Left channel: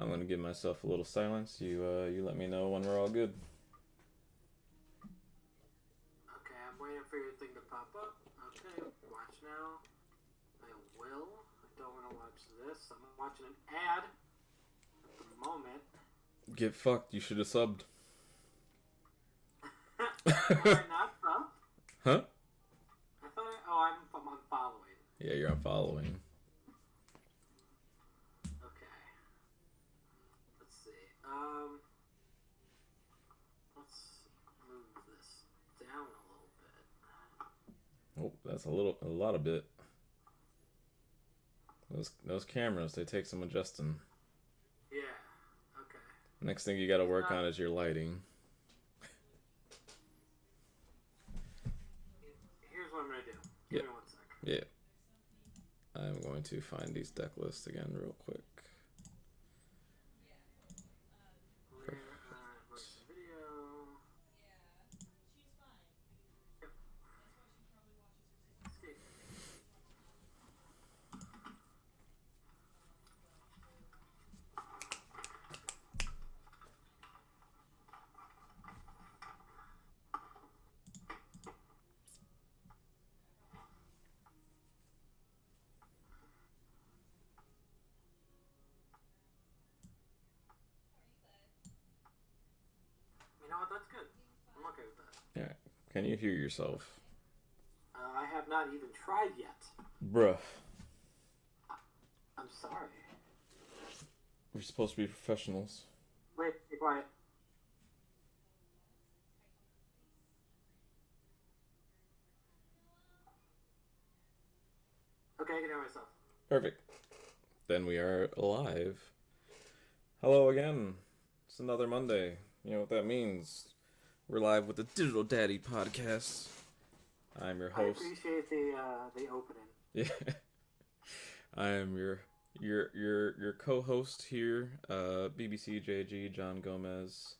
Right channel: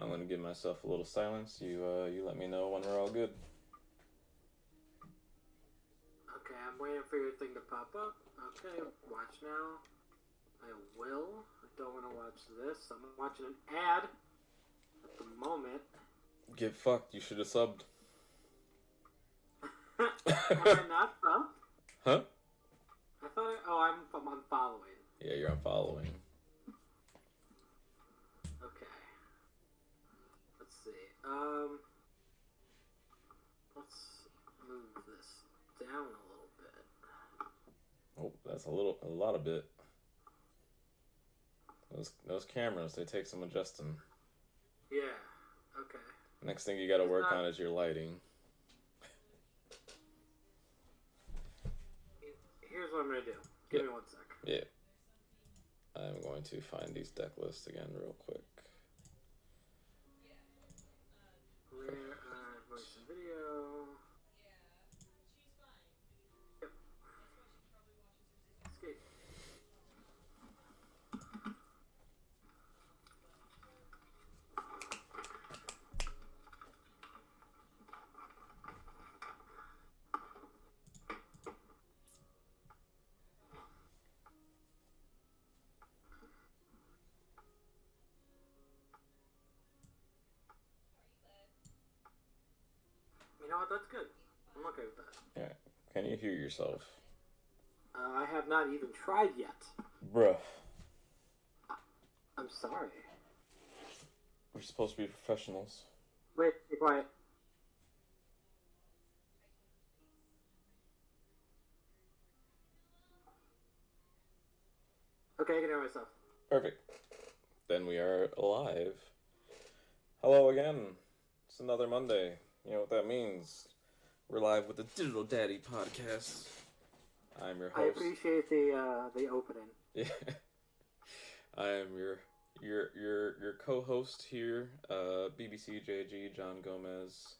I'm gonna give myself a little silence. You let me know when we're all good. Okay, I'm waiting for your thing to pop up. Okay, watch now. I will. I don't want to watch this. I'm watching an ad at the moment. Get fucked. You should have subbed. Am I not subbed? Huh? I thought. I'm unfollowing. Yeah, you're unfollowing. Okay. Let's see. Let's move this down a little bit. Oh, that's a lot of bit. Those cameras, they take some adjusting. Yeah. Okay. Next thing you got to work on is your lighting. Here's what I'm gonna do. Give me 1 sec. Yeah. I'm going to find these deck lists again real quick. Where voice and video. Yep. Escape. You know what? That's good. I'm okay with that. Yeah. Can you hear yourself? I have not even tried yet. Bruh. I'm sorry. We're supposed to be professionals. Wait, be quiet. Okay, I can hear myself. Perfect. Then we are live. Hello again. It's another Monday. You know what that means. We're live with the Digital Daddy podcast. I'm your I host. appreciate the opening. Yeah. I am your co-host here, BBCJG John Gomez,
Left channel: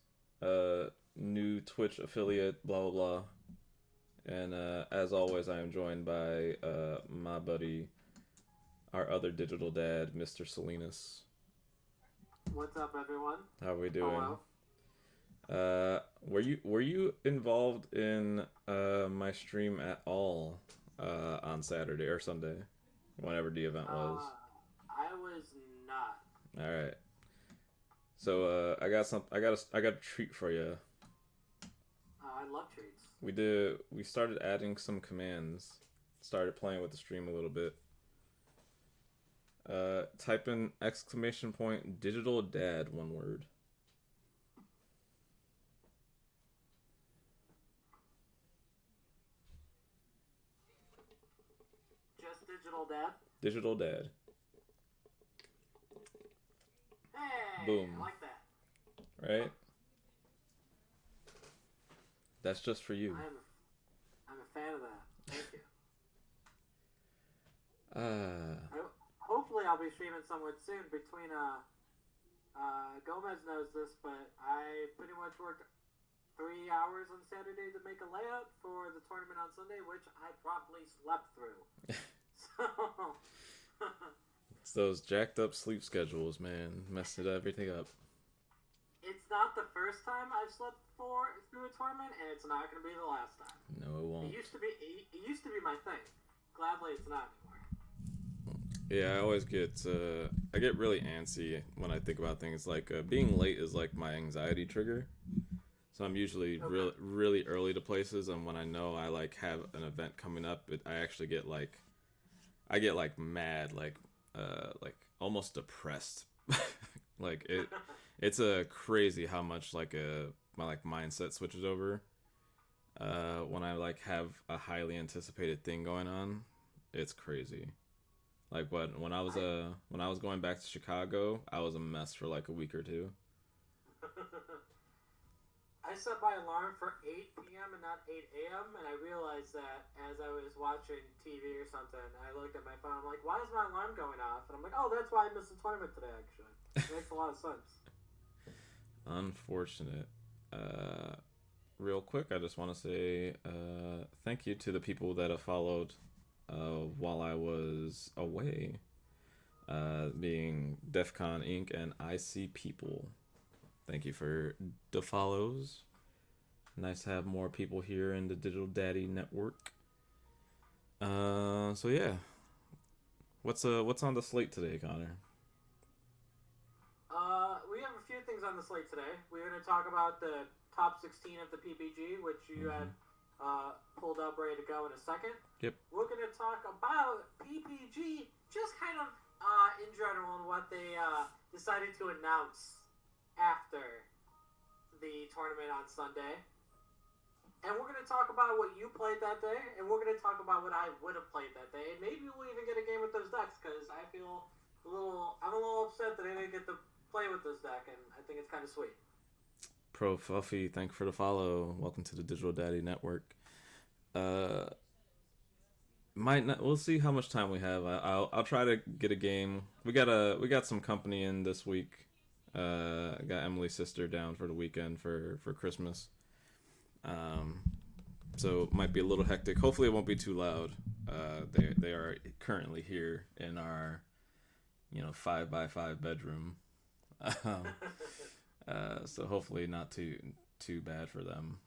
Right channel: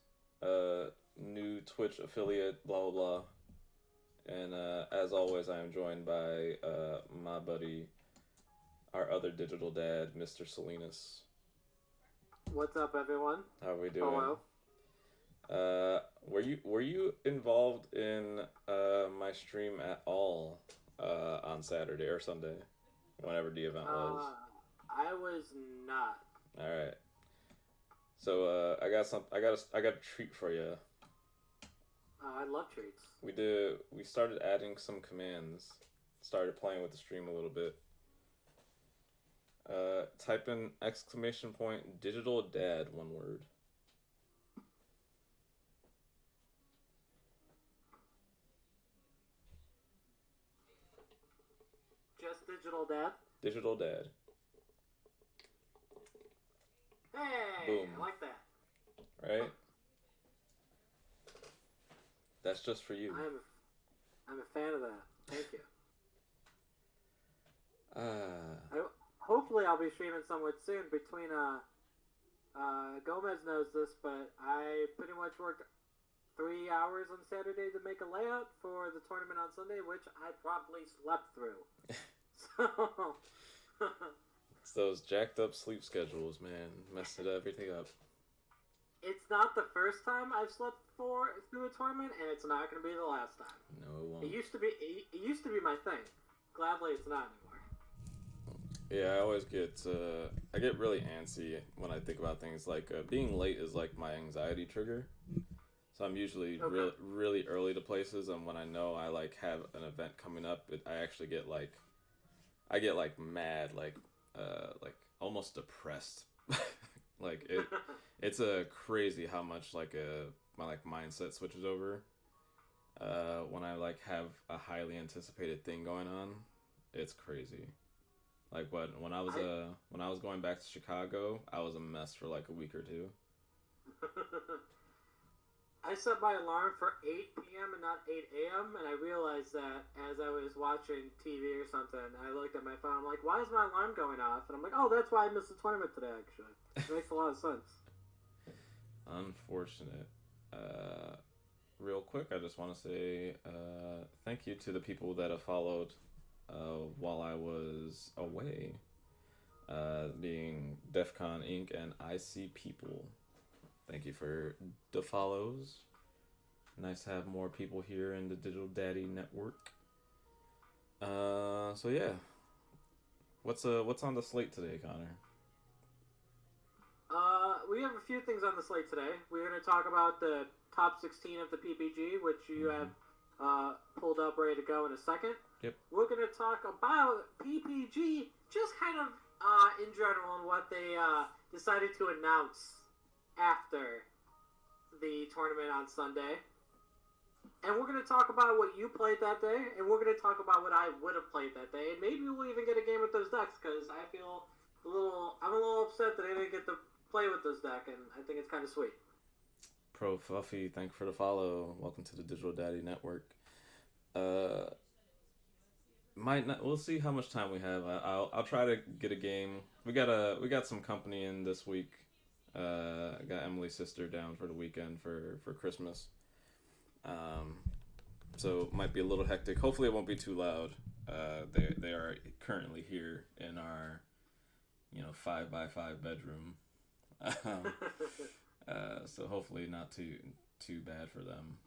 new Twitch affiliate, blah blah blah. And as always, I am joined by my buddy, our other digital dad, Mr. Salinas. What's up, everyone? How are we doing? Hello. Were you involved in my stream at all on Saturday or Sunday, whenever the event was? I was not. All right. So I got a treat for you. I love treats. We started adding some commands. Started playing with the stream a little bit. Type in !, digital dad, one word. Just digital dad. Digital dad. Hey, Boom. I like that. Right? That's just for you. I'm a fan of that. Thank you. Uh, Hopefully, I'll be streaming somewhat soon. Between Gomez knows this, but I pretty much worked 3 hours on Saturday to make a layout for the tournament on Sunday, which I probably slept through. So. It's those jacked up sleep schedules, man. Messed everything up. It's not the first time I've slept through a tournament, and it's not going to be the last time. No, it won't. It used to be my thing. Gladly, it's not anymore. Yeah, I always get I get really antsy when I think about things like being late is like my anxiety trigger. So I'm usually really early to places, and when I know I like have an event coming up, I actually get like mad, like almost depressed. Like it's a crazy how much like my mindset switches over when I like have a highly anticipated thing going on. It's crazy. Like when I was going back to Chicago, I was a mess for like a week or two. I set my alarm for 8 p.m. and not 8 a.m. and I realized that as I was watching TV or something, I looked at my phone. I'm like, why is my alarm going off? And I'm like, oh, that's why I missed the tournament today. Actually, it makes a lot of sense. Unfortunate. Real quick, I just want to say thank you to the people that have followed while I was away. being DEFCON Inc. and I See People. Thank you for the follows. Nice to have more people here in the Digital Daddy Network. So yeah, what's on the slate today, Connor? We have a few things on the slate today. We're going to talk about the top 16 of the PPG, which you have pulled up ready to go in a second. Yep. We're going to talk about PPG, just kind of in general, and what they decided to announce after the tournament on Sunday. And we're going to talk about what you played that day, and we're going to talk about what I would have played that day, and maybe we'll even get a game with those decks, because I'm a little upset that I didn't get to play with this deck, and I think it's kind of sweet. Pro Fluffy, thank you for the follow. Welcome to the Digital Daddy Network. We'll see how much time we have. I'll try to get a game. We got some company in this week. Got Emily's sister down for the weekend for Christmas. So it might be a little hectic. Hopefully it won't be too loud. They are currently here in our 5x5 bedroom. So hopefully not too bad for them,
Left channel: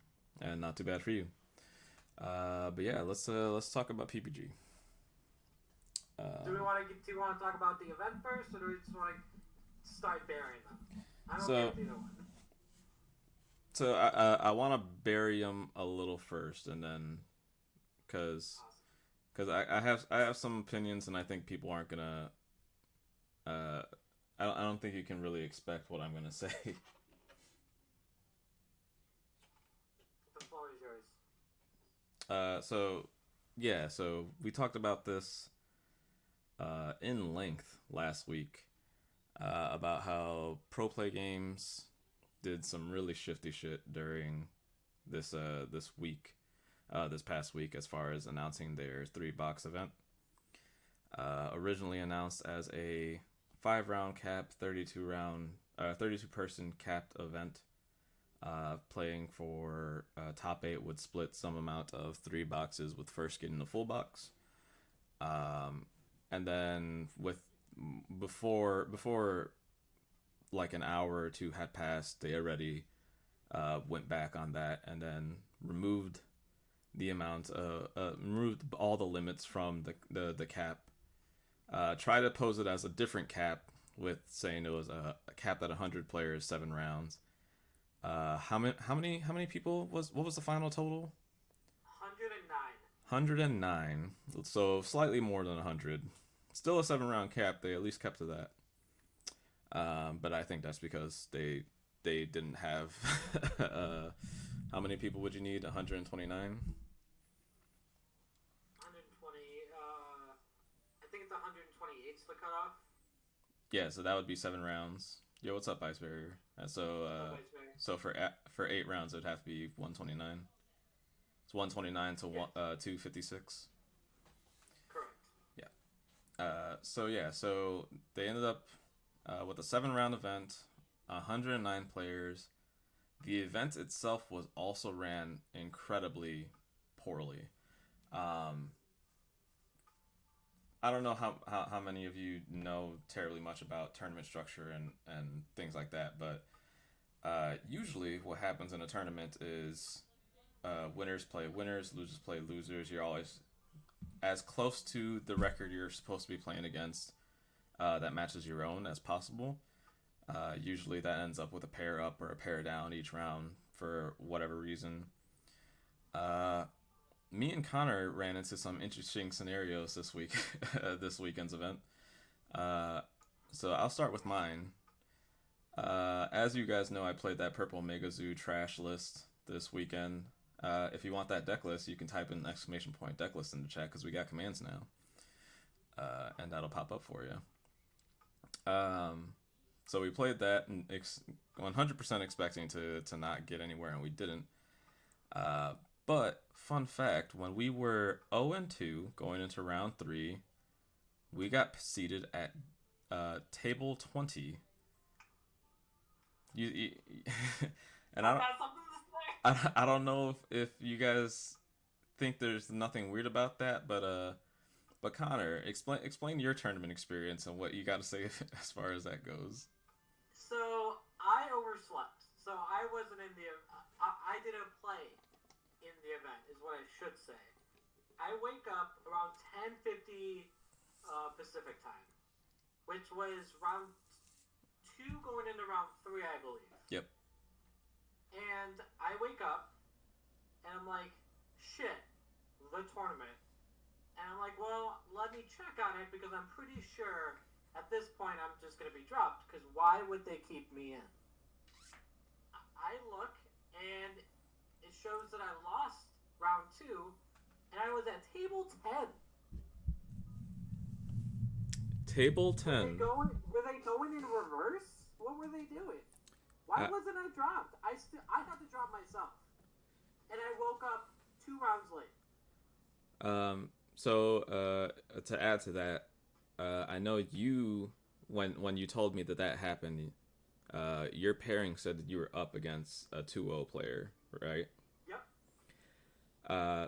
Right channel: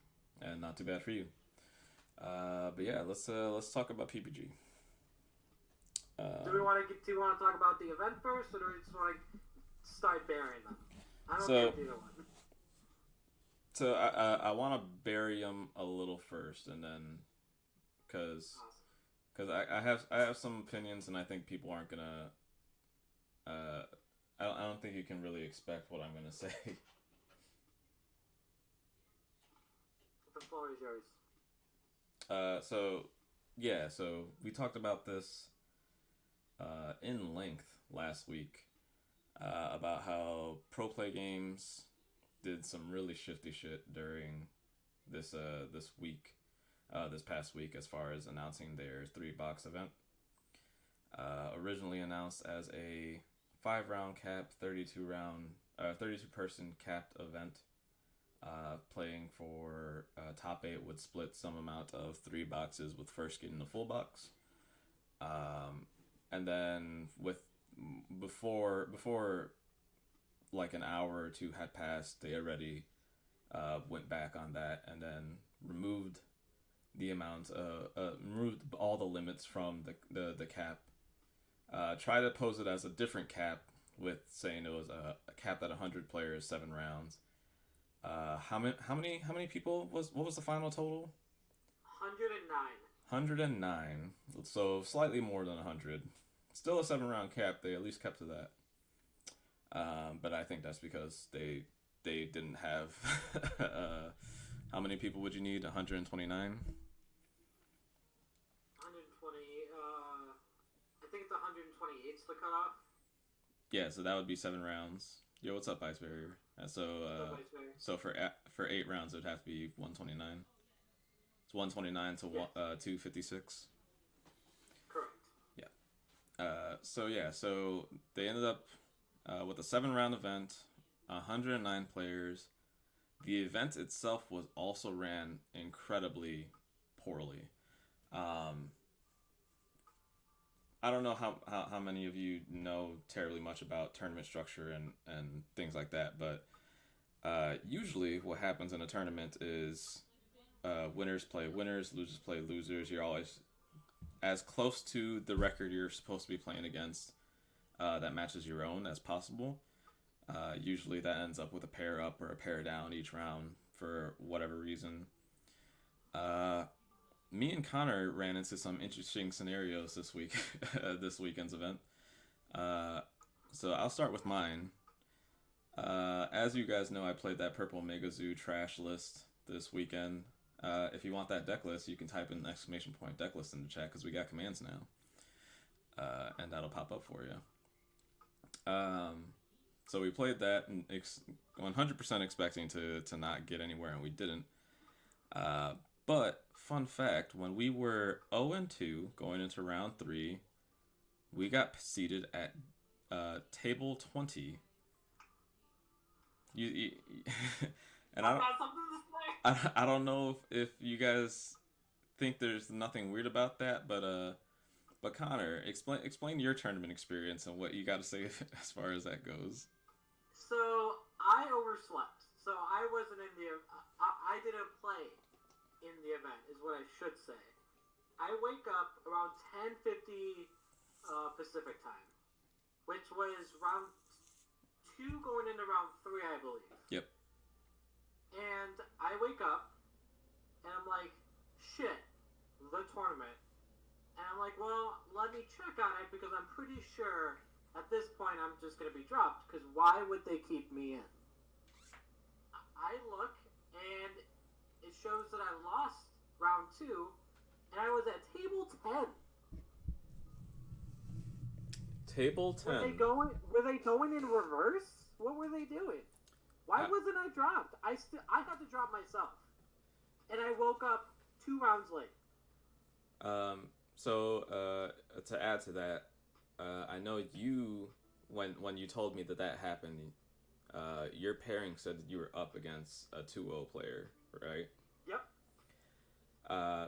and not too bad for you. But yeah, let's talk about PPG. Do you want to talk about the event first, or do we just want to start burying them? I don't care either one. So I want to bury them a little first, and then because I have some opinions, and I think people aren't gonna. I don't think you can really expect what I'm gonna say. The floor is yours. So we talked about this in length last week about how Pro Play Games did some really shifty shit during this past week as far as announcing their 3-box event. Originally announced as a 5-round cap, 32 person capped event. Playing for top 8 would split some amount of 3 boxes, with first getting the full box. And then before like an hour or two had passed, they already went back on that and then removed removed all the limits from the cap. Try to pose it as a different cap, with saying it was a cap at 100 players, 7 rounds. How many people what was the final total? 109. 109. So slightly more than 100. Still a 7-round cap. They at least kept to that. But I think that's because they didn't have how many people would you need? 129. 120. I think it's 128 the cutoff. Yeah, so that would be 7 rounds. Yo, what's up, Ice Barrier? So for 8 rounds, it'd have to be 129. It's 129 to 256. Correct. Yeah. So they ended up with a 7-round event, 109 players. The event itself was also ran incredibly poorly. I don't know how many of you know terribly much about tournament structure and things like that, but usually what happens in a tournament is winners play winners, losers play losers. You're always as close to the record you're supposed to be playing against that matches your own as possible. Usually that ends up with a pair up or a pair down each round for whatever reason. Me and Connor ran into some interesting scenarios this week, this weekend's event. So I'll start with mine. As you guys know, I played that Purple Mega Zoo trash list this weekend. If you want that deck list, you can type in !deck list in the chat, because we got commands now. And that'll pop up for you. So we played that and 100% expecting to not get anywhere, and we didn't. But fun fact, when we were 0-2 going into round 3, we got seated at table 20. You and I don't know if you guys think there's nothing weird about that, but But Connor, explain your tournament experience and what you got to say as far as that goes. So I overslept. So I wasn't in the. I didn't play in the event, is what I should say. I wake up around 10:50 Pacific time, which was round 2 going into round 3, I believe. Yep. And I wake up, and I'm like, shit, the tournament. And I'm like, well, let me check on it because I'm pretty sure at this point I'm just going to be dropped because why would they keep me in? I look, and it shows that I lost round 2, and I was at table 10. Table 10. Were they going in reverse? What were they doing? Why wasn't I dropped? I had to drop myself, and I woke up 2 rounds late. So to add to that, I know you when you told me that happened, your pairing said that you were up against a 2-0 player, right? Yep.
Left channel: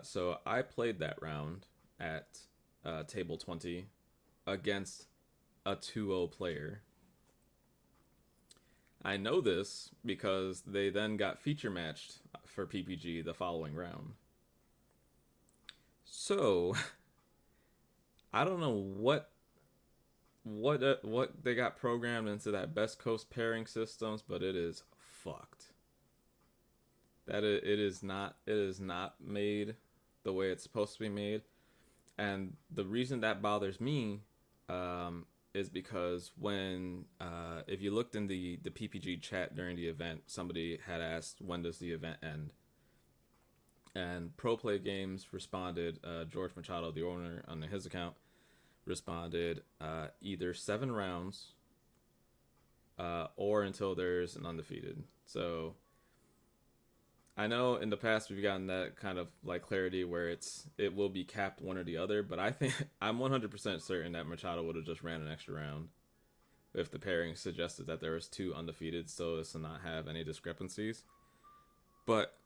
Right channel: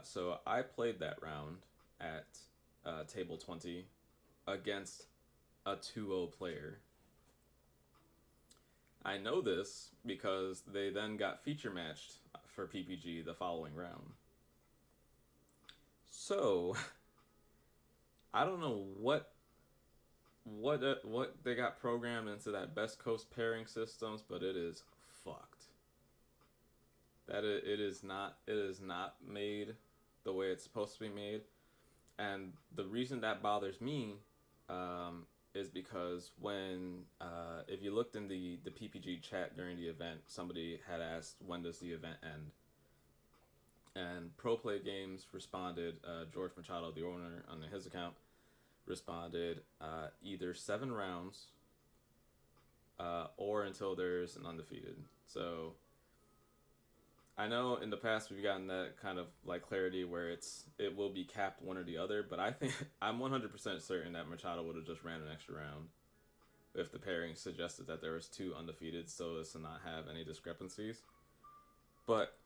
So I played that round at table 20 against a 2-0 player. I know this because they then got feature matched for PPG the following round. So I don't know what they got programmed into that Best Coast pairing systems, but it is fucked. It is not made the way it's supposed to be made, and the reason that bothers me is because when if you looked in the PPG chat during the event, somebody had asked when does the event end, and Pro Play Games responded. George Machado, the owner on his account, responded either 7 rounds or until there's an undefeated. So I know in the past we've gotten that kind of like clarity where it will be capped one or the other, but I think I'm 100% certain that Machado would have just ran an extra round if the pairing suggested that there was 2 undefeated so as to not have any discrepancies. But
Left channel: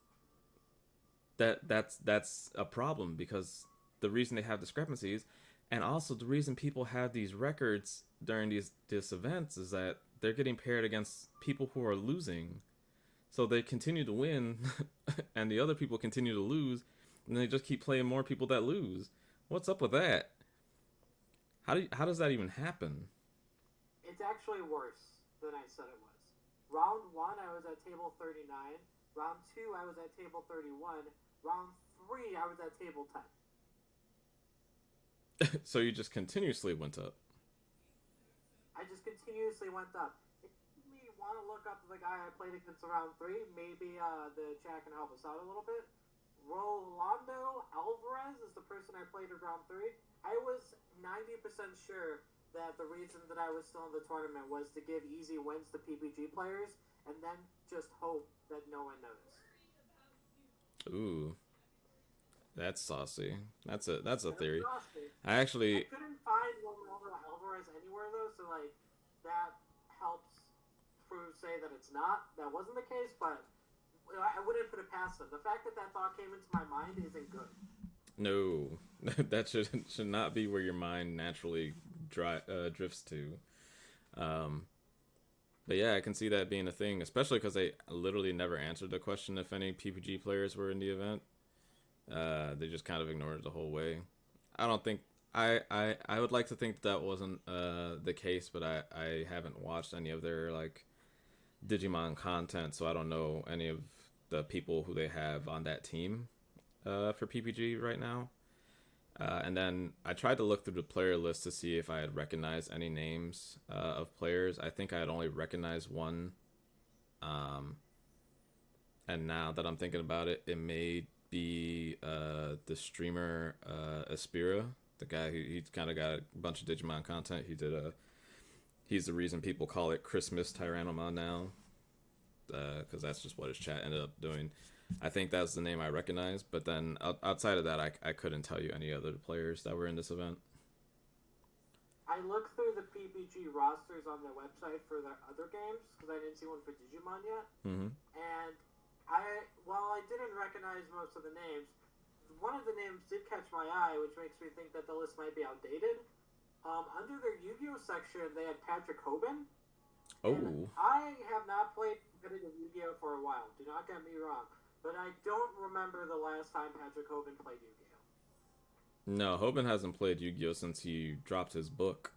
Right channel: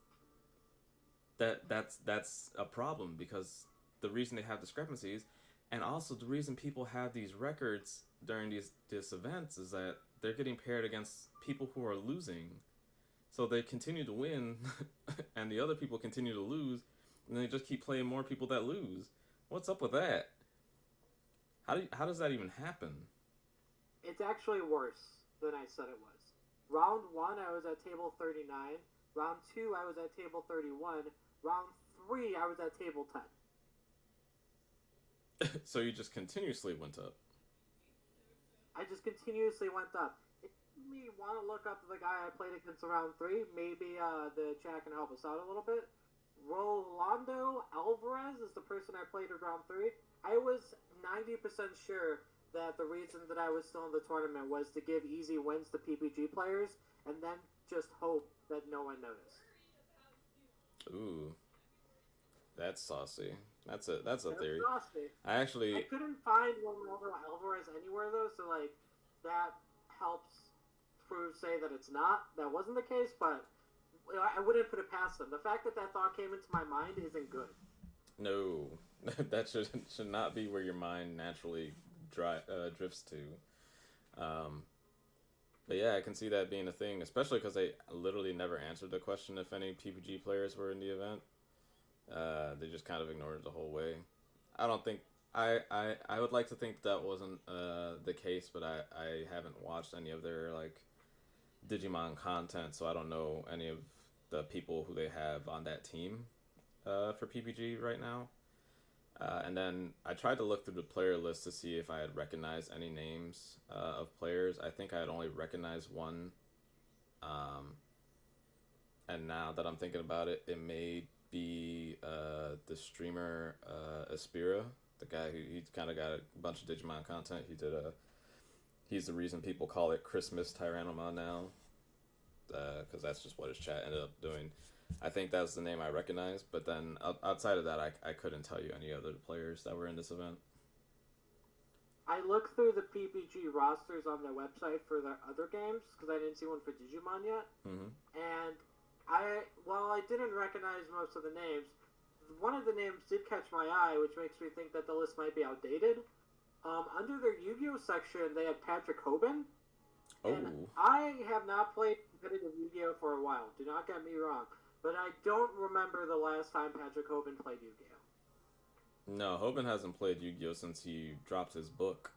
that's a problem because the reason they have discrepancies, and also the reason people have these records during these events, is that they're getting paired against people who are losing. So they continue to win, and the other people continue to lose, and they just keep playing more people that lose. What's up with that? How does that even happen? It's actually worse than I said it was. Round 1, I was at table 39. Round 2, I was at table 31. Round 3, I was at table 10. So you just continuously went up. I just continuously went up. If you want to look up the guy I played against round 3, maybe the chat can help us out a little bit. Rolando Alvarez is the person I played in round 3. I was 90% sure that the reason that I was still in the tournament was to give easy wins to PPG players and then just hope that no one noticed. Ooh. That's saucy. That's a theory. Saucy. I couldn't find Rolando Alvarez anywhere though, so like that helps say that it's not. That wasn't the case, but I wouldn't put it past them. The fact that thought came into my mind isn't good. No, that should not be where your mind naturally drifts to. But yeah, I can see that being a thing, especially because they literally never answered the question if any PPG players were in the event. They just kind of ignored it the whole way. I don't think I would like to think that wasn't the case, but I haven't watched any of their like Digimon content, so I don't know any of the people who they have on that team for PPG right now. And then I tried to look through the player list to see if I had recognized any names of players. I think I had only recognized one. And now that I'm thinking about it, it may be the streamer Aspira, the guy who he kind of got a bunch of Digimon content. He's the reason people call it Christmas Tyrannomon now, because that's just what his chat ended up doing. I think that's the name I recognized, but then outside of that, I couldn't tell you any other players that were in this event. I looked through the PPG rosters on their website for their other games, because I didn't see one for Digimon yet. Mm-hmm. And while I didn't recognize most of the names, one of the names did catch my eye, which makes me think that the list might be outdated. Under their Yu-Gi-Oh section, they had Patrick Hoban. Oh. And I have not played competitive Yu-Gi-Oh for a while. Do not get me wrong. But I don't remember the last time Patrick Hoban played Yu-Gi-Oh. No, Hoban hasn't played Yu-Gi-Oh since he dropped his book.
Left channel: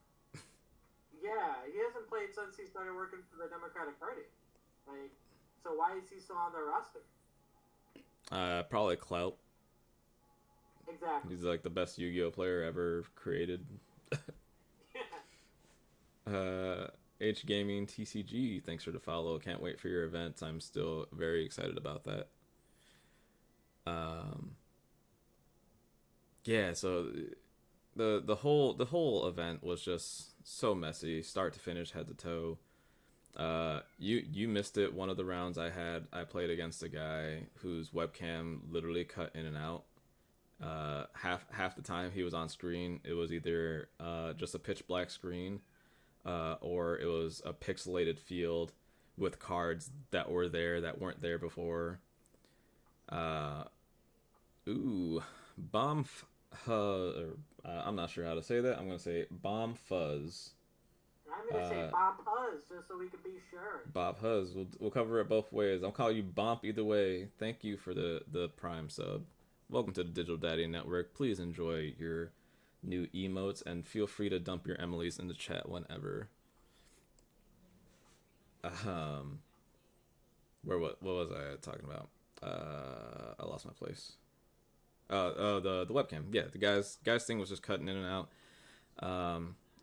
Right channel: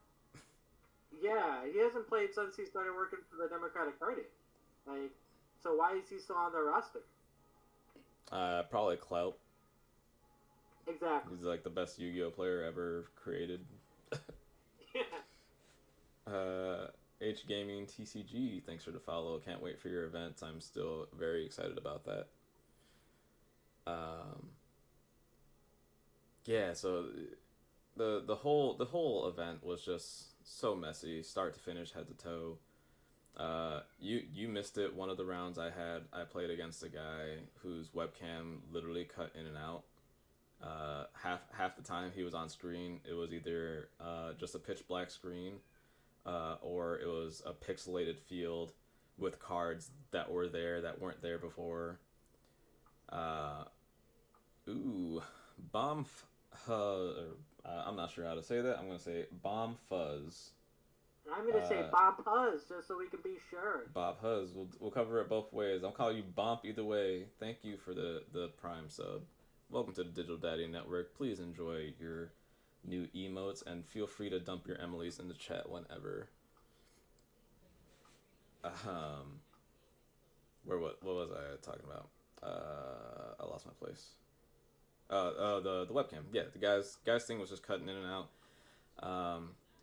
Yeah, he hasn't played since he started working for the Democratic Party. Like, so why is he still on their roster? Probably clout. Exactly. He's like the best Yu-Gi-Oh player ever created. Yeah. H Gaming TCG, thanks for the follow. Can't wait for your event. I'm still very excited about that. Yeah, so the whole event was just so messy, start to finish, head to toe. You missed it. One of the rounds I played against a guy whose webcam literally cut in and out. Half the time he was on screen, it was either just a pitch black screen, or it was a pixelated field with cards that were there that weren't there before. I'm not sure how to say that. I'm gonna say Bomb Fuzz. I'm gonna say Bob Huzz, just so we can be sure. Bob Huzz. We'll cover it both ways. I'll call you Bomp either way. Thank you for the Prime sub. Welcome to the Digital Daddy Network. Please enjoy your new emotes and feel free to dump your Emily's in the chat whenever. What was I talking about? I lost my place. The webcam. Yeah, the guy's thing was just cutting in and out.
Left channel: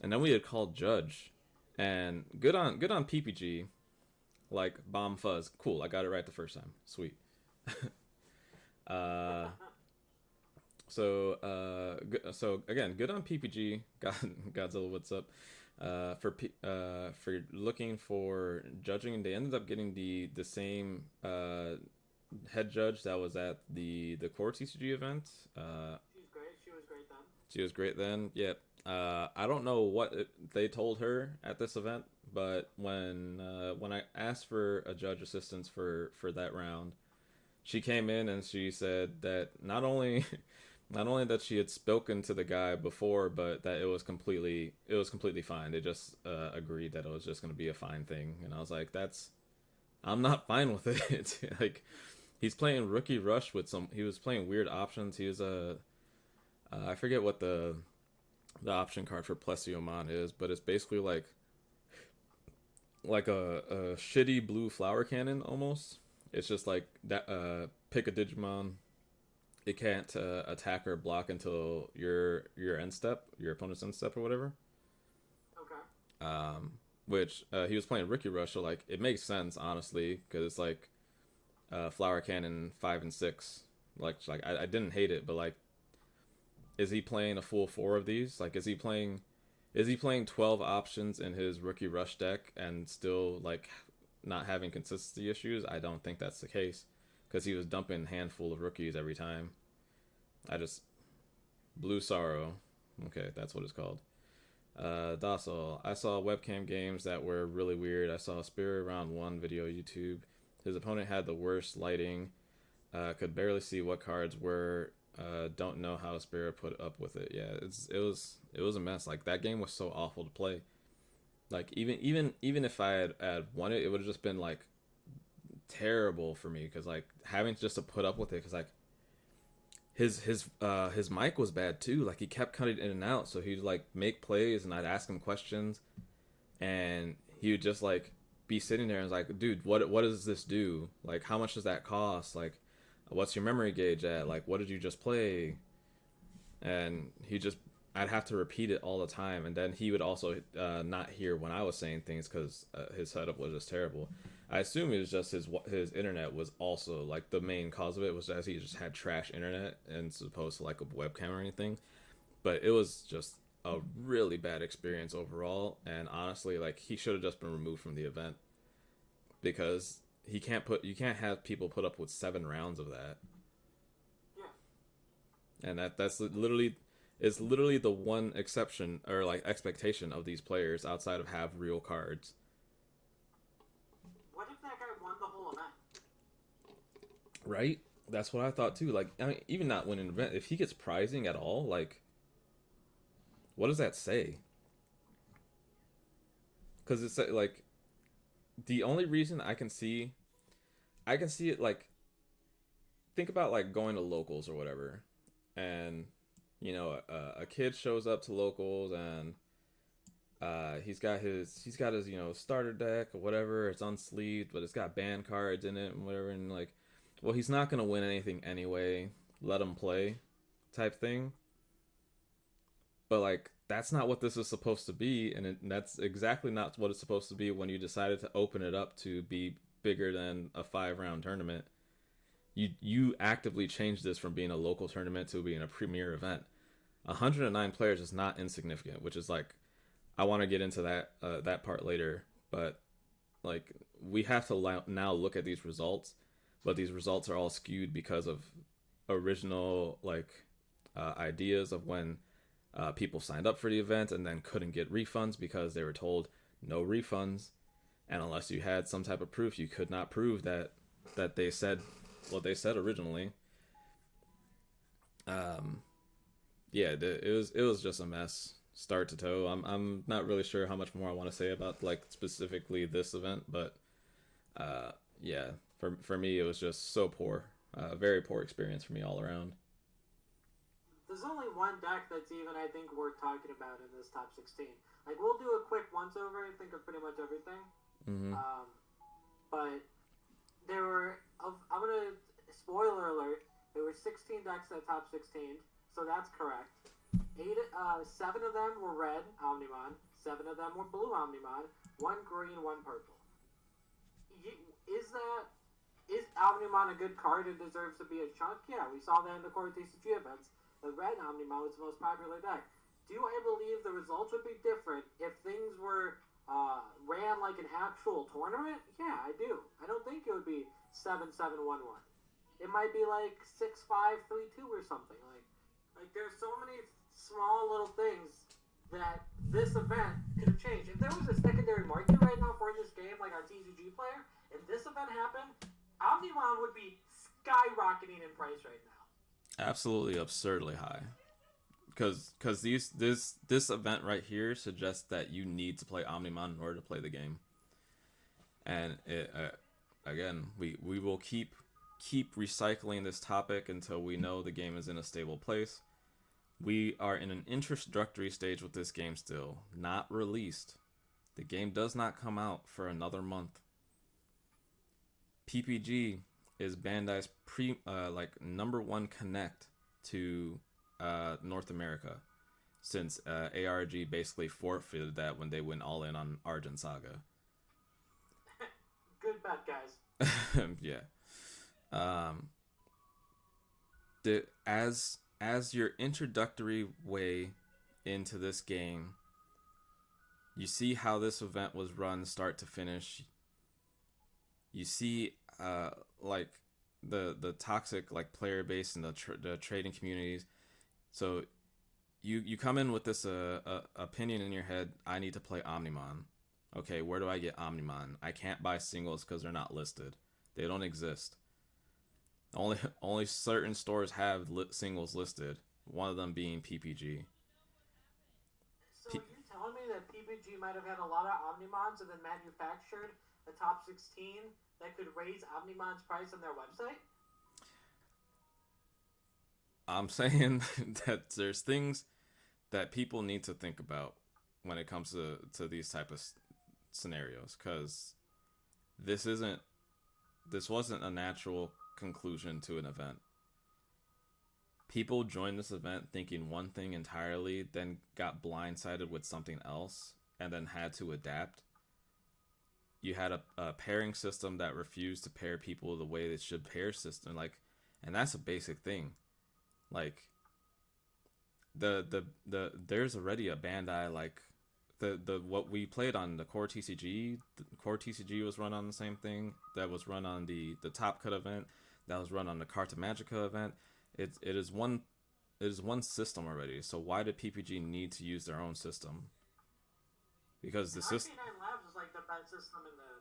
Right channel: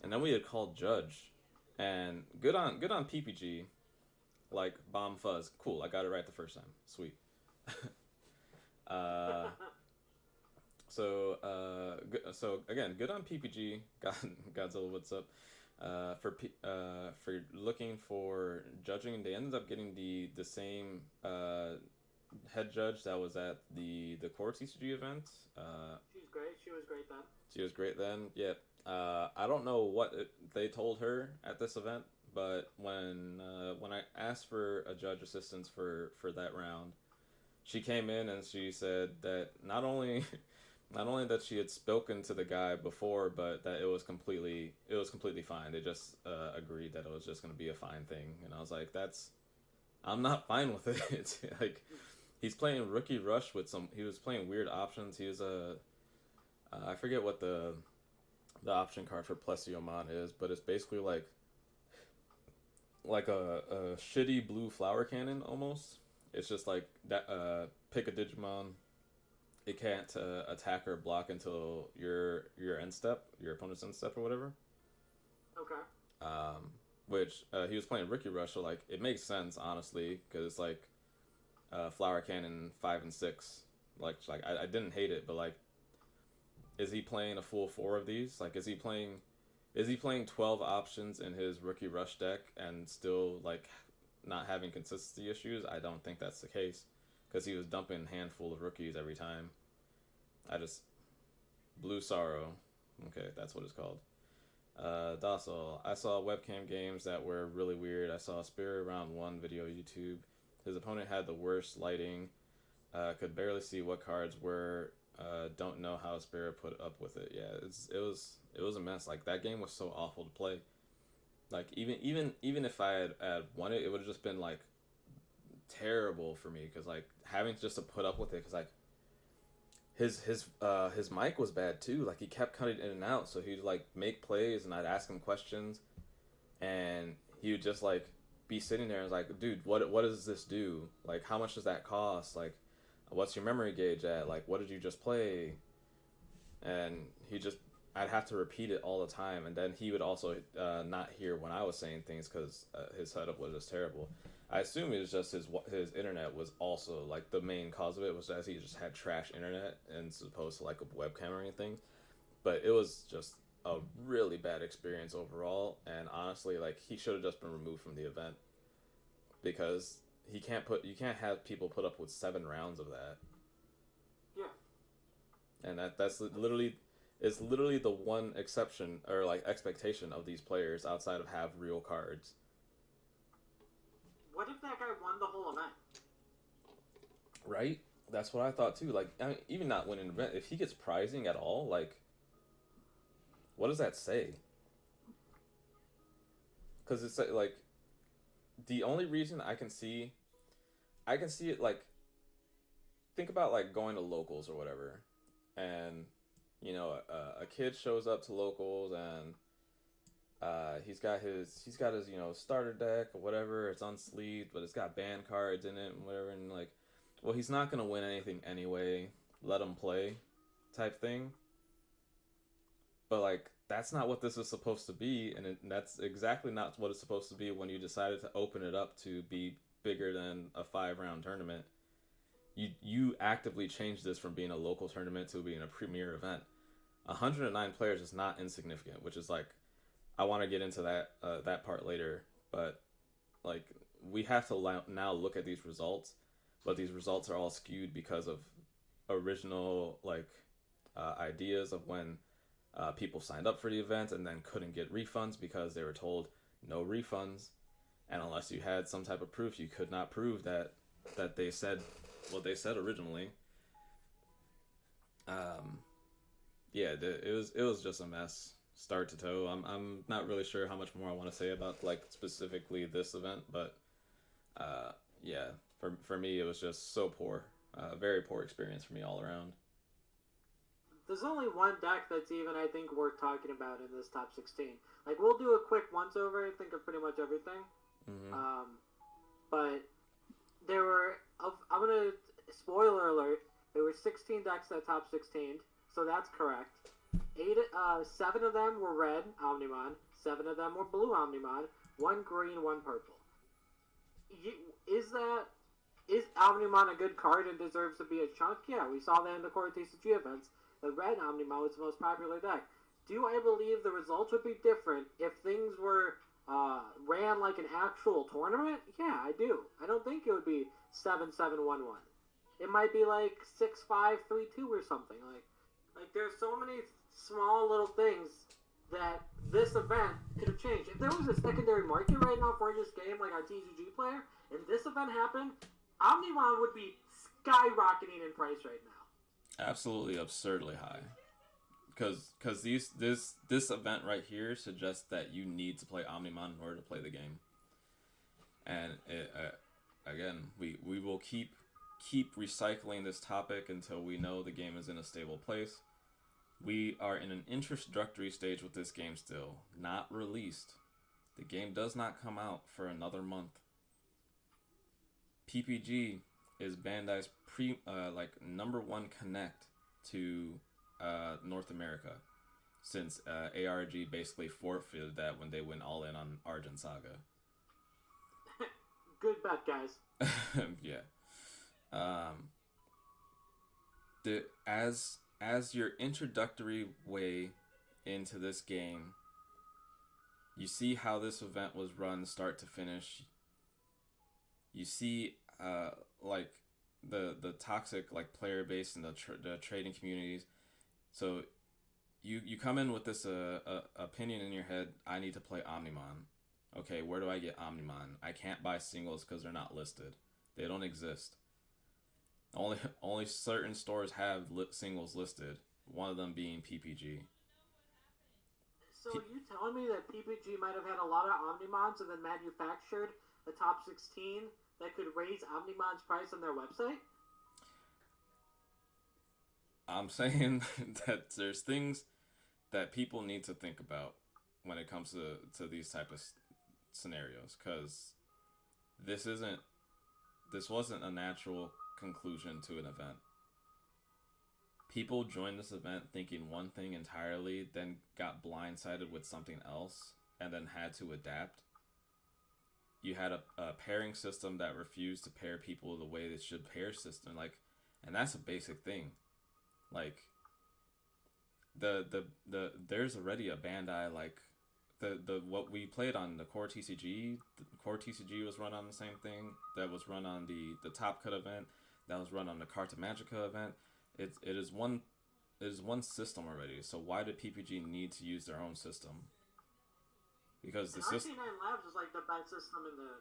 And then we had called Judge, and good on PPG, like Bomb Fuzz. Cool, I got it right the first time. Sweet. So again, good on PPG. Godzilla, what's up? For looking for judging, they ended up getting the same head judge that was at the core TCG event. She's great. She was great then. She was great then. Yeah. I don't know what they told her at this event, but when I asked for a judge assistance for that round, she came in and she said that not only that she had spoken to the guy before, but that it was completely fine. They just agreed that it was just going to be a fine thing, and I was like, I'm not fine with it. Like, he's playing Rookie Rush with he was playing weird options. He was I forget what the option card for Plesiomon is, but it's basically like a shitty blue flower cannon almost. It's just like that. Pick a Digimon. It can't attack or block until your end step, your opponent's end step or whatever. Okay. Which he was playing Rookie Rush, so like it makes sense honestly, because it's like Flower Cannon 5 and 6. Like I didn't hate it, but like, is he playing a full 4 of these? Like, is he playing 12 options in his Rookie Rush deck and still like not having consistency issues? I don't think that's the case, because he was dumping a handful of rookies every time. Blue Sorrow. Okay, that's what it's called. Docile. I saw webcam games that were really weird. I saw Spirit Round 1 video YouTube. His opponent had the worst lighting. Could barely see what cards were. Don't know how Spirit put up with it. Yeah, it was a mess. Like, that game was so awful to play. Like, even if I had won it, it would have just been like terrible for me, because like having just to put up with it, because like his mic was bad too. Like, he kept cutting in and out, so he'd like make plays and I'd ask him questions and he would just like be sitting there and was like, dude, what does this do? Like, how much does that cost? Like, what's your memory gauge at? Like, what did you just play? And I'd have to repeat it all the time, and then he would also not hear when I was saying things, because his setup was just terrible. I assume it was just his internet was also like the main cause of it, was as he just had trash internet and as opposed to like a webcam or anything. But it was just a really bad experience overall, and honestly, like, he should have just been removed from the event, because you can't have people put up with 7 rounds of that. Yeah. And that's literally the one exception or like expectation of these players outside of have real cards. What if that guy won the whole event? Right? That's what I thought too. Like, I mean, even not winning an event, if he gets prizing at all, like, what does that say? Because it's like the only reason I can see it like think about like going to locals or whatever, and you know a kid shows up to locals and he's got his starter deck or whatever. It's unsleeved, but it's got band cards in it and whatever. And like, well, he's not gonna win anything anyway. Let him play, type thing. But like, that's not what this is supposed to be, and that's exactly not what it's supposed to be when you decided to open it up to be bigger than a 5-round tournament. You actively changed this from being a local tournament to being a premier event. 109 players is not insignificant, which is like, I want to get into that part later, but like we have to now look at these results, but these results are all skewed because of original like ideas of when people signed up for the event and then couldn't get refunds because they were told no refunds, and unless you had some type of proof, you could not prove that they said what they said originally. Yeah, it was just a mess, start to toe. I'm not really sure how much more I want to say about like specifically this event, but yeah, for me it was just so poor, very poor experience for me all around. There's only one deck that's even, I think, worth talking about in this top 16. Like, we'll do a quick once-over, I think, of pretty much everything. Mm-hmm. But there were, I'm going to, spoiler alert, there were 16 decks at top 16, so that's correct. 7 of them were red Omnimon, 7 of them were blue Omnimon, 1 green, 1 purple. Is Omnimon a good card and deserves to be a chunk? Yeah, we saw that in the core TCG events. The red Omnimon was the most popular deck. Do I believe the results would be different if things were ran like an actual tournament? Yeah, I do. I don't think it would be 7-7-1-1. It might be like 6-5-3-2 or something. Like there's so many small little things that this event could have changed. If there was a secondary market right now for this game, like our TCG player, and this event happened, Omnimon would be skyrocketing in price right now. Absolutely absurdly high, because this event right here suggests that you need to play Omnimon in order to play the game, and again we will keep recycling this topic until we know the game is in a stable place. We are in an introductory stage with this game still, not released. The game does not come out for another month. PPG is Bandai's number 1 connect to North America, since ARG basically forfeited that when they went all in on Argent Saga. Good bet, guys. Yeah. As your introductory way into this game, you see how this event was run start to finish. You see like the toxic like player base and the trading communities. So you come in with this opinion in your head, I need to play Omnimon. Okay, where do I get Omnimon? I can't buy singles because they're not listed. They don't exist. Only certain stores have singles listed, one of them being PPG. So you telling me that PPG might have had a lot of Omnimons and then manufactured a top 16 that could raise Omnimon's price on their website? I'm saying that there's things that people need to think about when it comes to these type of scenarios, because this wasn't a natural conclusion to an event. People joined this event thinking one thing entirely, then got blindsided with something else, and then had to adapt. You had a pairing system that refused to pair people the way it should pair system, and that's a basic thing. Like there's already a Bandai the what we played on the core TCG. The core TCG was run on the same thing that was run on the Top Cut event, that was run on the Carta Magica event. It is one system already. So why did PPG need to use their own system? Because the system. RK9 Labs is like the best system in the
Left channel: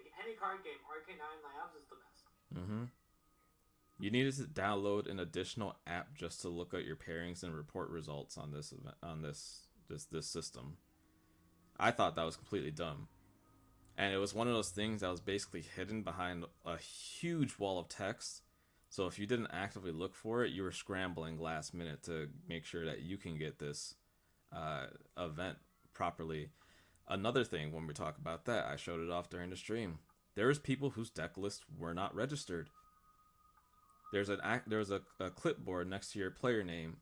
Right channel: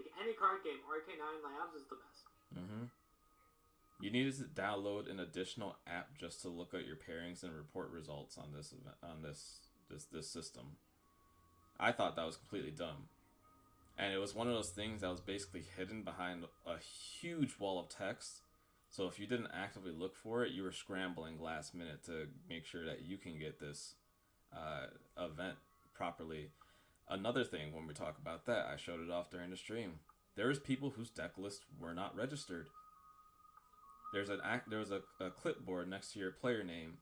like any card game. RK9 Labs is the best. Mm-hmm. You needed to download an additional app just to look at your pairings and report results on this event, on this system. I thought that was completely dumb. And it was one of those things that was basically hidden behind a huge wall of text. So if you didn't actively look for it, you were scrambling last minute to make sure that you can get this event properly. Another thing, when we talk about that, I showed it off during the stream. There's people whose deck lists were not registered. There's a clipboard next to your player name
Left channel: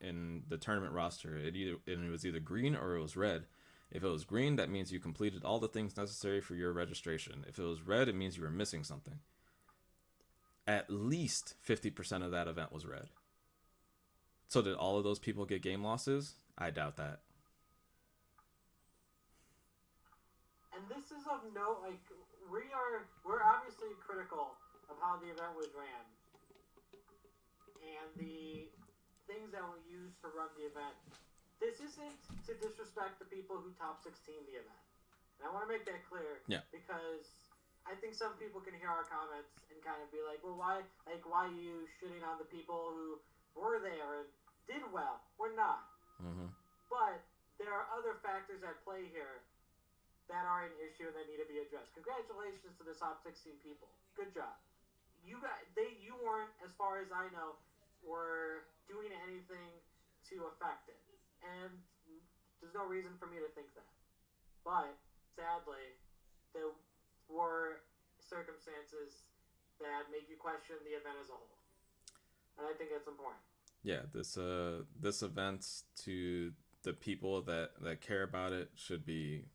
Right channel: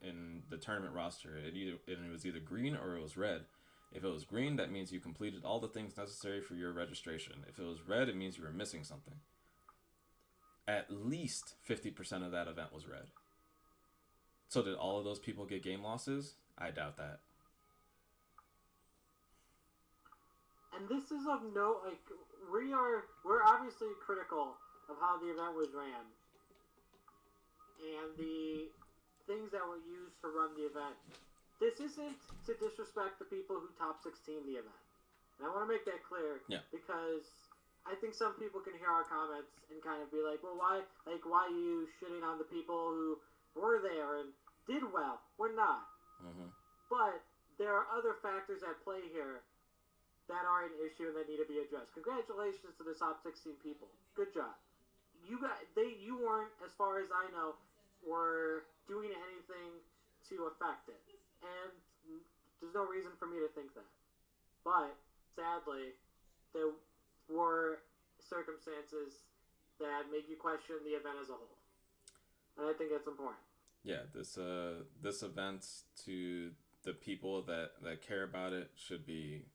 in the tournament roster. It was either green or it was red. If it was green, that means you completed all the things necessary for your registration. If it was red, it means you were missing something. At least 50% of that event was red. So did all of those people get game losses? I doubt that. And this is of note, like, we're obviously critical of how the event was ran. And the things that were used to run the event. This isn't to disrespect the people who top 16 the event. And I want to make that clear. Yeah. Because I think some people can hear our comments and kind of be like, well, why are you shitting on the people who were there and did well? We're not. Mm-hmm. But there are other factors at play here that are an issue and that need to be addressed. Congratulations to the top 16 people. Good job. You weren't, as far as I know, were doing anything to affect it. And there's no reason for me to think that. But, sadly, there were circumstances that make you question the event as a whole. And I think that's important. Yeah, this event, to the people that care about it, should be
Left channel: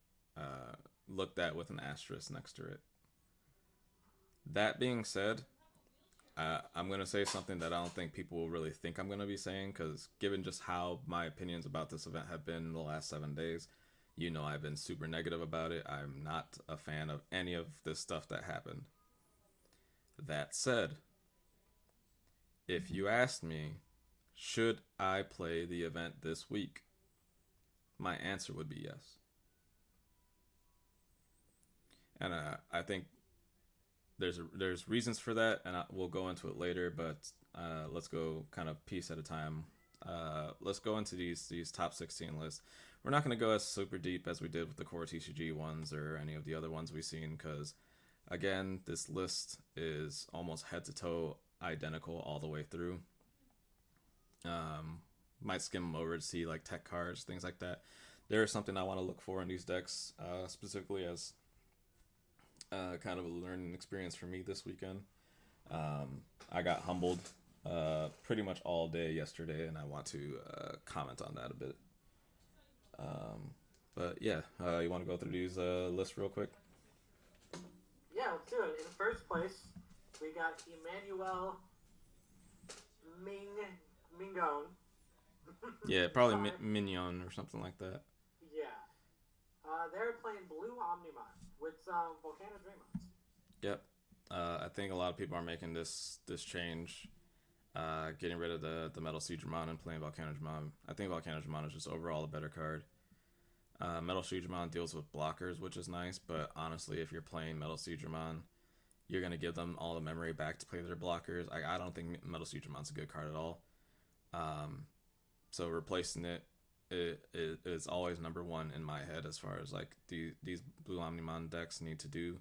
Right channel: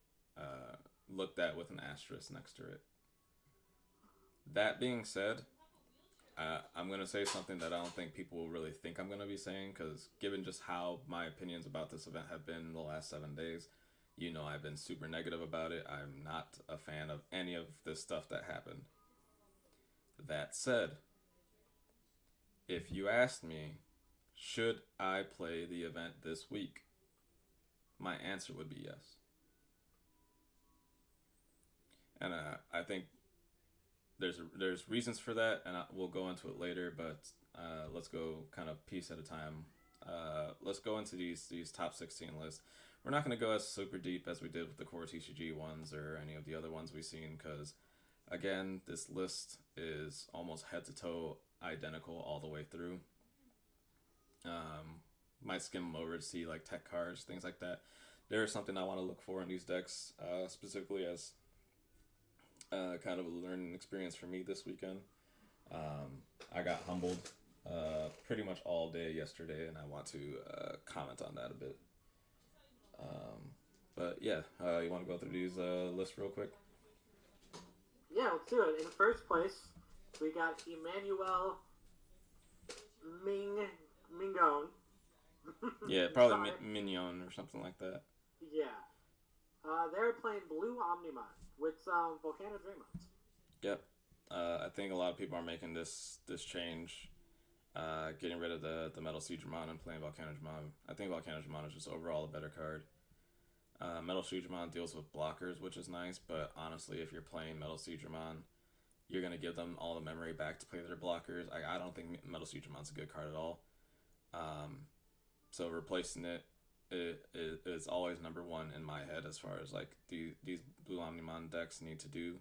looked at with an asterisk next to it. That being said, I'm going to say something that I don't think people will really think I'm going to be saying, because given just how my opinions about this event have been in the last 7 days, you know I've been super negative about it. I'm not a fan of any of this stuff that happened. That said, if you asked me, should I play the event this week? My answer would be yes. And I think there's reasons for that, and we'll go into it later, but let's go kind of piece at a time. Let's go into these top 16 lists. We're not going to go as super deep as we did with the core TCG ones or any of the other ones we've seen, because, again, this list is almost head to toe identical all the way through. Might skim them over to see like tech cards, things like that. There is something I want to look for in these decks, specifically as kind of a learning experience for me this weekend. I got humbled pretty much all day yesterday, and I want to comment on that a bit. But yeah, you want to go through these lists real quick? Yeah, let's do it. In first place, we got Emmanuel Mingone. Yeah, probably Mignon or something like that. Yeah. They're playing Blue Omnimon with some Volcano Dreamons. Yep. I think a lot of people are making this change, getting rid of the Metal Siegramon and playing Volcano Dramon. I think Volcano Dramon is just overall a better card. Metal Siegramon deals with blockers, which is nice, but honestly, if you're playing Metal Siegramon, you're going to give them all the memory back to play their blockers. I don't think Metal Siegramon's a good card at all. So replacing it is always number one in my head as far as like these Blue Omnimon decks need to do.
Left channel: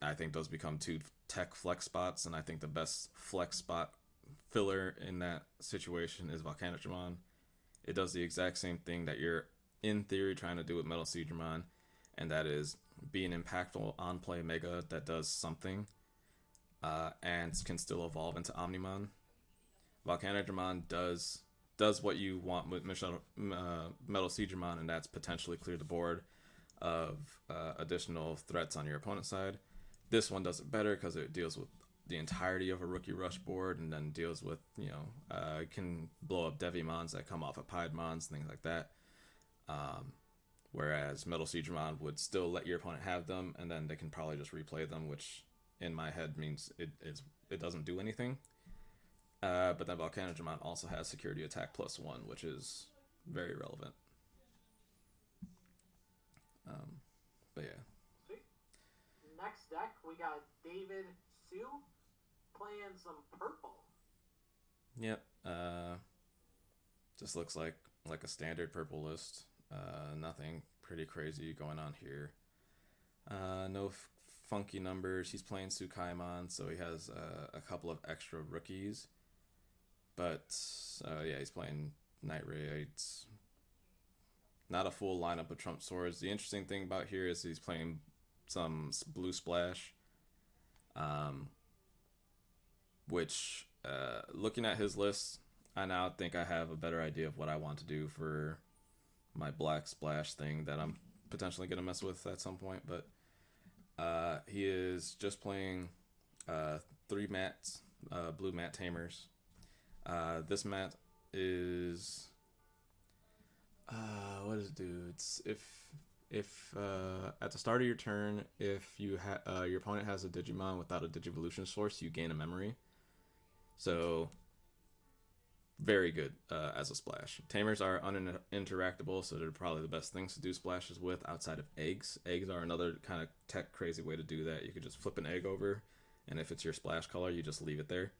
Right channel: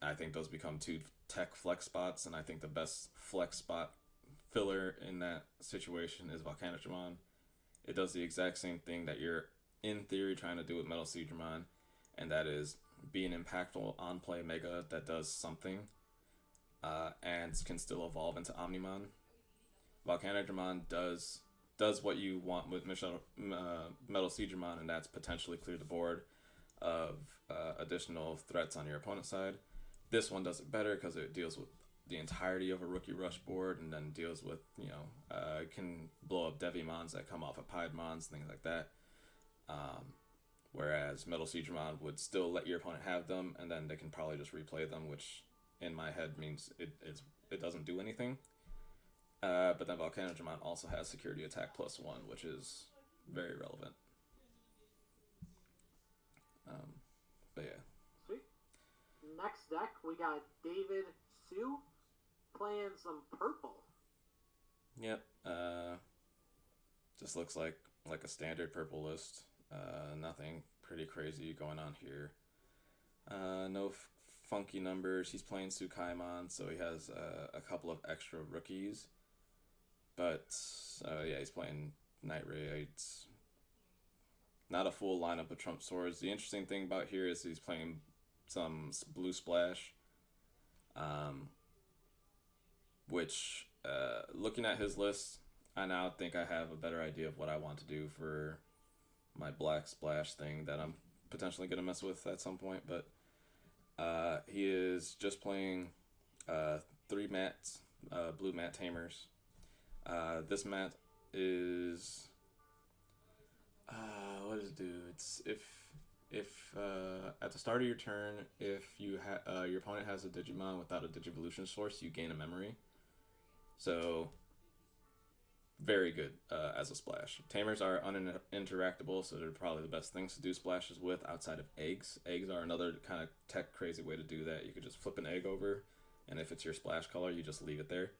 I think those become 2 tech flex spots, and I think the best flex spot filler in that situation is Volcanic Dramon. It does the exact same thing that you're in theory trying to do with Metal Siegramon, and that is be an impactful on play mega that does something and can still evolve into Omnimon. Volcanic Dramon does what you want with Metal Siegramon, and that's potentially clear the board of additional threats on your opponent's side. This one does it better because it deals with the entirety of a Rookie Rush board, and then deals with, it can blow up Devimons that come off of Piedmons, things like that. Whereas Metal Siegramon would still let your opponent have them, and then they can probably just replay them, which in my head means it doesn't do anything. But then Volcano Dramon also has security attack +1, which is very relevant. But yeah. Sweet. Next deck, we got David Sue playing some purple. Yep. Just looks like a standard purple list. Nothing pretty crazy going on here. No funky numbers. He's playing Tsukaimon, so he has a couple of extra rookies. But yeah, he's playing Night Raids. Not a full lineup of Trump Swords. The interesting thing about here is he's playing some Blue Splash, which looking at his list, I now think I have a better idea of what I want to do for my Black Splash thing that I'm potentially going to mess with at some point. But he is just playing 3 mats, blue mat tamers. This mat is what does it do? It's if at the start of your turn, if you your opponent has a Digimon without a Digivolution source, you gain a memory. So very good as a splash. Tamers are uninteractable, so they're probably the best things to do splashes with outside of eggs. Eggs are another kind of tech crazy way to do that. You could just flip an egg over, and if it's your splash color, you just leave it there.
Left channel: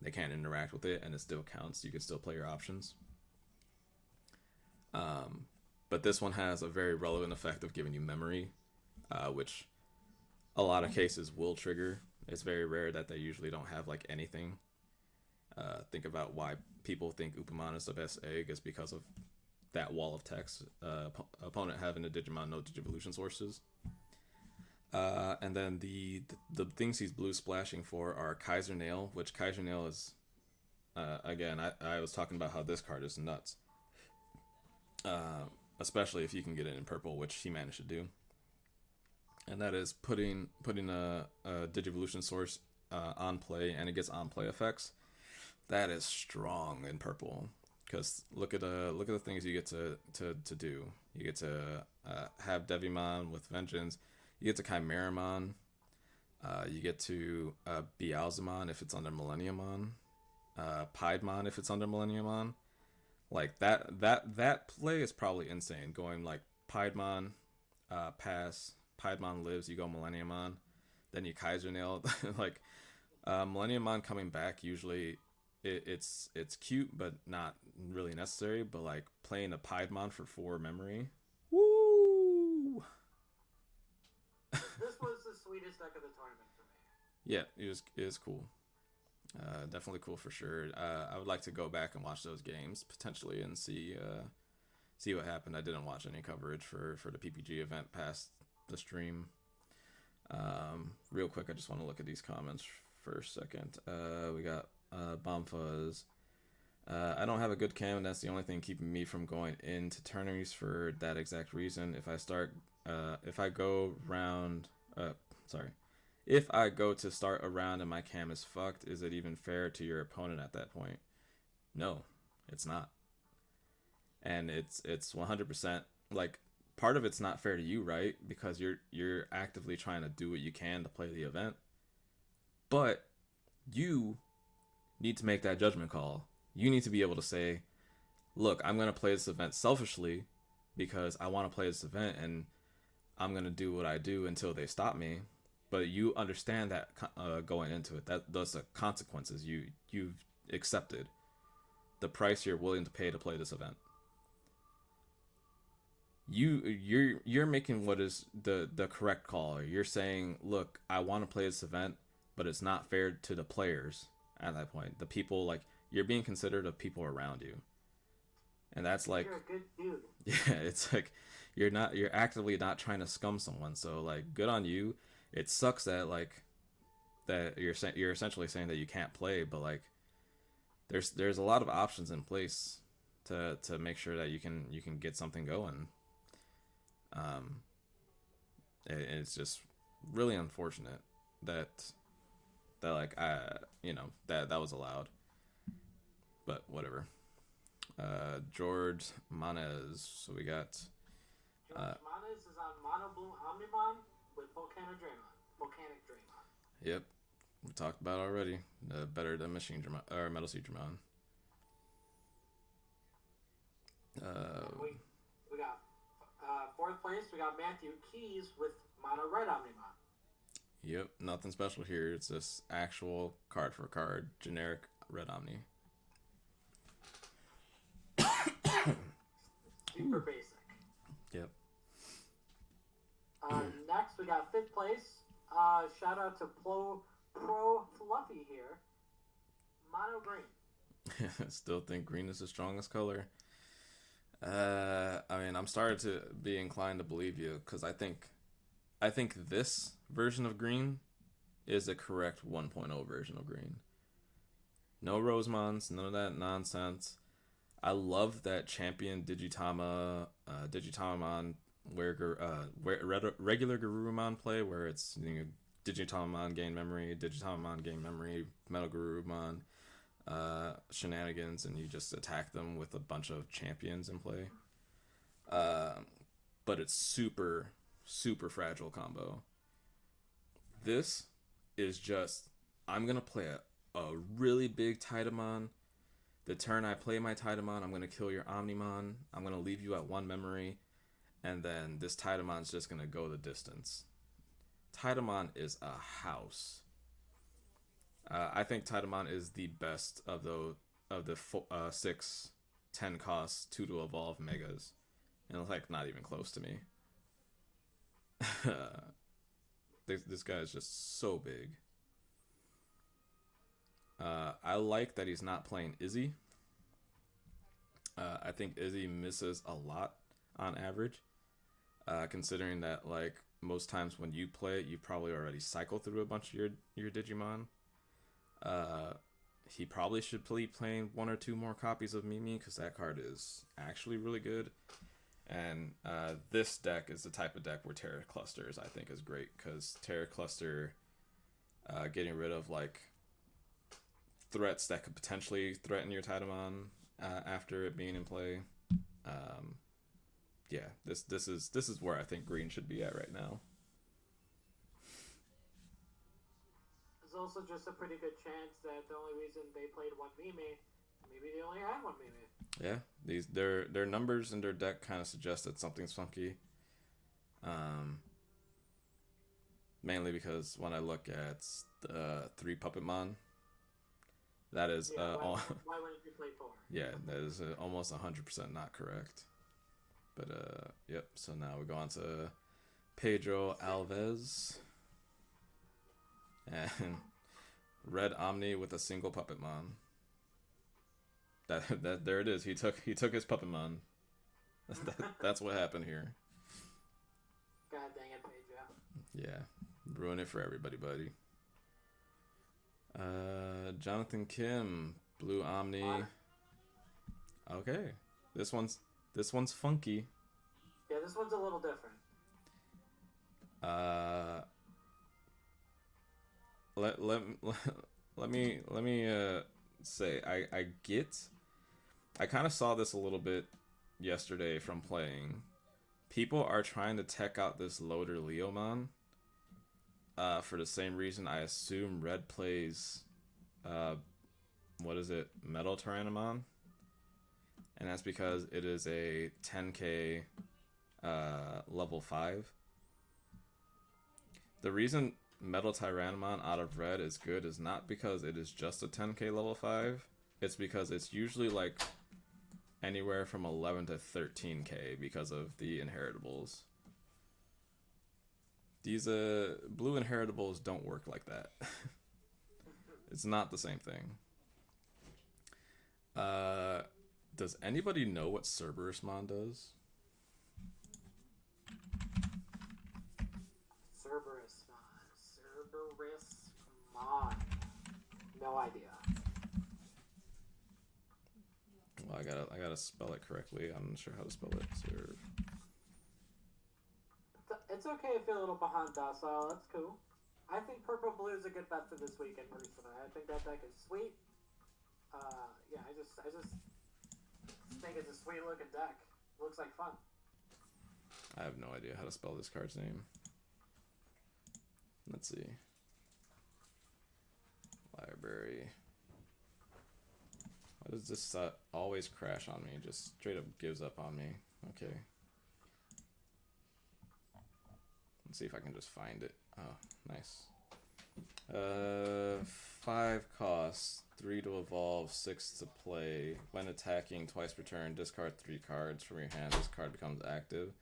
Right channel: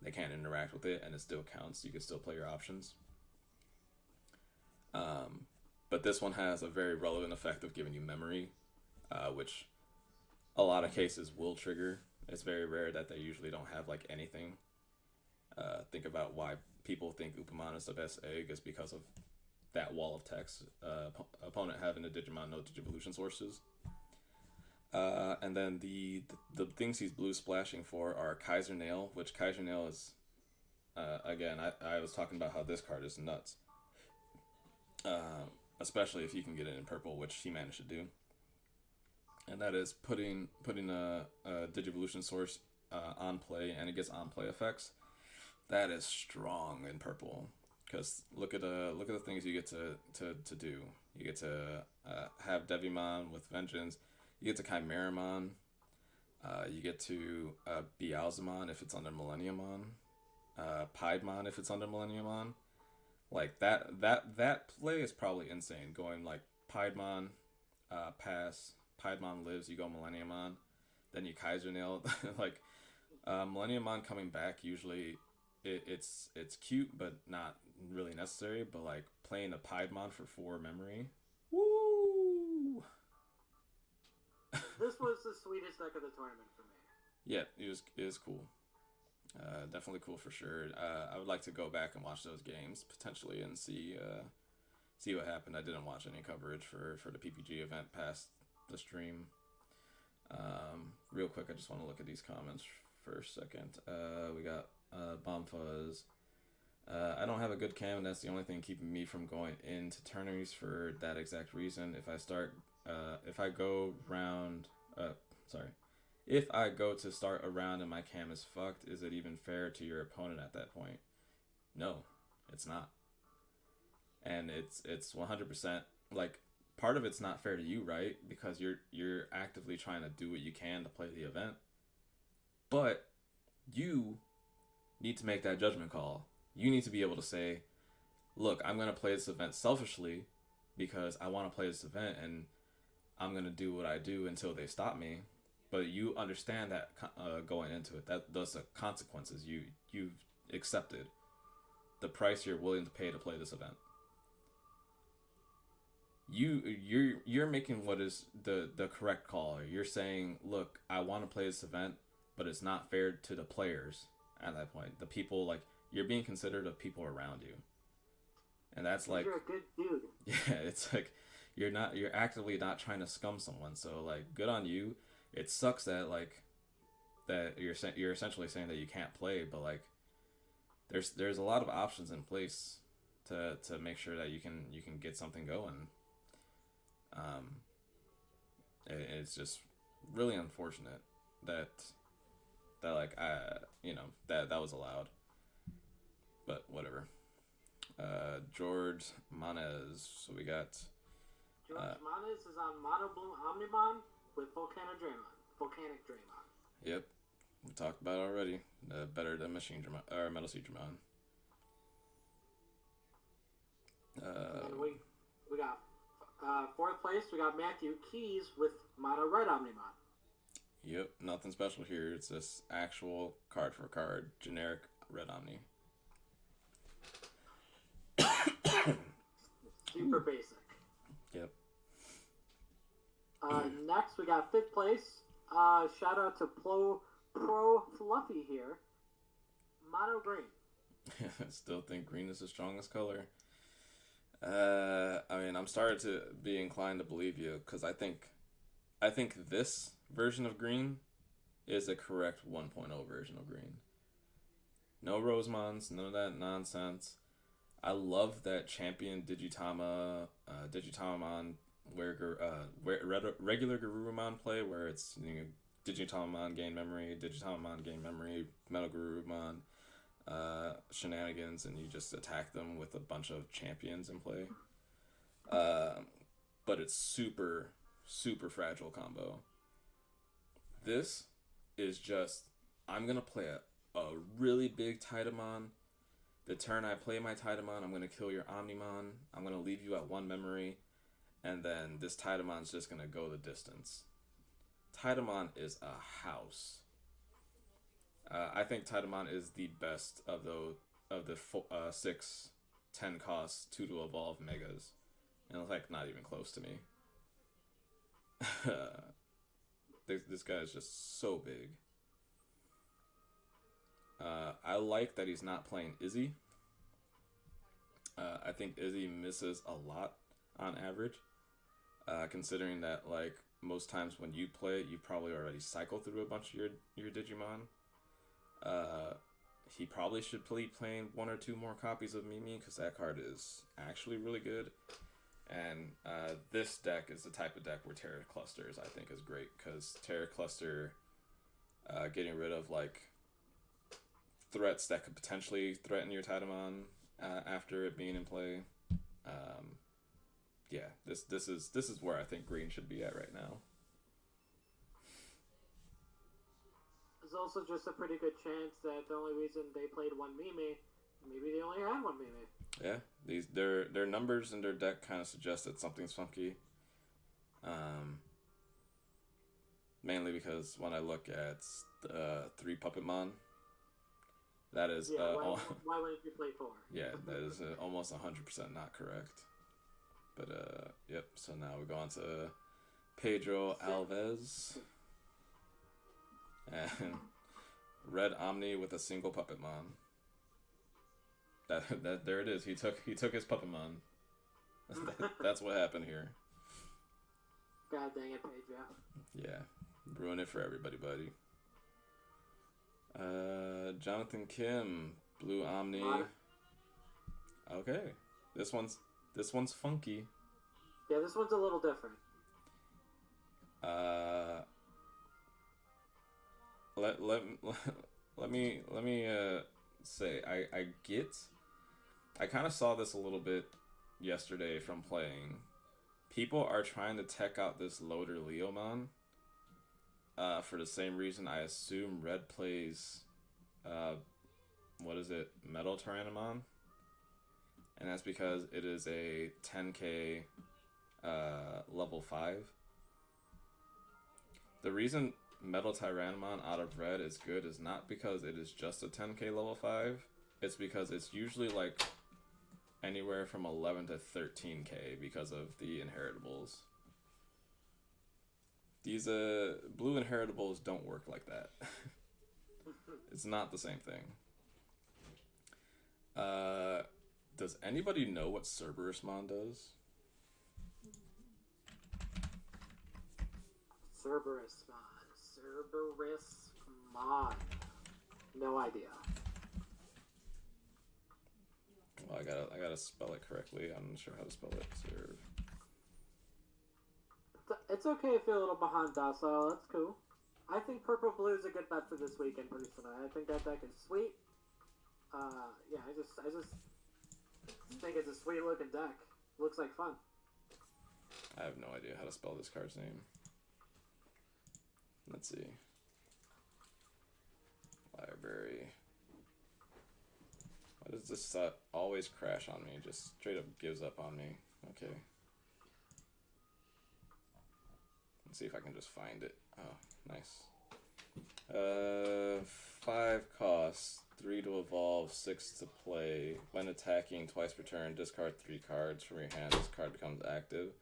They can't interact with it, and it still counts. You can still play your options. But this one has a very relevant effect of giving you memory, which a lot of cases will trigger. It's very rare that they usually don't have like anything. Think about why people think Upamon is the best egg is because of that wall of text. Opponent having a Digimon, no Digivolution sources. And then the things he's blue splashing for are Kaiser Nail, which Kaiser Nail is, again, I was talking about how this card is nuts. Especially if you can get it in purple, which he managed to do. And that is putting a Digivolution source on play, and it gets on play effects. That is strong in purple, because look at the things you get to do. You get to have Devimon with Vengeance. You get to Chimeramon. You get to Beelzemon if it's under Millenniumon. Piedmon if it's under Millenniumon. Like that play is probably insane. Going like Piedmon, pass. Piedmon lives. You go Millenniumon. Then you Kaiser Nail. Like Millenniumon coming back usually. It's cute, but not really necessary. But like playing a Piedmon for 4 memory, woo! This was the sweetest deck of the tournament for me. Yeah, it was cool. Definitely cool for sure. I would like to go back and watch those games potentially and see what happened. I didn't watch any coverage for the PPG event past the stream. Real quick, I just want to look at these comments for a second. We got Bomb Fuzz. I don't have a good cam, and that's the only thing keeping me from going into tourneys for that exact reason. If I go to start a round and my cam is fucked, is it even fair to your opponent at that point? No, it's not. And it's 100% like part of it's not fair to you, right? Because you're actively trying to do what you can to play the event. But you need to make that judgment call. You need to be able to say, look, I'm going to play this event selfishly because I want to play this event and I'm going to do what I do until they stop me. But you understand that going into it, that those are consequences you've accepted, the price you're willing to pay to play this event. You're making what is the correct call. You're saying, look, I want to play this event, but it's not fair to the players at that point. The people, like, you're being considerate of people around you. And that's like, you're a good dude. Yeah, it's like you're actively not trying to scum someone. So like, good on you. It sucks that like that you're essentially saying that you can't play, but like there's a lot of options in place to make sure that you can get something going. It's just really unfortunate that like that was allowed, but whatever. George Manez. So we got George Manez is on Mono Bloom Omnimon with Volcanic Draymon. Yep, we talked about it already. Better than Machine Dramon or Metal Sea Dramon. And we got 4th place. We got Matthew Keys with Mono Red Omnimon. Yep, nothing special here. It's just actual card for card, generic Red Omni. Super basic. Yep. Next, we got 5th place. Shout out to Pro Fluffy here. Mono green. I still think green is the strongest color. I mean, I'm starting to be inclined to believe you because I think this version of green is a correct 1.0 version of green. No Rosemons, none of that nonsense. I love that champion Digitamamon regular Garurumon play where it's Digitamamon gain memory, Metal Garurumon shenanigans, and you just attack them with a bunch of champions in play. But it's super fragile combo. This is just, I'm gonna play a really big Titamon. The turn I play my Titamon, I'm gonna kill your Omnimon. I'm gonna leave you at 1 memory, and then this Titamon's just gonna go the distance. Titamon is a house. I think Titamon is the best of the 6, 10 cost 2 to evolve megas, and it's like not even close to me. This guy is just so big. I like that he's not playing Izzy. I think Izzy misses a lot on average, considering that like most times when you play it, you probably already cycle through a bunch of your Digimon. He probably should be playing 1 or 2 more copies of Mimi because that card is actually really good. And this deck is the type of deck where Terra Clusters I think is great because Terra Cluster getting rid of like threats that could potentially threaten your Titamon after it being in play. Yeah, this is where I think green should be at right now. There's also just a pretty good chance that the only reason they played 1 Mimi, maybe they only had 1 Mimi. Yeah, their numbers in their deck kind of suggest that something's funky. Mainly because when I look at 3 Puppetmon, that is why wouldn't you play 4? Yeah, that is almost 100% not correct. But yep. So now we go on to Pedro Alves and Red Omni with a single Puppetmon. That there it is. He took his Puppetmon. That's what happened here. God dang it, Pedro. Yeah, ruin it for everybody, buddy. Jonathan Kim, Blue Omni. Okay, this one's funky. Yeah, this one's a little different. Let me say I kind of saw this a little bit yesterday from playing. People are trying to tech out this loader Leomon. For the same reason I assume Red plays, Metal Tyrannomon? And that's because it is a 10k level 5. The reason Metal Tyrannomon out of Red is good is not because it is just a 10k level 5. It's because it's usually like anywhere from 11 to 13k because of the inheritables. These blue inheritables don't work like that. It's not the same thing. Does anybody know what Cerberusmon does? Cerberusmon. No idea. Well, I gotta spell it correctly. I'm not sure how to spell it. It's okay if you're a little behind docile. That's cool. I think purple blue is a good bet for this weekend, personally. I think that deck is sweet. Yeah, I just think it's a sweet looking deck. Looks like fun. I have no idea how to spell this card's name. Let's see. Library. Why does this always crash on me? Just straight up gives up on me. Okay. Let's see if I can just find it. Oh, nice. Uh, 5 costs, 3 to evolve, 6 to play. When attacking, twice per turn, discard 3 cards from your hand. This card becomes active.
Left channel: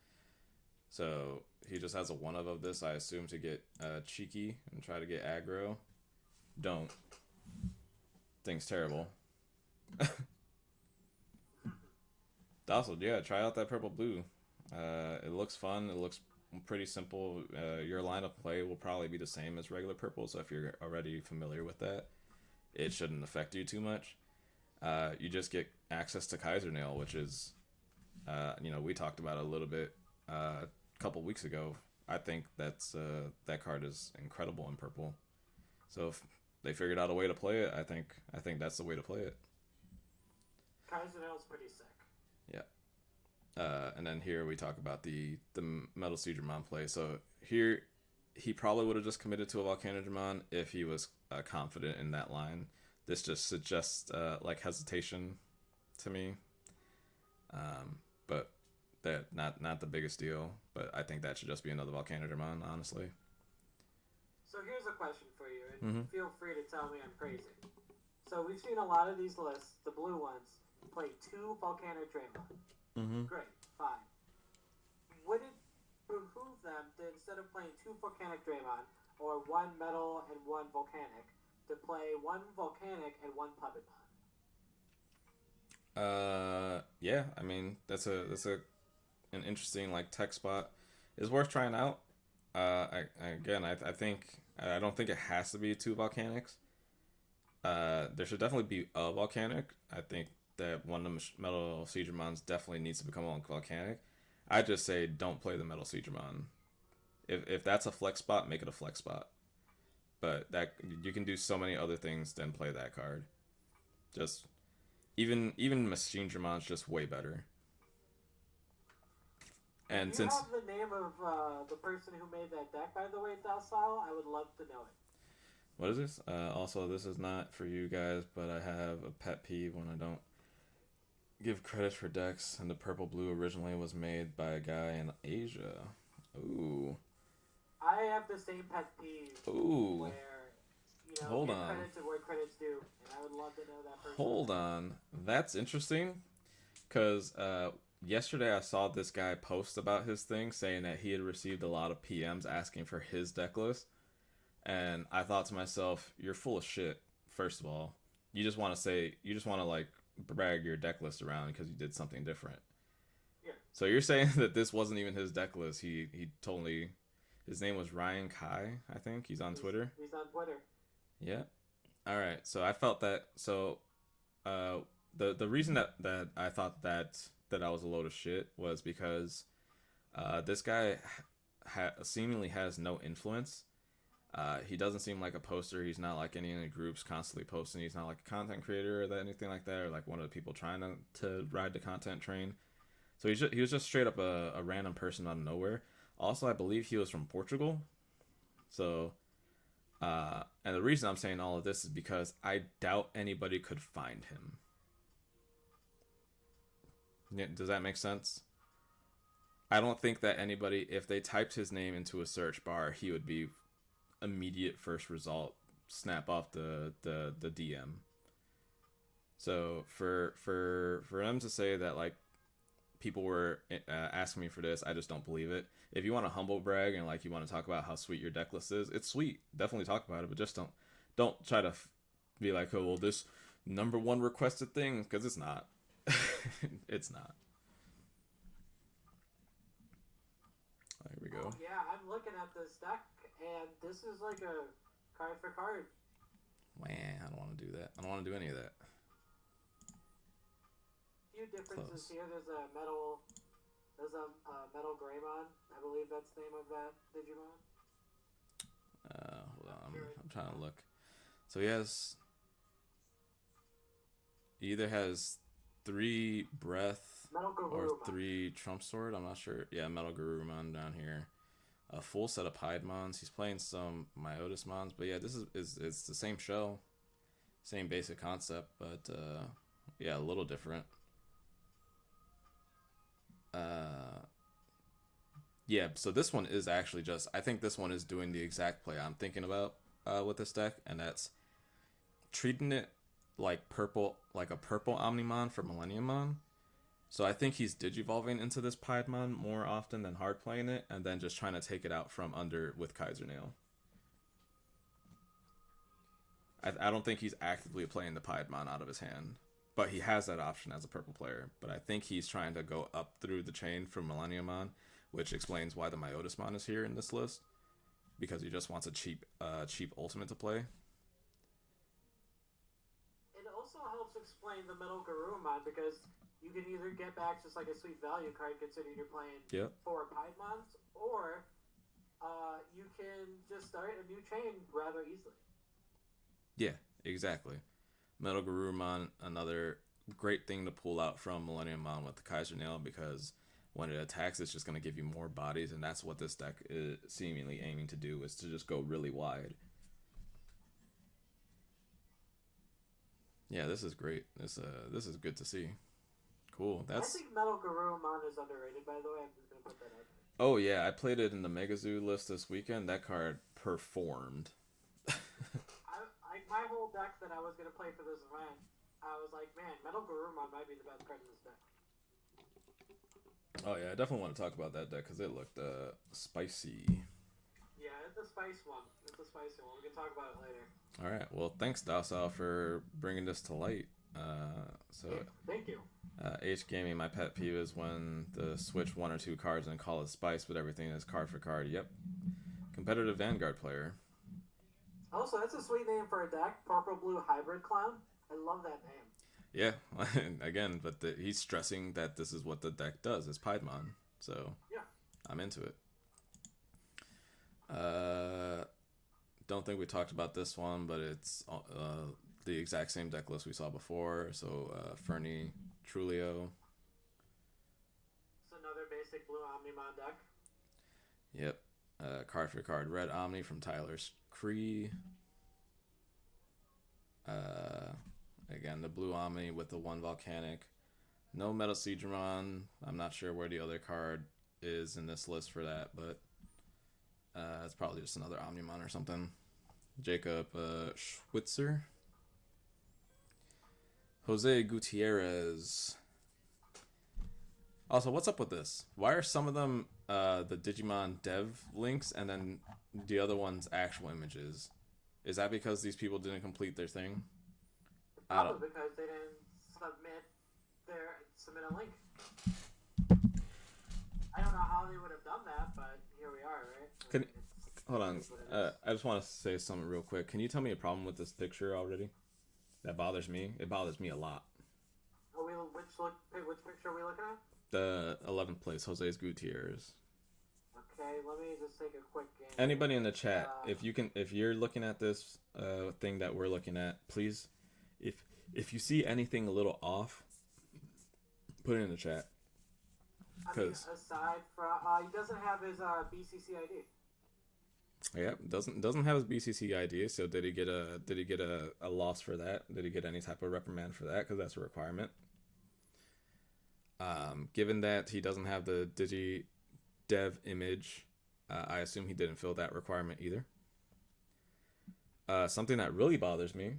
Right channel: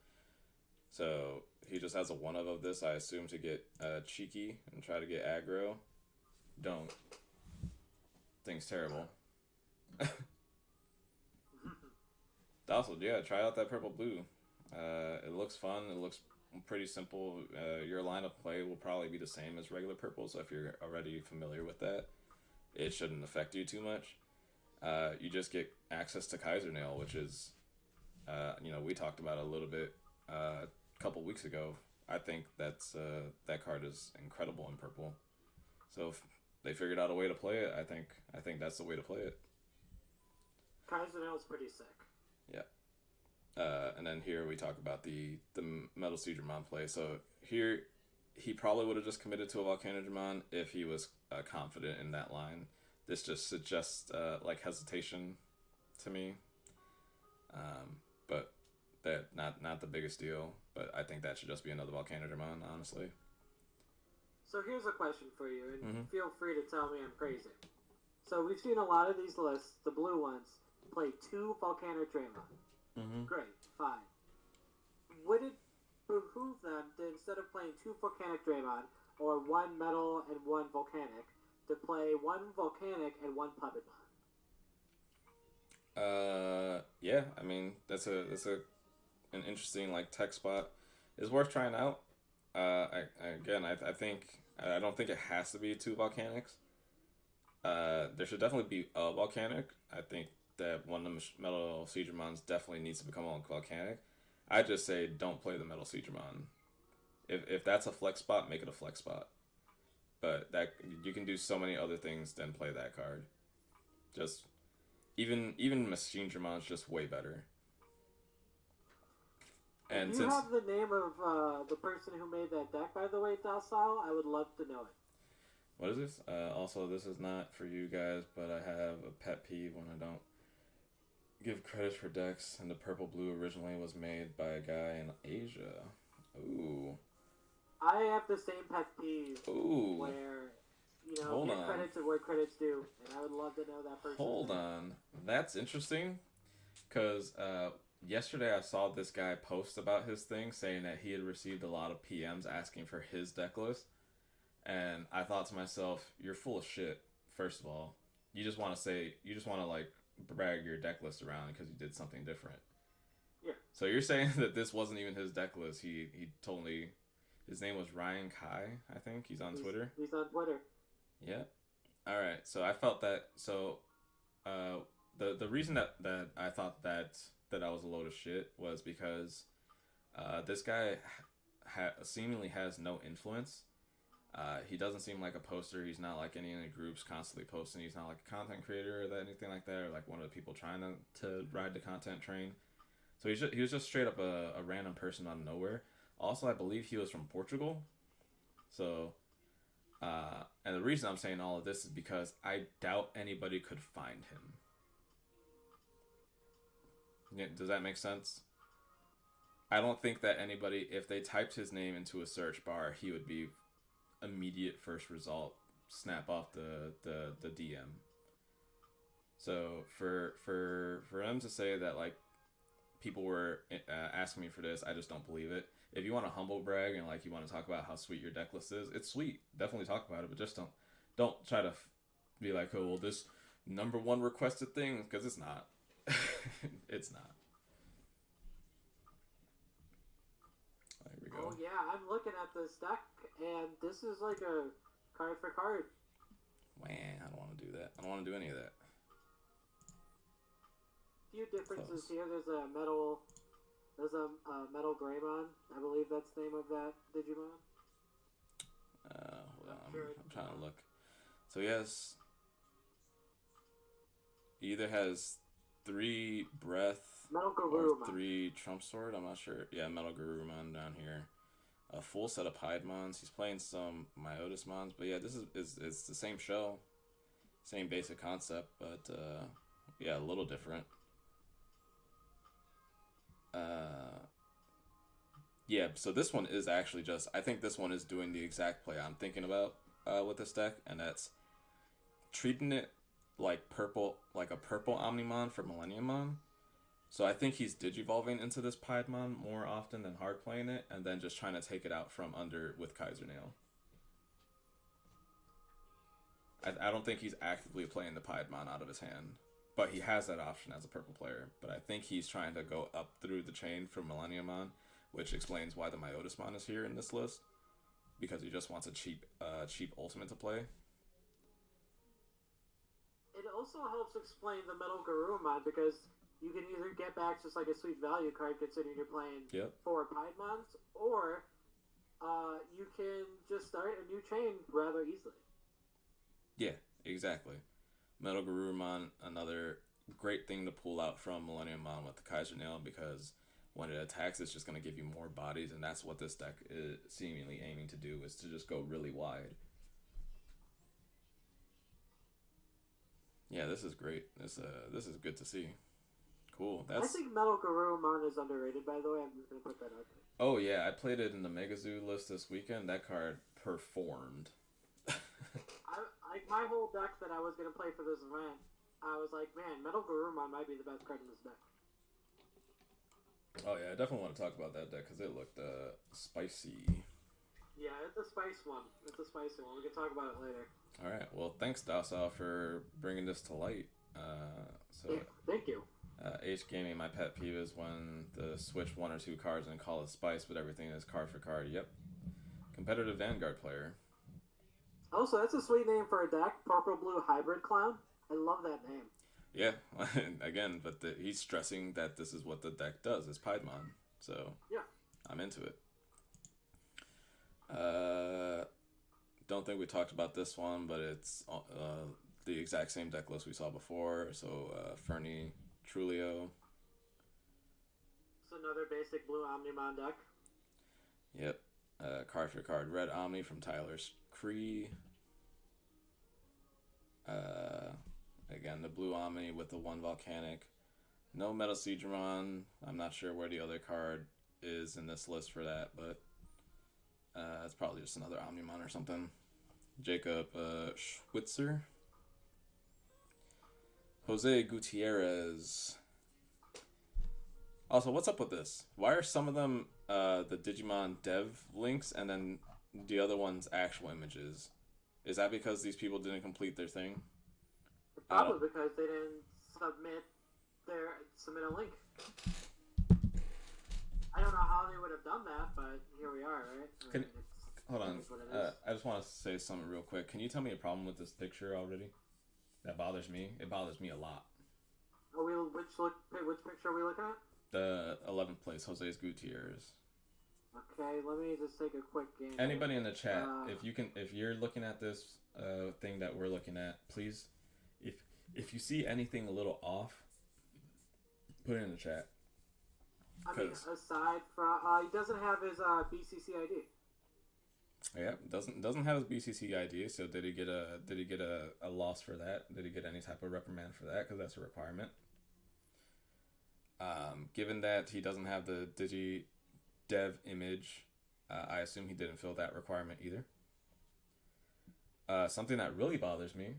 So he just has a 1 of this, I assume, to get cheeky and try to get aggro. Don't. Thing's terrible. Also, yeah, try out that purple blue. It looks fun. It looks pretty simple. Your line of play will probably be the same as regular purple, so if you're already familiar with that, it shouldn't affect you too much. You just get access to Kaiser Nail, which is, we talked about it a little bit a couple weeks ago. I think that card is incredible in purple. So if they figured out a way to play it, I think that's the way to play it. Kaiser Nail is pretty sick. Yeah. And then here we talk about the Metal Digimon play. So here, he probably would have just committed to a Volcanodramon if he was confident in that line. This just suggests hesitation to me. But that not the biggest deal. But I think that should just be another Volcanodramon, honestly. So here's a question for you, and feel free to tell me I'm crazy. So we've seen a lot of these lists, the blue ones, play 2 Volcanodramon. Great, fine. Would it behoove them to, instead of playing 2 Volcanodramon, or 1 Metal and 1 Volcanic, to play 1 Volcanic and 1 Puppetmon? Yeah, I mean that's an interesting tech spot. It's worth trying out. I don't think it has to be 2 Volcanics. There should definitely be a Volcanic. I think that one of the Metal Digimons definitely needs to become a Volcanic. I just say don't play the Metal Digimon. If that's a flex spot, make it a flex spot. But that you can do so many other things than play that card. Just even Machine Dramon's just way better. And if you have the name of the person who made that deck, by the way, Docile, I would love to know it. What is this? Also, this is not for you guys, but I have a pet peeve when I don't give credit for decks, and the purple blue originally was made by a guy in Asia. Ooh. I have the same pet peeve. Ooh. Where, Hold give on. credit to where credit's due, and I would love to know that person. Hold on. That's interesting, because yesterday I saw this guy post about his thing, saying that he had received a lot of PMs asking for his deck list. And I thought to myself, you're full of shit, first of all. You just want to brag your deck list around because you did something different. Yeah. So you're saying that this wasn't even his deck list. He told me his name was Ryan Kai, I think. He's on Twitter. He's on Twitter. Yeah. All right. So I felt that. So the reason that I thought that I was a load of shit was because this guy seemingly has no influence. He doesn't seem like a poster. He's not like any groups constantly posting. He's not like a content creator or anything like that, or like one of the people trying to ride the content train. So he was just straight up a random person out of nowhere. Also, I believe he was from Portugal. So, and the reason I'm saying all of this is because I doubt anybody could find him. Yeah, does that make sense? I don't think that anybody, if they typed his name into a search bar, he would be immediate first result, snap off the DM. So for them to say that people were asking me for this, I just don't believe it. If you want to humble brag and you want to talk about how sweet your deck list is, it's sweet. Definitely talk about it, but just don't try to be like, oh well, this #1 requested thing, because it's not. It's not. There we go. Oh, yeah, I'm looking at this deck, and this is like a card for card. Man, I don't want to do that. I don't want to do any of that. Few differences here. There's a metal Greymon. I believe that's the name of that Digimon. Hold on. I'm trying to look. So he either has 3 breath Metal or Garurumon. 3 Trump Sword. I'm not sure. Yeah, Metal Garurumon down here. A full set of Piedmons. He's playing some Myotismons, but yeah, this is it's the same shell, same basic concept, but yeah, a little different. Yeah, so this one is actually I think this one is doing the exact play I'm thinking about. with this deck, and that's treating it like a purple Omnimon for Millenniummon. So I think he's digivolving into this Piedmon more often than hard playing it, and then just trying to take it out from under with Kaiser Nail. I don't think he's actively playing the Piedmon out of his hand, but he has that option as a purple player. But I think he's trying to go up through the chain from Millenniummon, which explains why the Myotismon is here in this list, because he just wants a cheap ultimate to play. It also helps explain the Metal Garurumon, because you can either get back just like a sweet value card considering you're playing 4 Piedmons, or you can just start a new chain rather easily. Yeah, exactly. Metal Garurumon, another great thing to pull out from Millenniummon with the Kaiser Nail, because when it attacks, it's just going to give you more bodies, and that's what this deck is seemingly aiming to do, is to just go really wide. Yeah, this is great. This is good to see. Cool. I think Metal Garurumon is underrated, by the way. I'm just going to put that out there. Oh, yeah. I played it in the Megazoo list this weekend. That card performed. My whole deck that I was going to play for this event, I was like, man, Metal Garurumon might be the best card in this deck. Oh, yeah. I definitely want to talk about that deck, because it looked spicy. Yeah, it's a spicy one. We can talk about it later. All right. Well, thanks, Docile, for bringing this to light. Thank you. H Gaming, my pet peeve is when the switch 1 or 2 cards and call it spice, but everything is card for card. Yep. Competitive Vanguard player. Also, that's a sweet name for a deck. Purple-blue hybrid clown. I love that name. Yeah. Again, but he's stressing that this is what the deck does. It's Piedmon. So, yeah. I'm into it. Don't think we talked about this one, but it's the exact same deck list we saw before. So, Fernie, Trulio. It's another basic blue Omnimon deck. Yep. Card for card red Omni from Tyler's Cree. Again, the blue Omni with the 1 Volcanic. No Metal Seedramon. I'm not sure where the other card is in this list for that, but it's probably just another Omnimon or something. Jacob Schwitzer. Jose Gutierrez. Also, what's up with this? Why are some of them the Digimon dev links and then the other ones actual images? Is that because these people didn't complete their thing? Probably because they didn't submit a link. I don't know how they would have done that, but here we are, right? Hold on. I just want to say something real quick. Can you tell me a problem with this picture already? That bothers me. It bothers me a lot. Which picture are we looking at? The 11th place, Jose's Gutierrez. Okay, let me just take a quick game. Anybody in the chat, if you're looking at this thing that we're looking at, please, if you see anything a little off, put it in the chat. I mean, aside from he doesn't have his BCC ID. Yeah, doesn't have his BCC ID. So did he get a loss for that? Did he get any type of reprimand for that? Because that's a requirement. Given that he doesn't have the Digi Dev image, I assume he didn't fill that requirement either. Something that really bothers me,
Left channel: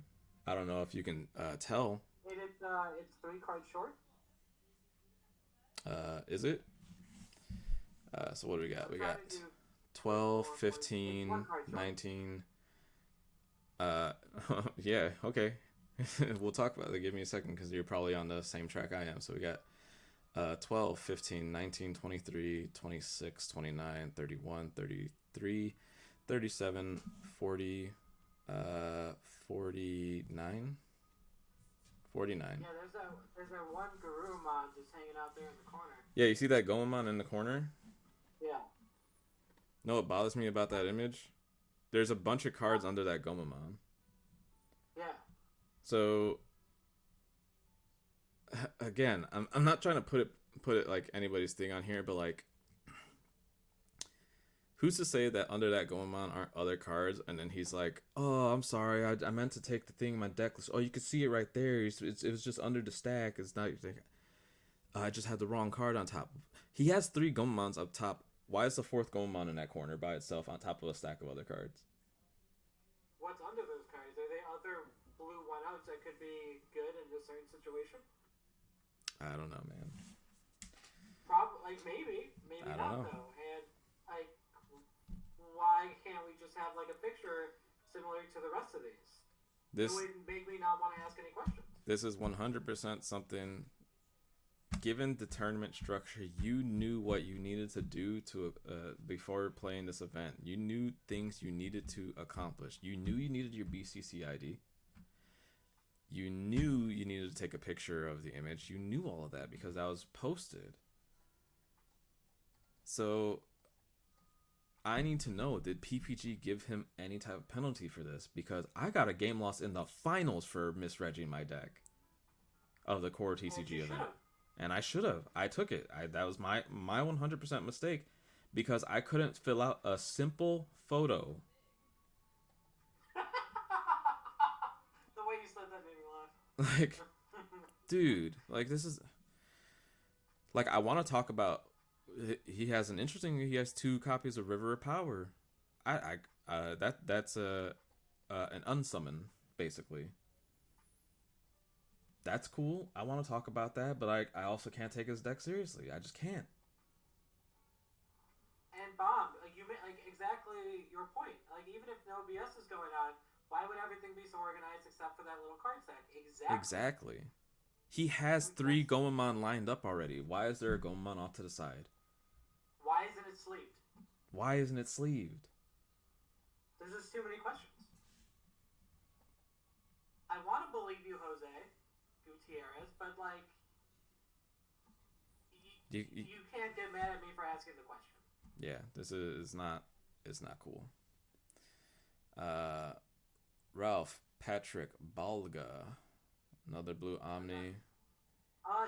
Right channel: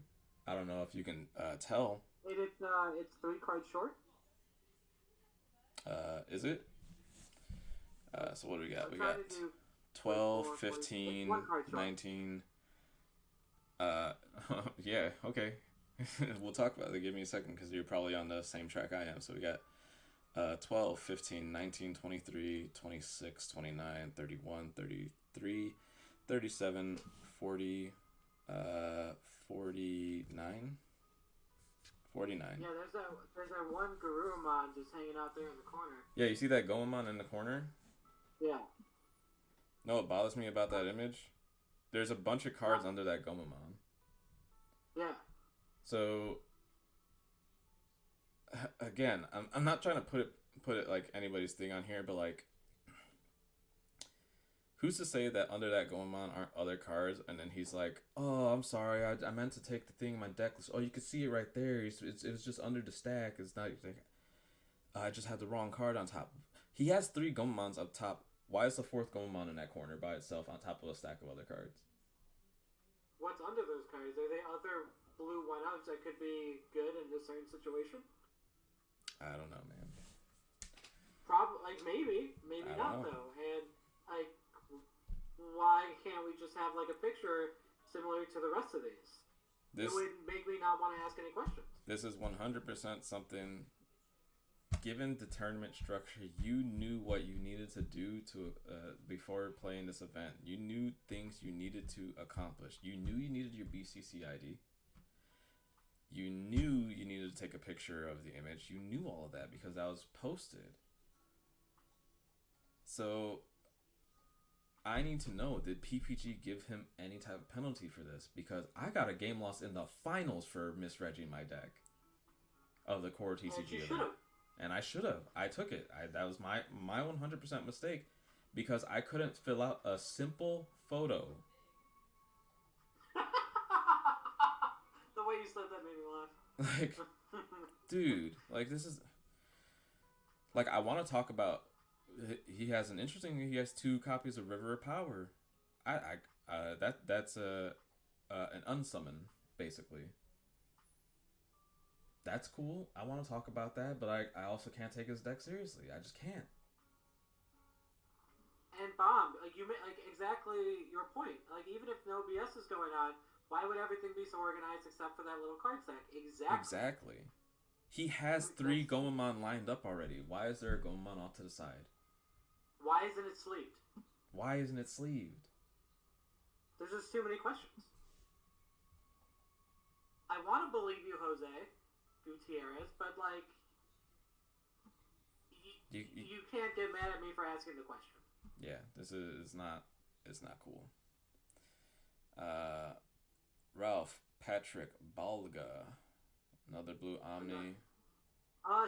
I don't know if you can tell. It's 3 cards short. Is it? So what do we got? We got 12, 15, 19. Yeah, okay. We'll talk about it. Give me a second because you're probably on the same track I am. So we got 12, 15, 19, 23, 26, 29, 31, 33, 37, 40, 49. 49. Yeah, there's that one Garurumon just hanging out there in the corner. Yeah, you see that Gomamon in the corner? Yeah. No, what bothers me about that image? There's a bunch of cards under that Gomamon. Yeah. So, again, I'm not trying to put it like anybody's thing on here, but like, who's to say that under that Gomamon aren't other cards? And then he's like, "Oh, I'm sorry, I meant to take the thing in my deck list. Oh, you can see it right there. It was just under the stack. It's not. I just had the wrong card on top." He has 3 Gomamons up top. Why is the 4th Gomamon in that corner by itself on top of a stack of other cards? what's under those cards? Are they other blue one-outs that could be good in a certain situation? I don't know, man. Probably, like, maybe not though. And like, why can't we just have like a picture similar to the rest of these? It would make me not want to ask any questions. This is 100% something. Given the tournament structure, you knew what you needed to do to before playing this event. You knew things you needed to accomplish. You knew you needed your BCC ID. You knew you needed to take a picture of the image. You knew all of that because that was posted. So I need to know, did PPG give him any type of penalty for this? Because I got a game loss in the finals for misregging my deck of the core TCG event. And I should have. I took it. That was my 100% mistake because I couldn't fill out a simple photo. The way you said that made me laugh. Like, dude, like this is like I want to talk about. He has he has 2 copies of River of Power. That's an unsummon basically. That's cool. I want to talk about that, but I also can't take his deck seriously. I just can't. And Bob, you like exactly your point. Like even if no BS is going on, why would everything be so organized except for that little card stack? Exactly. He has 3 Gomamon lined up already. Why is there a Gomamon off to the side? Why isn't it sleeved? Why isn't it sleeved? There's just too many questions. I want to believe you, Jose Gutierrez, but like, you can't get mad at me for asking the question. Yeah, this is not. It's not cool. Ralph Patrick Balga, another blue Omni.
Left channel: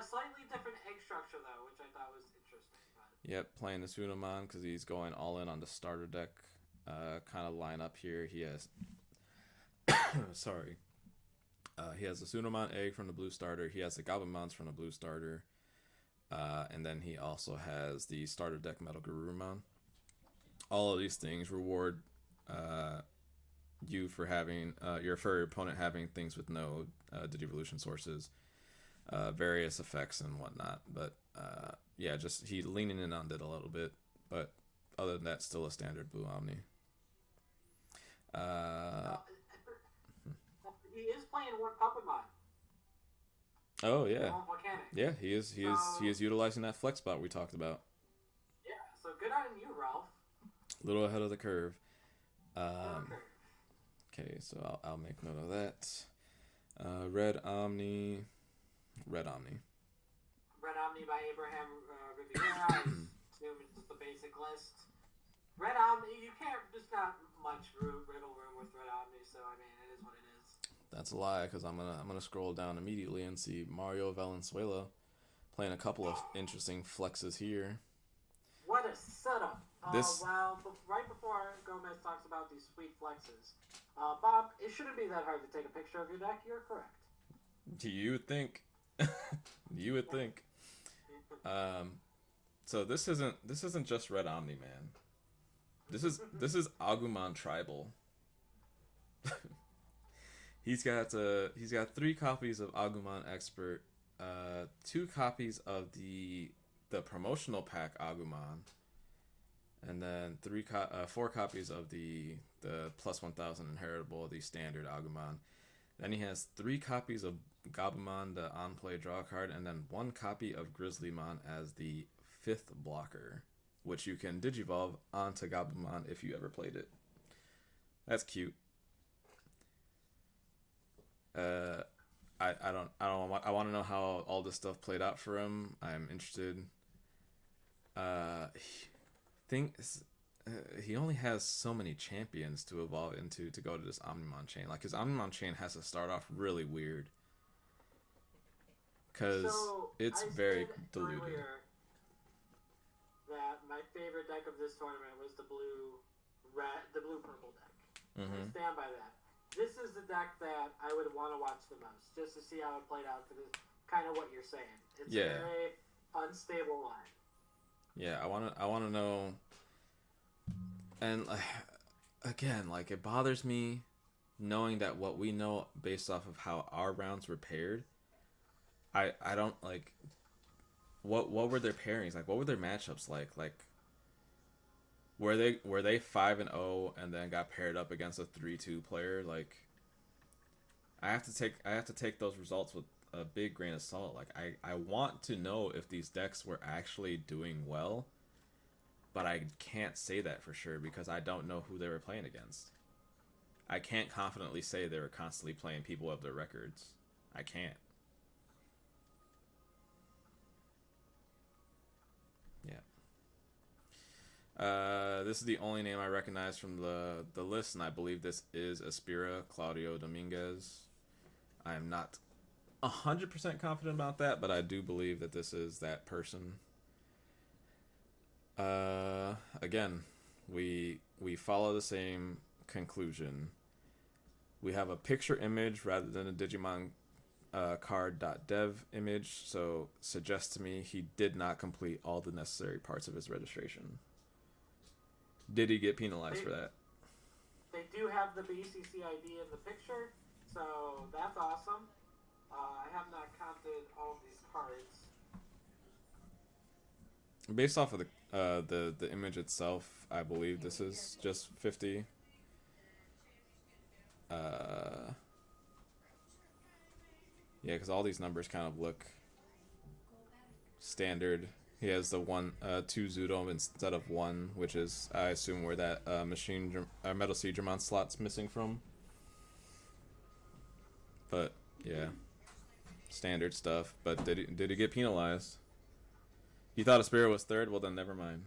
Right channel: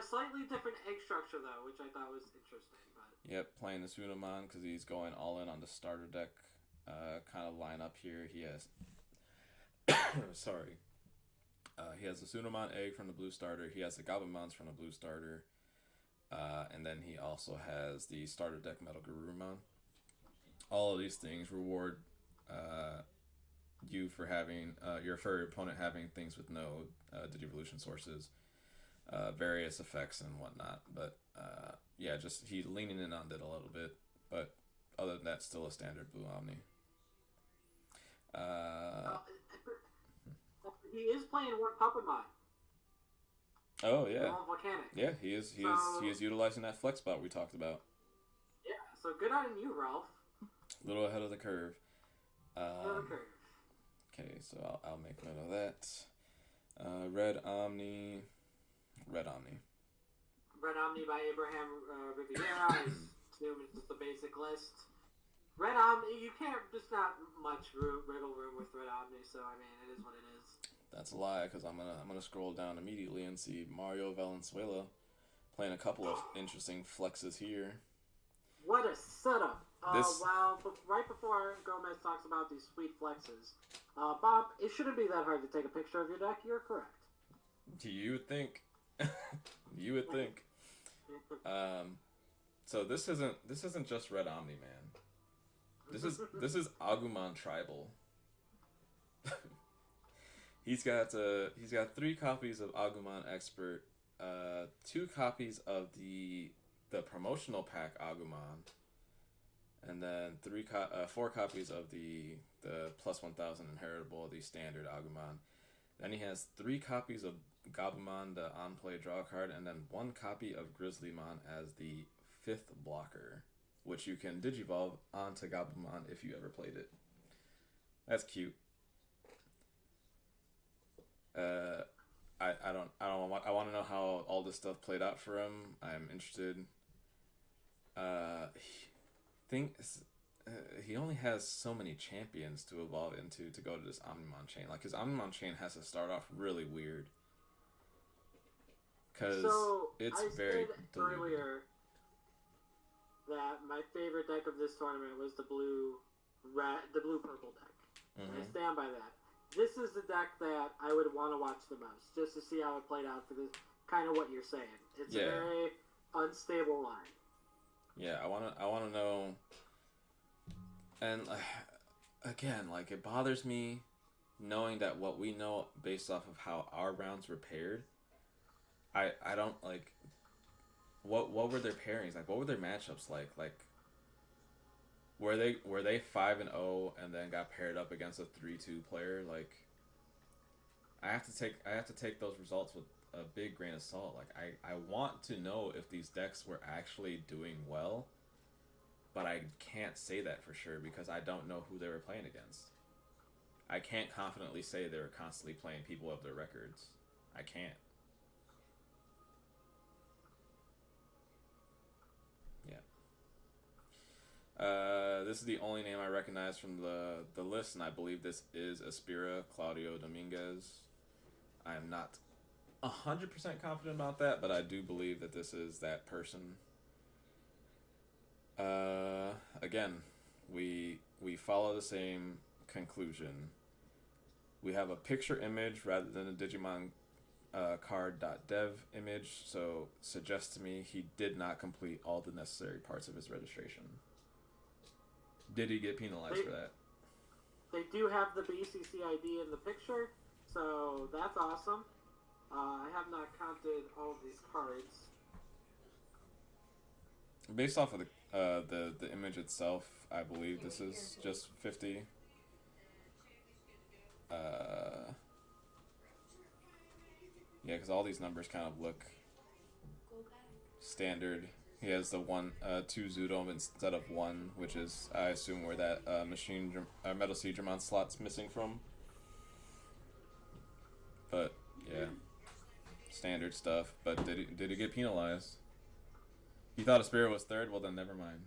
Slightly different egg structure though, which I thought was interesting. But... Yep, playing the Sunomon because he's going all in on the starter deck kind of lineup here. He has. Sorry. He has the Sunomon egg from the blue starter. He has the Gabumons from the blue starter. And then he also has the starter deck Metal Garurumon. All of these things reward you for having your opponent having things with no Digivolution sources, various effects and whatnot. But yeah, just he leaning in on it a little bit. But other than that, still a standard blue Omni. He is playing one Puppet Mod. Oh yeah, yeah. He is utilizing that flex spot we talked about. Yeah, so good on you, Ralph. A little ahead of the curve. Okay, so I'll make note of that. Red Omni by Abraham Riviera. I assume it's just the basic list. Red Omni, you can't. There's not much wiggle room with Red Omni, so I mean, it is what it is. That's a lie, because I'm gonna scroll down immediately and see Mario Valenzuela playing a couple of interesting flexes here. What a setup! Well, right before Gomez talks about these sweet flexes, Bob, it shouldn't be that hard to take a picture of your deck. You're correct. You would think. You would think. So this isn't just Red Omni, man. This is Agumon Tribal. He's got 3 copies of Agumon Expert, 2 copies of the promotional pack Agumon, and then 4 copies of the plus 1000 inheritable, the standard Agumon. Then he has 3 copies of Gabumon, the on-play draw card, and then 1 copy of Grizzlymon as the 5th blocker, which you can digivolve onto Gabumon if you ever played it. That's cute. I want to know how all this stuff played out for him. I'm interested. He only has so many champions to evolve into to go to this Omnimon chain. Like his Omnimon chain has to start off really weird because it's very diluted. Earlier that my favorite deck of this tournament was the blue purple deck. Mm-hmm. I stand by that. This is the deck that I would want to watch the most, just to see how it played out for this kind of what you're saying. It's a very unstable line. Yeah, I want to know. And again, like it bothers me knowing that what we know based off of how our rounds were paired, I don't like what were their pairings like? What were their matchups like? Like were they 5-0 and then got paired up against a 3-2 player? Like I have to take those results with a big grain of salt. Like I want to know if these decks were actually doing well, but I can't say that for sure because I don't know who they were playing against. I can't confidently say they were constantly playing people of their records. I can't. Yeah. This is the only name I recognize from the list, and I believe this is Aspira Claudio Dominguez. I am not 100% confident about that, but I do believe that this is that person. Again, we follow the same conclusion. We have a picture image rather than a Digimon card.dev image, so suggests to me he did not complete all the necessary parts of his registration. Did he get penalized for that? They do have the BCC ID in the picture, so that's awesome. I have not counted all of these cards. Based off of the image itself, I believe this is just 50. Yeah, because all these numbers kind of look standard. He has the two Zoodome instead of one, which is I assume where that Metal Sea Dramon slot's missing from. But yeah, standard stuff. But did he get penalized? He thought Aspira was third. Well, then never mind.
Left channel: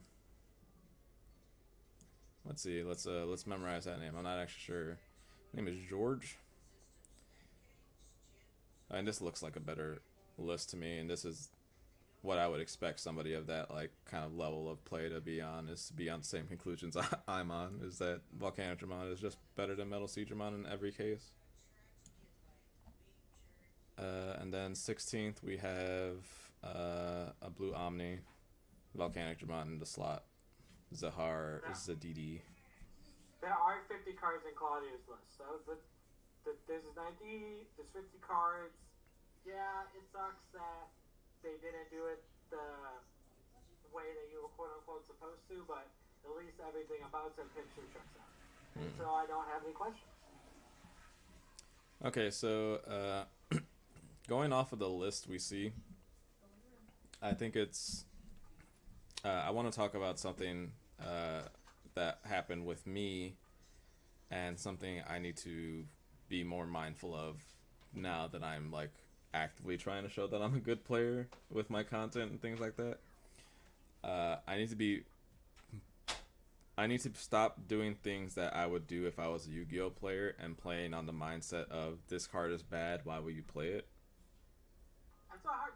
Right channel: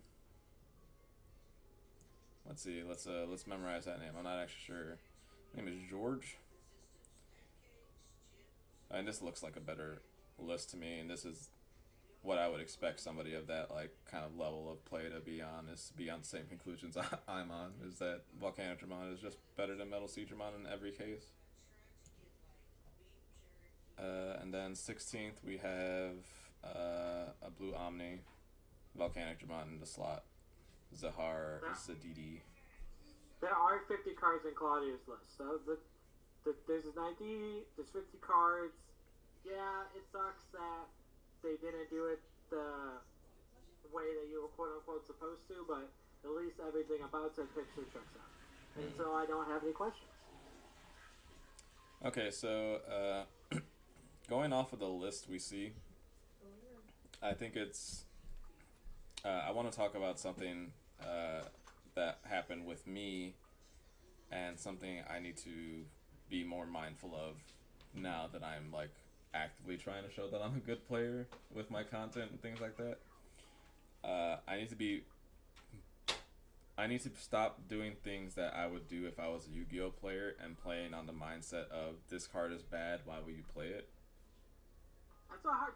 Let's see. Let's memorize that name. I'm not actually sure. His name is George. And this looks like a better list to me. And this is what I would expect somebody of that like kind of level of play to be on. Is to be on the same conclusions I'm on. Is that Volcanic Dramon is just better than Metal Sea Dramon in every case. And then 16th we have a blue Omni, Volcanic Dramon in the slot, Zahar, Zadidi. There are 50 cards in Claudio's list, so there's an ID, there's 50 cards. Yeah, it sucks that they didn't do it the way that you were quote unquote supposed to, but at least everything about that picture checks out. And so I don't have any questions. Okay, so going off of the list we see, I think it's I want to talk about something that happened with me and something I need to be more mindful of now that I'm like actively trying to show that I'm a good player with my content and things like that. I need to stop doing things that I would do if I was a Yu-Gi-Oh player and playing on the mindset of this card is bad, why will you play it?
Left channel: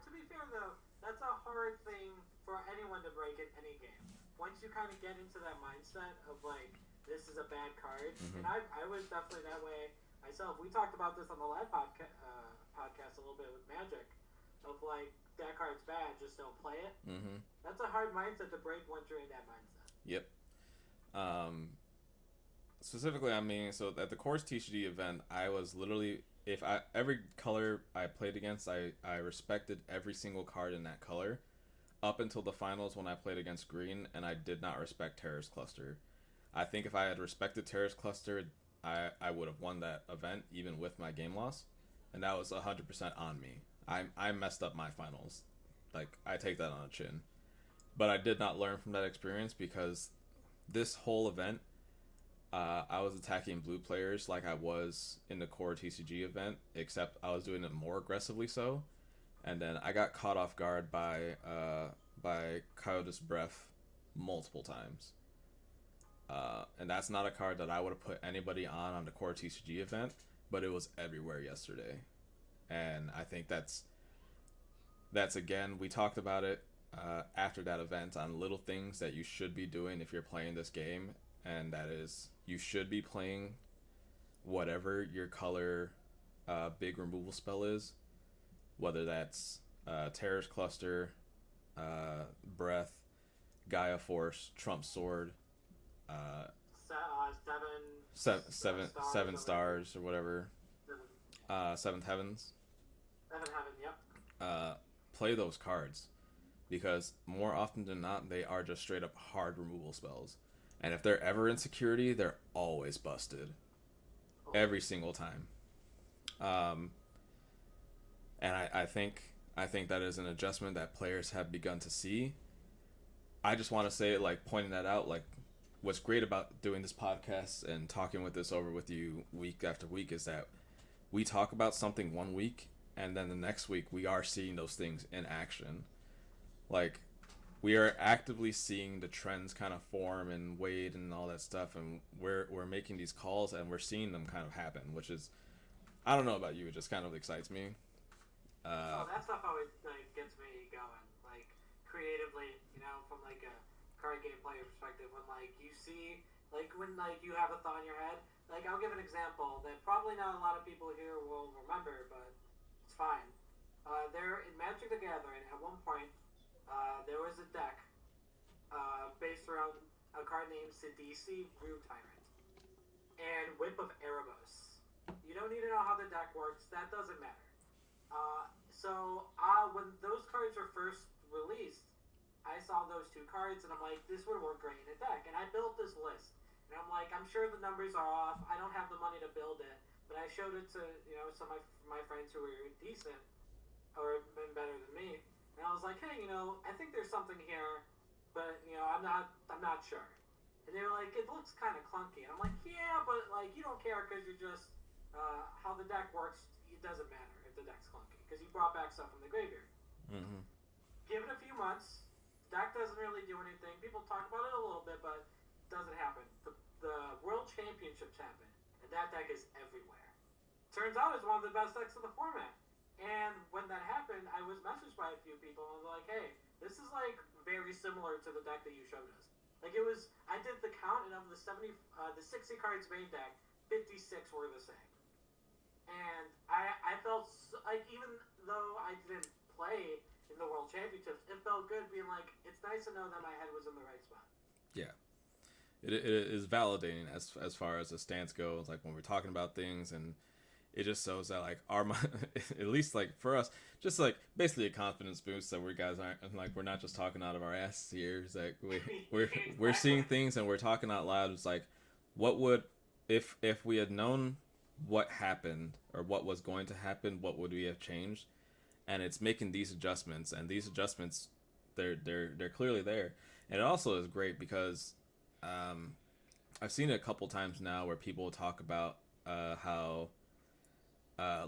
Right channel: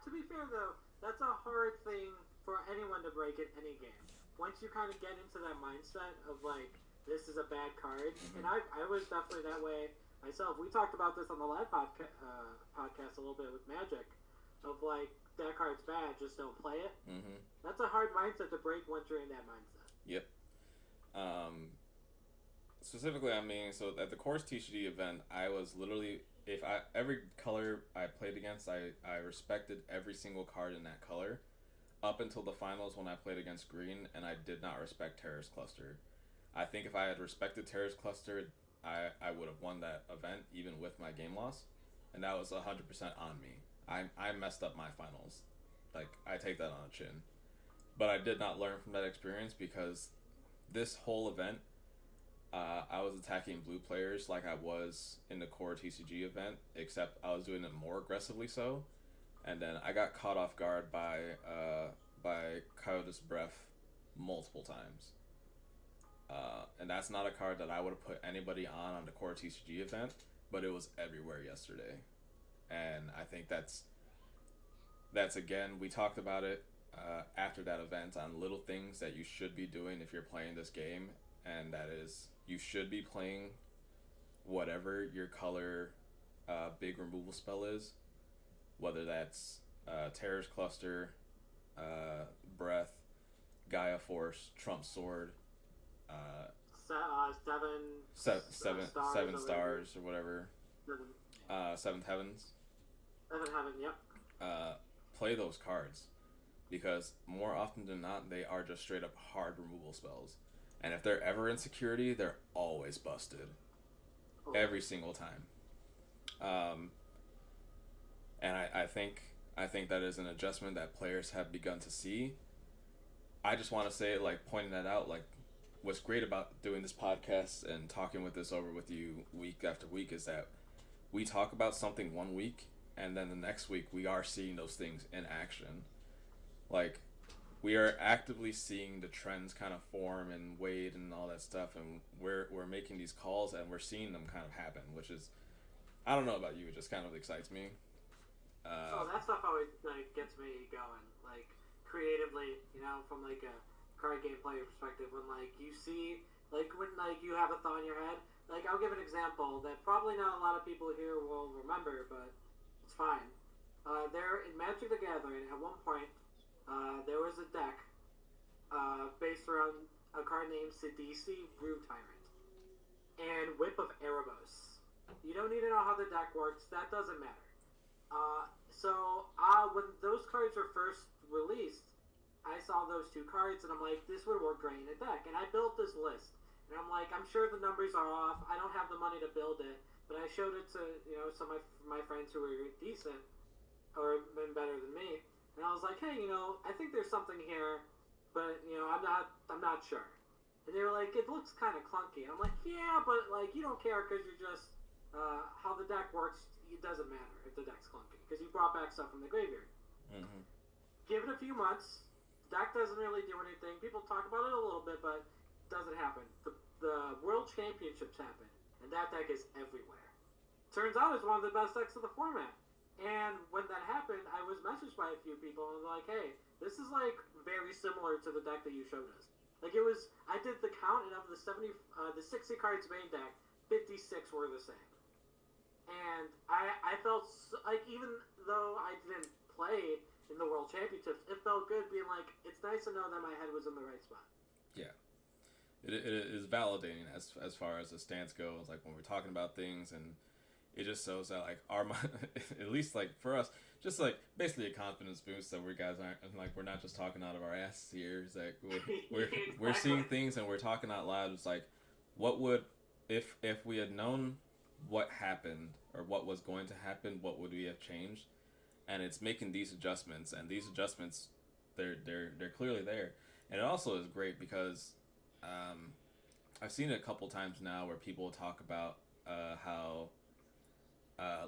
To be fair though, that's a hard thing for anyone to break in any game. Once you kind of get into that mindset of like, this is a bad card, and I was definitely that way myself. We talked about this on the live podcast a little bit with Magic, of like, that card's bad, just don't play it. That's a hard mindset to break once you're in that mindset. Yep. Specifically, I mean, so at the Course TCG event, I was literally, every color I played against, I respected every single card in that color, up until the finals when I played against Green, and I did not respect Terrorist Cluster. I think if I had respected Terrorist Cluster, I would have won that event, even with my game loss, and that was 100% on me. I messed up my finals. Like, I take that on a chin. But I did not learn from that experience because this whole event, I was attacking blue players like I was in the core TCG event, except I was doing it more aggressively so. And then I got caught off guard by Coyote's Breath multiple times. And that's not a card that I would have put anybody on the core TCG event, but it was everywhere yesterday. And I think that's again, we talked about it after that event on little things that you should be doing if you're playing this game, and that is you should be playing whatever your color big removal spell is, whether that's Terror's Cluster, Breath, Gaia Force, Trump Sword, 7 seven stars or whatever. Seventh Heavens. Seventh Heaven, yep. Play those cards because more often than not, they are just straight up hard removal spells. And if they're ever in security, they're always busted. Every single time. And I think that is an adjustment that players have begun to see. I just want to say, like, pointing that out, like, what's great about doing this podcast and talking with this over with you week after week is that we talk about something one week, and then the next week we are seeing those things in action. Like, we are actively seeing the trends kind of form and wade and all that stuff, and we're making these calls and we're seeing them kind of happen, which is, I don't know about you, it just kind of excites me. So that stuff always like gets me going, like creatively, you know, from like a card game player perspective. When like you see, like when like you have a thought in your head, like I'll give an example that probably not a lot of people here will remember, but it's fine. There in Magic the Gathering, at one point, there was a deck based around a card named Sidisi Brew Tyrant and Whip of Erebos. You don't need to know how the deck works. That doesn't matter. When those cards were first released, I saw those two cards and I'm like, this would work great in a deck. And I built this list. And I'm like, I'm sure the numbers are off. I don't have the money to build it. But I showed it to, you know, some of my friends who were decent or been better than me. And I was like, hey, you know, I think there's something here, but, you know, I'm not sure. And they were like, it looks kind of clunky. And I'm like, yeah, but, like, you don't care because you're just, how the deck works, it doesn't matter if the deck's clunky. Because you brought back stuff from the graveyard. Mm-hmm. Give it a few months. Deck doesn't really do anything. People talk about it a little bit, but it doesn't happen. The World Championships happen, and that deck is everywhere. Turns out it's one of the best decks of the format. And when that happened, I was messaged by a few people and was like, hey, this is like very similar to the deck that you showed us. Like it was, I did the count, and of the 60 cards main deck, 56 were the same. And I felt like, even though I didn't play in the World Championships, it felt good being like, it's nice to know that my head was in the right spot. Yeah. It is validating as far as the stance goes, like when we're talking about things, and it just shows that like our, at least like for us, just like basically a confidence boost that we guys aren't like, we're not just talking out of our asses here. It's like we're seeing things and we're talking out loud. It's like, what would, if we had known what happened or what was going to happen, what would we have changed? And it's making these adjustments, and these adjustments, they're clearly there. And it also is great because I've seen it a couple times now where people talk about how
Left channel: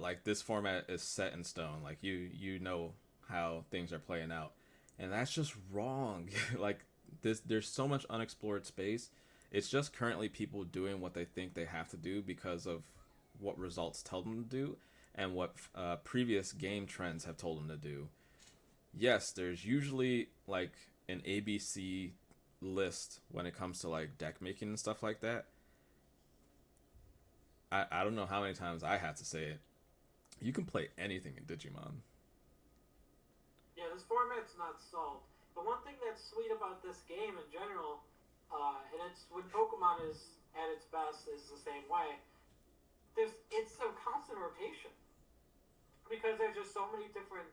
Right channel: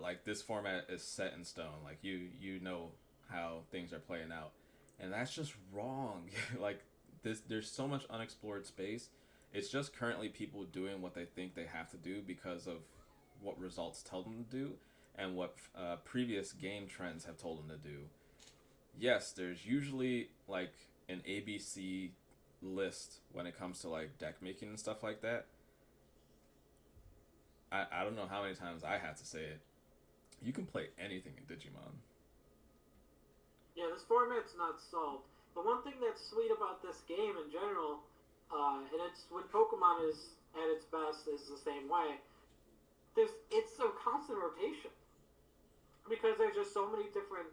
like this format is set in stone, like you know how things are playing out, and that's just wrong. Like there's so much unexplored space. It's just currently people doing what they think they have to do because of what results tell them to do and what previous game trends have told them to do. Yes, there's usually like an ABC list when it comes to like deck making and stuff like that. I don't know how many times I have to say it. You can play anything in Digimon. Yeah, this format's not solved. But one thing that's sweet about this game in general, and it's when Pokemon is at its best, is the same way. It's a constant rotation because there's just so many different,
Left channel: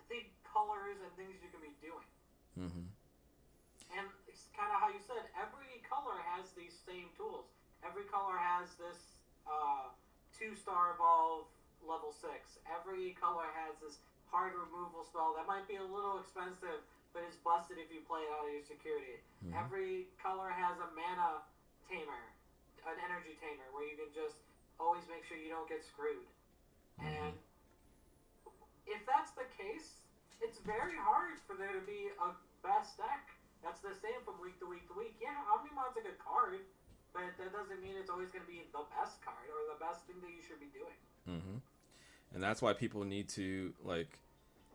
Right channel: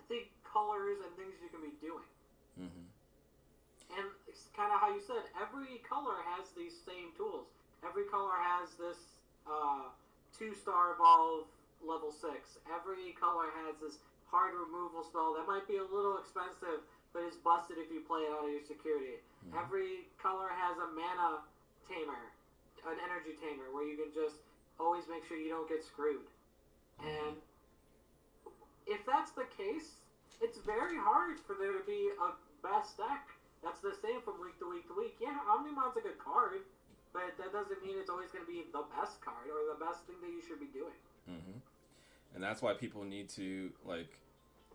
I think, colors and things you can be doing. Mm-hmm. And it's kind of how you said, every color has these same tools. Every color has this 2-star evolve level 6. Every color has this hard removal spell that might be a little expensive, but is busted if you play it out of your security. Mm-hmm. Every color has a mana tamer, an energy tamer, where you can just always make sure you don't get screwed. Mm-hmm. And if that's the case, it's very hard for there to be a best deck that's the same from week to week to week. Yeah, Omnimon's a good card, but that doesn't mean it's always going to be the best card or the best thing that you should be doing. Mm-hmm. And that's why people need to, like,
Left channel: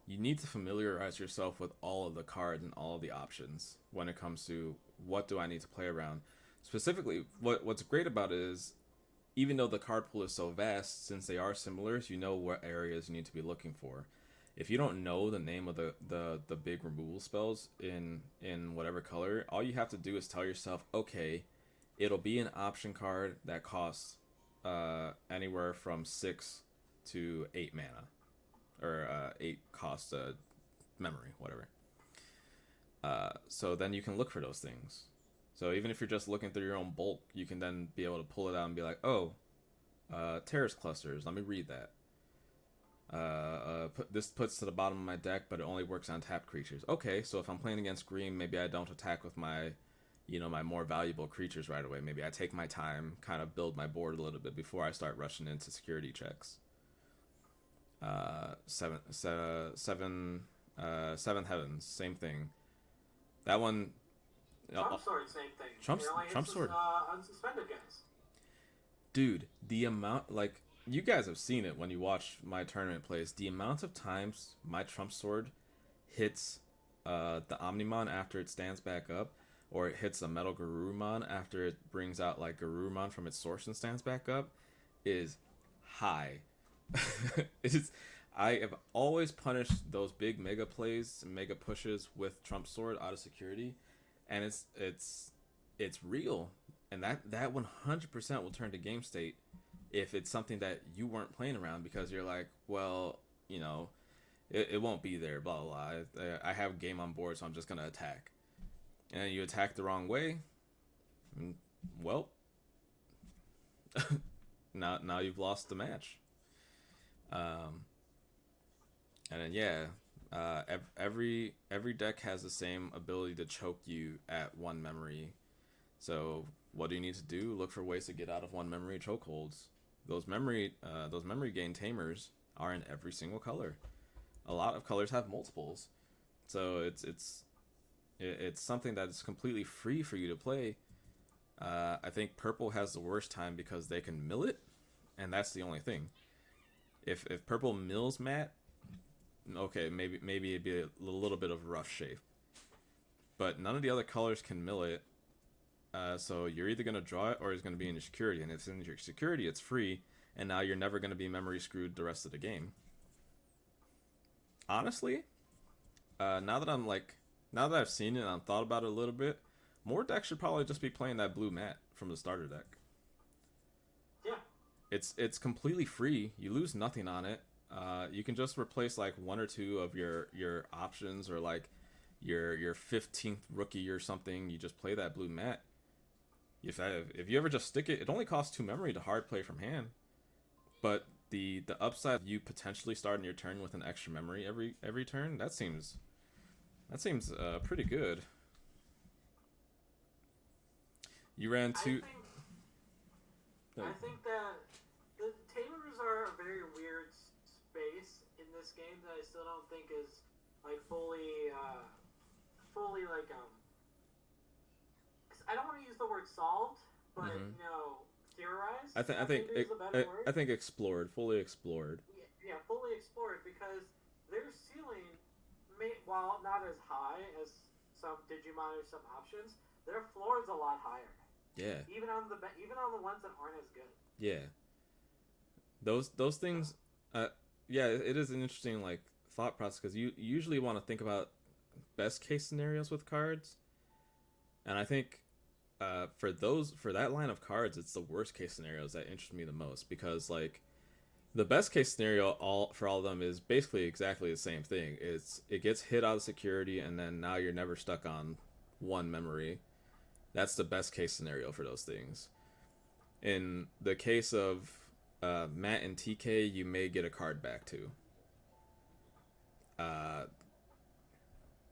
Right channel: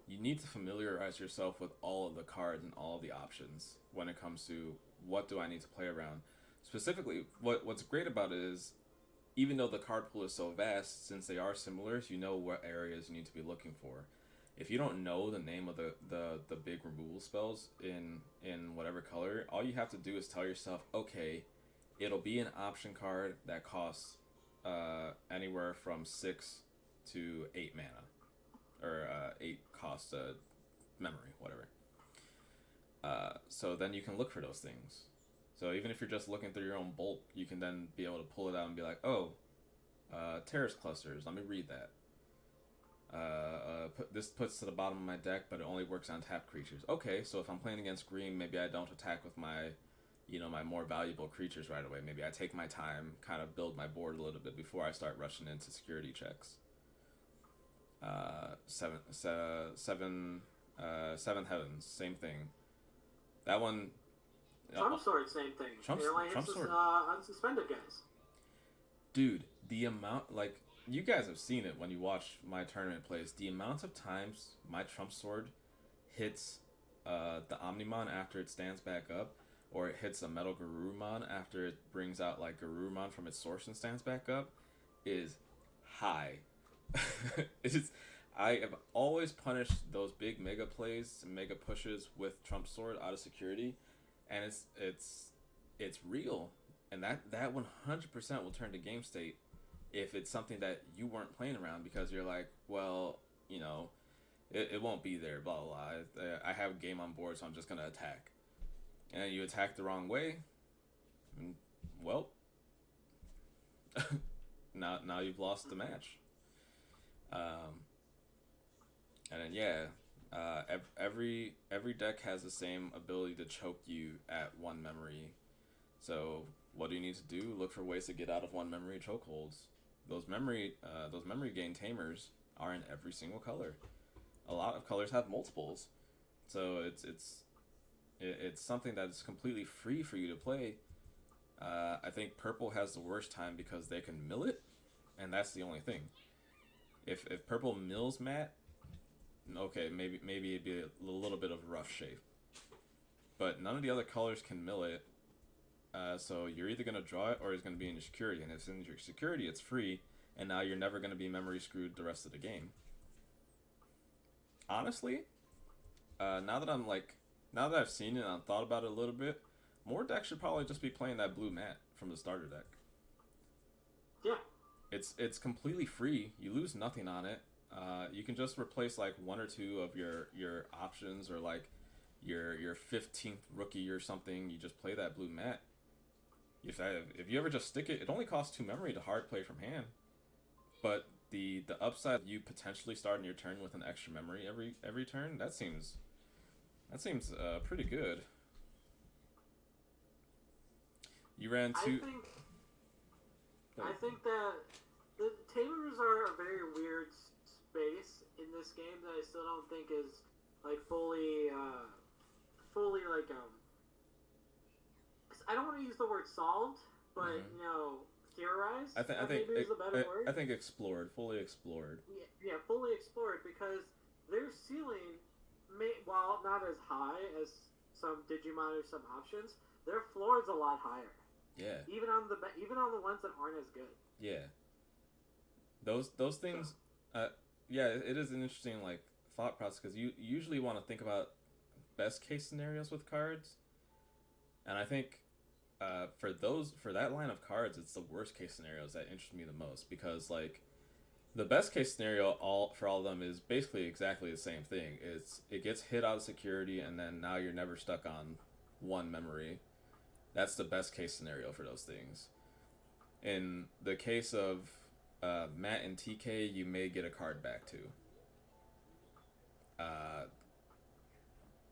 you need to familiarize yourself with all of the cards and all of the options when it comes to what do I need to play around. Specifically, what's great about it is, even though the card pool is so vast, since they are similar, you know what areas you need to be looking for. If you don't know the name of the big removal spells in whatever color, all you have to do is tell yourself, okay, it'll be an option card that costs anywhere from 6 to 8 mana, or 8 cost memory, whatever. So then you can look for those things. So even if you're just looking through your own bulk, you can then be able to pull it out and be like, oh, terrace clusters, let me read that. This puts to the bottom of my deck, but it only works on tapped creatures. Okay, so if I'm playing against green, maybe I don't attack with my, my more valuable creatures right away. Maybe I take my time, kind of build my board a little bit before I start rushing into security checks. Seven Heavens, same thing. That one. Trump Sword, same thing. Trump Sword. Unsuspended guys. Dude, the amount, you guys have seen it when you watch my tournament plays. The amount of times my Trump Sword hits the Omnimon after it stands back up, or it hits a Metal Garurumon after it brings out Garurumon from its source and stands back up, is high. I have always punished those big mega plays, mega pushes with Trump Sword out of security, and it's real, and that 100% will turn to game state if it's something that you weren't playing around, because you're like, well, it won't be there, blah blah blah. I have game on board, so I'm just gonna attack, and then you attack the wrong way. Well, now you've lost the match. And then every deck has the same ability to choke you at 1 memory. So what do you need to do? Look for ways to get out of 1 memory chokeholds. Those memory gain tamers are in every single color. A lot of colors have multiples, so it's something that's completely free for you to play. I think purple has the worst time because they can mill it, and that's the only thing. If purple mills Matt, okay, maybe it'd be a little bit of rough shape, but none of the other colors can mill it. So you're either gonna draw it or it's gonna be in your security, and if it's in your security, it's free, and now you're never gonna be memory screwed the rest of the game. Honestly, now that I've seen it and I've thought about it a little bit, more decks should probably just be playing that blue mat from the starter deck. Yeah. It's completely free. You lose nothing on it. You can just replace 1 or 2 of your options, or your 15th rookie or something. You just play that blue mat. If you ever just stick it, it only costs 2 memory to hard play from hand. But the upside of you potentially starting your turn with an extra memory every turn, that seems pretty good. You ran 2. I think that the tamers are a very weird space in this game that I still don't think is fully I don't want to use the word solved, but theorized. I think fully explored. Yeah, fully explored, because their ceiling, while not as high as some Digimon or some options, their floor is a lot higher. Yeah. Even on the ones that aren't as good. Yeah. Those things. It is an interesting thought process, because you usually want to think about best case scenarios with cards, and I think for that line of cards, it's the worst case scenarios that interest me the most, because the best case scenario for all of them is basically exactly the same thing. It gets hit out of security, and then now you're never stuck on 1 memory. That's the best case scenario for those things. In the case of Matt and TK, you may get a card back too.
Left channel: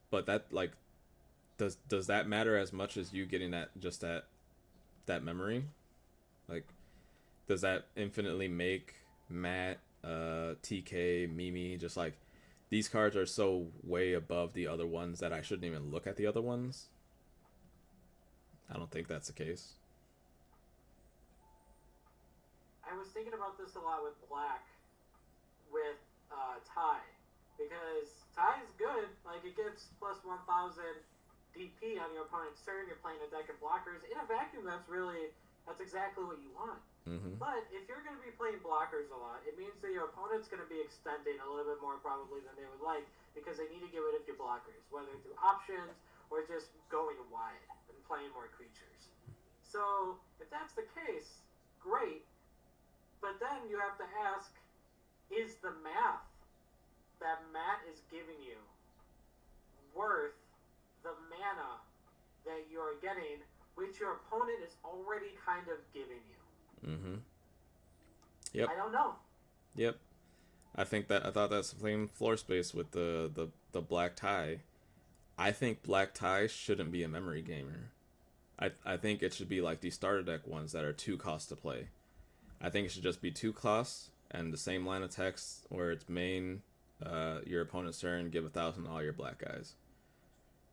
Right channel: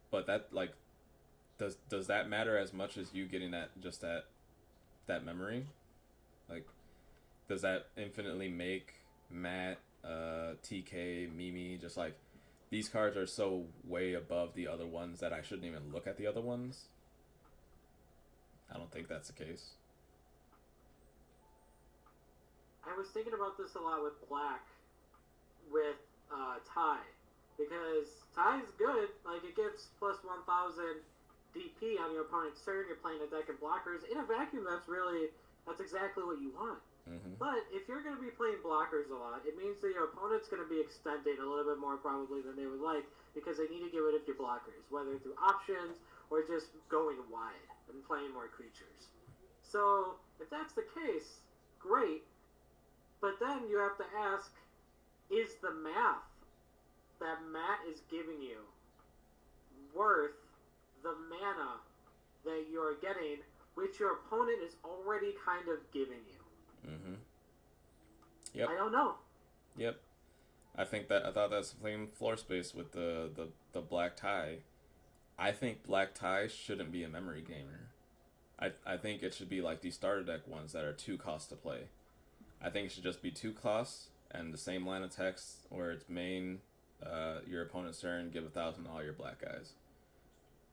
But that does that matter as much as you getting that memory? Does that infinitely make Matt, TK, Mimi just these cards are so way above the other ones that I shouldn't even look at the other ones? I don't think that's the case. I was thinking about this a lot with Black, with Ty, because Ty is good. It gives plus 1,000 DP on your opponent's turn. You're playing a deck of blockers. In a vacuum, that's exactly what you want. Mm-hmm. But if you're going to be playing blockers a lot, it means that your opponent's going to be extending a little bit more probably than they would like, because they need to get rid of your blockers, whether through options or just going wide and playing more creatures. So if that's the case, great. But then you have to ask, is the math that Matt is giving you worth the mana that you're getting, which your opponent is already kind of giving you? Mm-hmm. Yep. I don't know. Yep. I thought that's the same floor space with the black tie. I think black tie shouldn't be a memory gamer. I think it should be like these starter deck ones that are 2 costs to play. I think it should just be 2 costs and the same line of text where it's main, your opponent's turn, give 1,000 to all your black guys.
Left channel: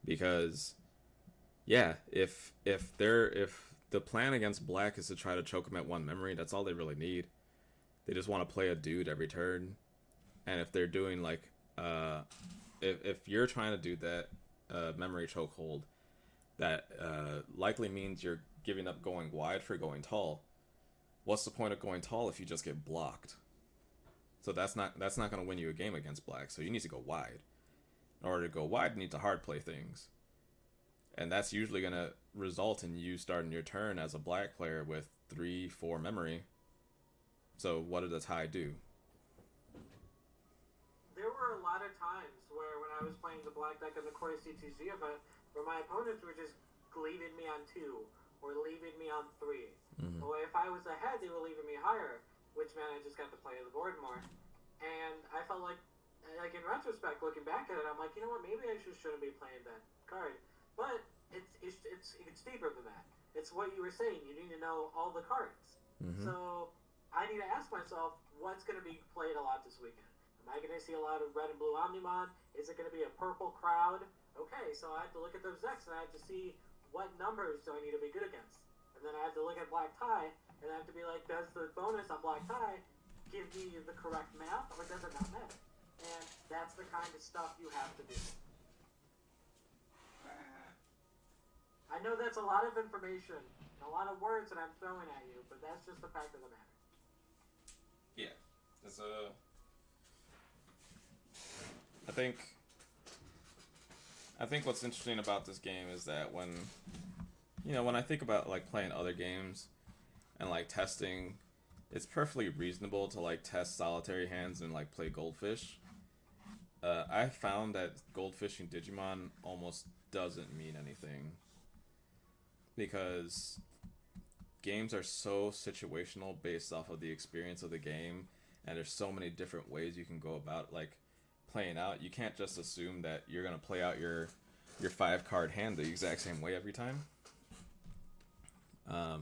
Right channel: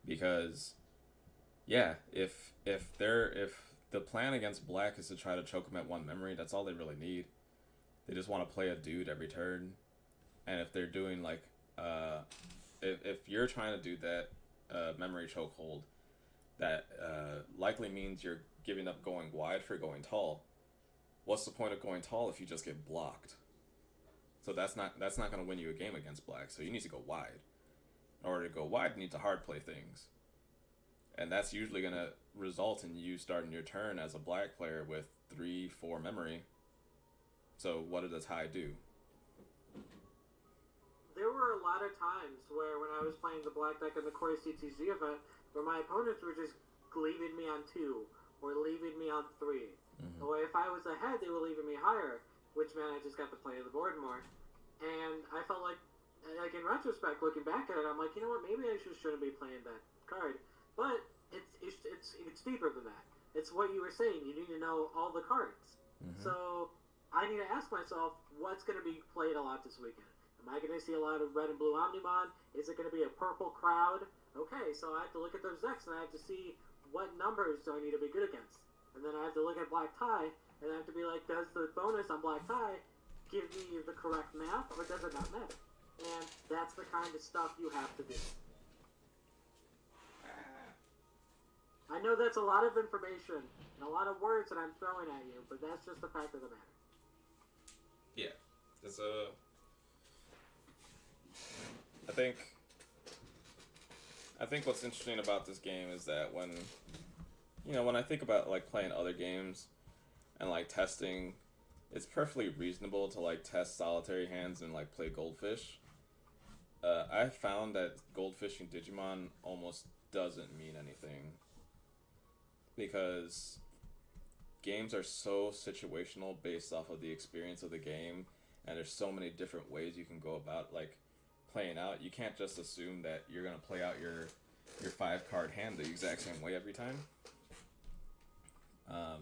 Because, yeah, if the plan against black is to try to choke them at 1 memory, that's all they really need. They just want to play a dude every turn, and if they're doing like, if you're trying to do that memory chokehold, that likely means you're giving up going wide for going tall. What's the point of going tall if you just get blocked? So that's not going to win you a game against black. So you need to go wide. In order to go wide, you need to hard play things, and that's usually going to result in you starting your turn as a black player with 3-4 memory. So what did the tie do? There were a lot of times where when I was playing the black deck in the core CTG event, where my opponents were just leaving me on 2 or leaving me on 3. Mm-hmm. Or if I was ahead, they were leaving me higher, which meant I just got to play the board more. And I felt like in retrospect, looking back at it, I'm like, you know what? Maybe I just shouldn't be playing that card. But it's deeper than that. It's what you were saying. You need to know all the cards. Mm-hmm. So I need to ask myself, what's going to be played a lot this weekend? Am I going to see a lot of red and blue Omnimon? Is it going to be a purple crowd? Okay, so I have to look at those decks and I have to see what numbers do I need to be good against. And then I have to look at black tie and I have to be like, does the bonus on black tie give me the correct math or does it not matter? And that's the kind of stuff you have to do. I know that's a lot of information and a lot of words that I'm throwing at you, but that's just the fact of the matter. Yeah, it's I think what's interesting about this game is that when I think about like playing other games and like testing, it's perfectly reasonable to like test solitary hands and like play goldfish. I found that goldfishing Digimon almost doesn't mean anything because games are so situational based off of the experience of the game, and there's so many different ways you can go about like playing out. You can't just assume that you're gonna play out your 5-card hand the exact same way every time.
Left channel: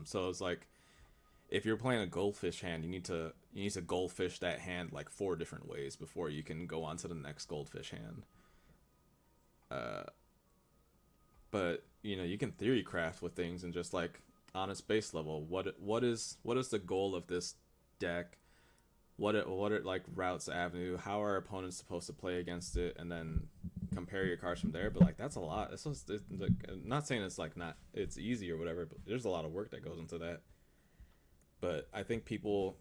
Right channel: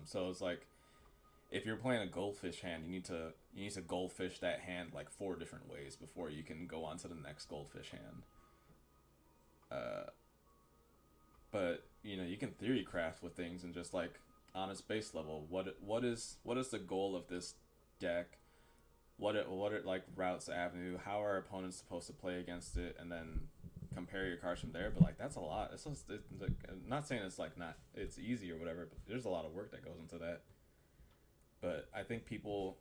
So it's like if you're playing a goldfish hand, you need to goldfish that hand like 4 different ways before you can go on to the next goldfish hand. But you can theory craft with things and just like on its base level, what is the goal of this deck? What it like routes avenue? How are opponents supposed to play against it? And then compare your cards from there. But like that's a lot. It's like, not saying it's like not it's easy or whatever, but there's a lot of work that goes into that. But I think people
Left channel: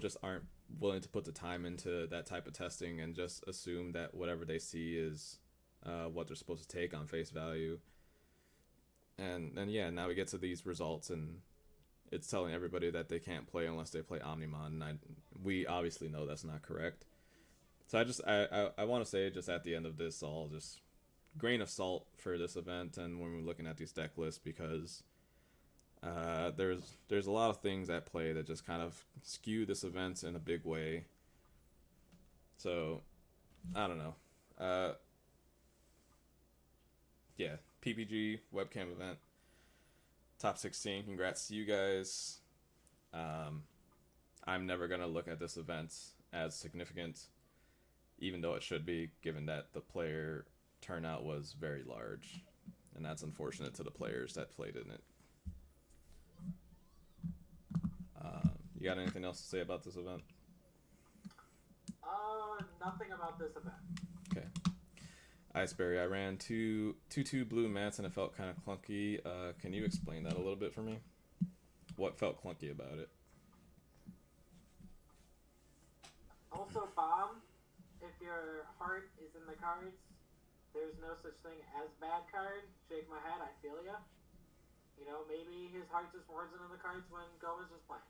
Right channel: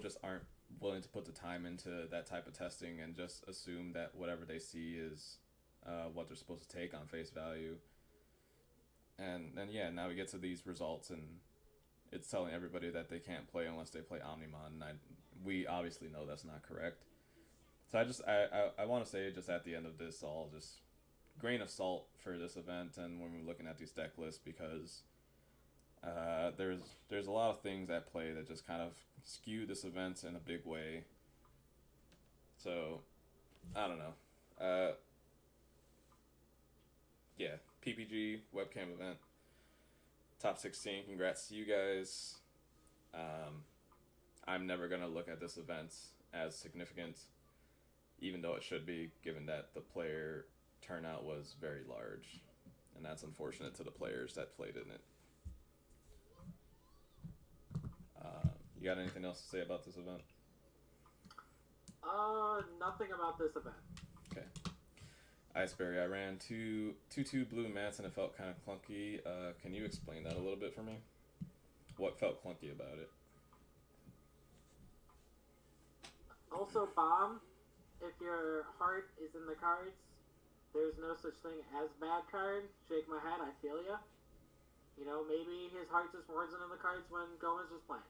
just aren't willing to put the time into that type of testing and just assume that whatever they see is what they're supposed to take on face value. And yeah, now we get to these results and it's telling everybody that they can't play unless they play Omnimon, and we obviously know that's not correct. So I want to say just at the end of this, all just grain of salt for this event and when we're looking at these deck lists, because there's a lot of things at play that just kind of skew this event in a big way. So I don't know. Yeah, PPG webcam event. Top 16, congrats to you guys. I'm never going to look at this event as significant, even though it should be, given that the player turnout was very large. And that's unfortunate to the players that played in it. You got anything else to say about this event? Nothing about this event. Okay. Iceberry, I ran 2/2 blue mats and it felt kind of clunky. Can you explain that a little bit for me? What felt clunky about it? Also, Bomb, if your heart is in the cards, there's no such thing as bad card. Shake my head, I feel ya. You know, maybe his heart just wasn't in the cards when Gomez was playing.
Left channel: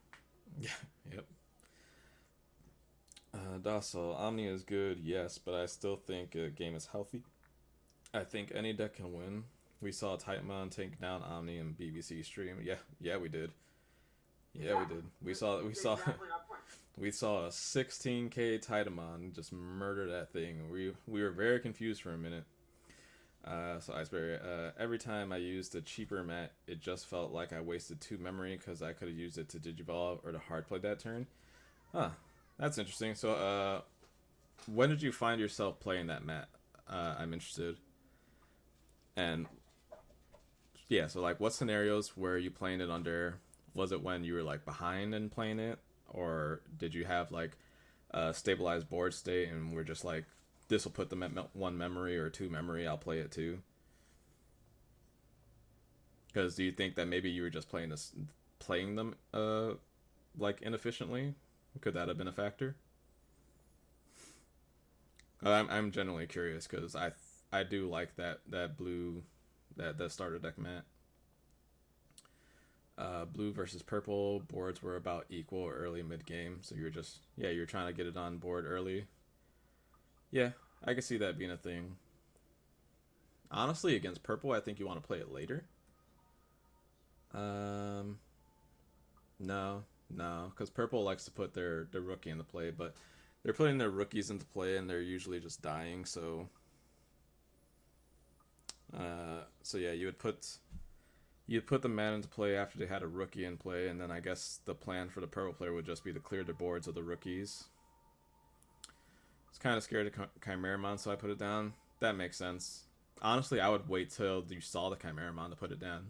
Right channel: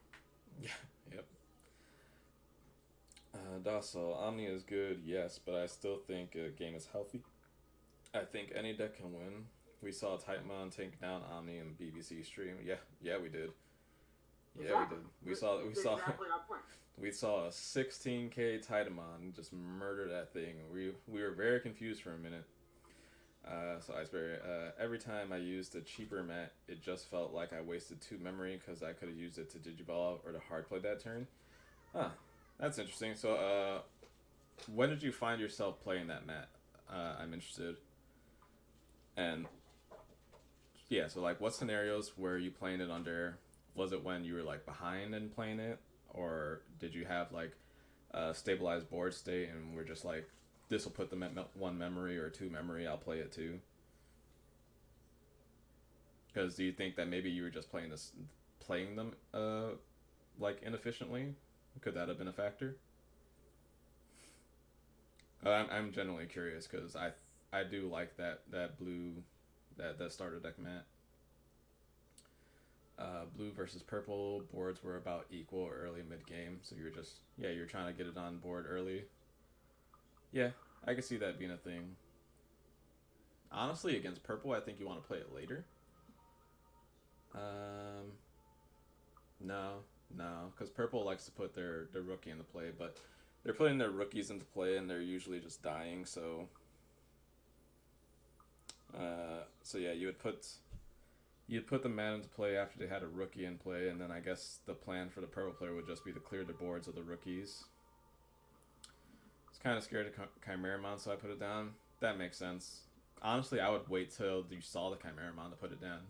Yeah, yep. Docile. Omni is good, yes, but I still think a game is healthy. I think any deck can win. We saw Titanmon take down Omni and BBC stream. Yeah, we did. Yeah, Exactly. we did. We saw exactly our point. we saw a 16K Titanmon just murder that thing. We were very confused for a minute. So Iceberry, every time I used a cheaper mat, it just felt like I wasted 2 memory because I could have used it to Digivolve or to hard play that turn. Huh, that's interesting. So, when did you find yourself playing that mat? I'm interested. And yeah, so like, what scenarios were you playing it under? Was it when you were like behind and playing it, or did you have like a stabilized board state and we're just like, this will put them at 1 memory or 2 memory, I'll play it too? Because do you think that maybe you were just playing them like inefficiently? Could that have been a factor? I'm genuinely curious because I do like that blue that starter deck mat. Blue versus purple boards were about equal early mid game, so you're trying to get it on board early. Yeah, I can see that being a thing. Honestly, against purple, I think you want to play it later. No, because purple likes to put their rookie into play, but they're putting their rookies into play and they're usually just dying. So yeah, you'd put the man into play after they had a rookie in play, and then I guess the plan for the purple player would just be to clear the boards of the rookies. I was kind of scared of Chimeramon, so I put it down. That makes sense. Honestly, I would wait till you saw the Chimeramon to put it down.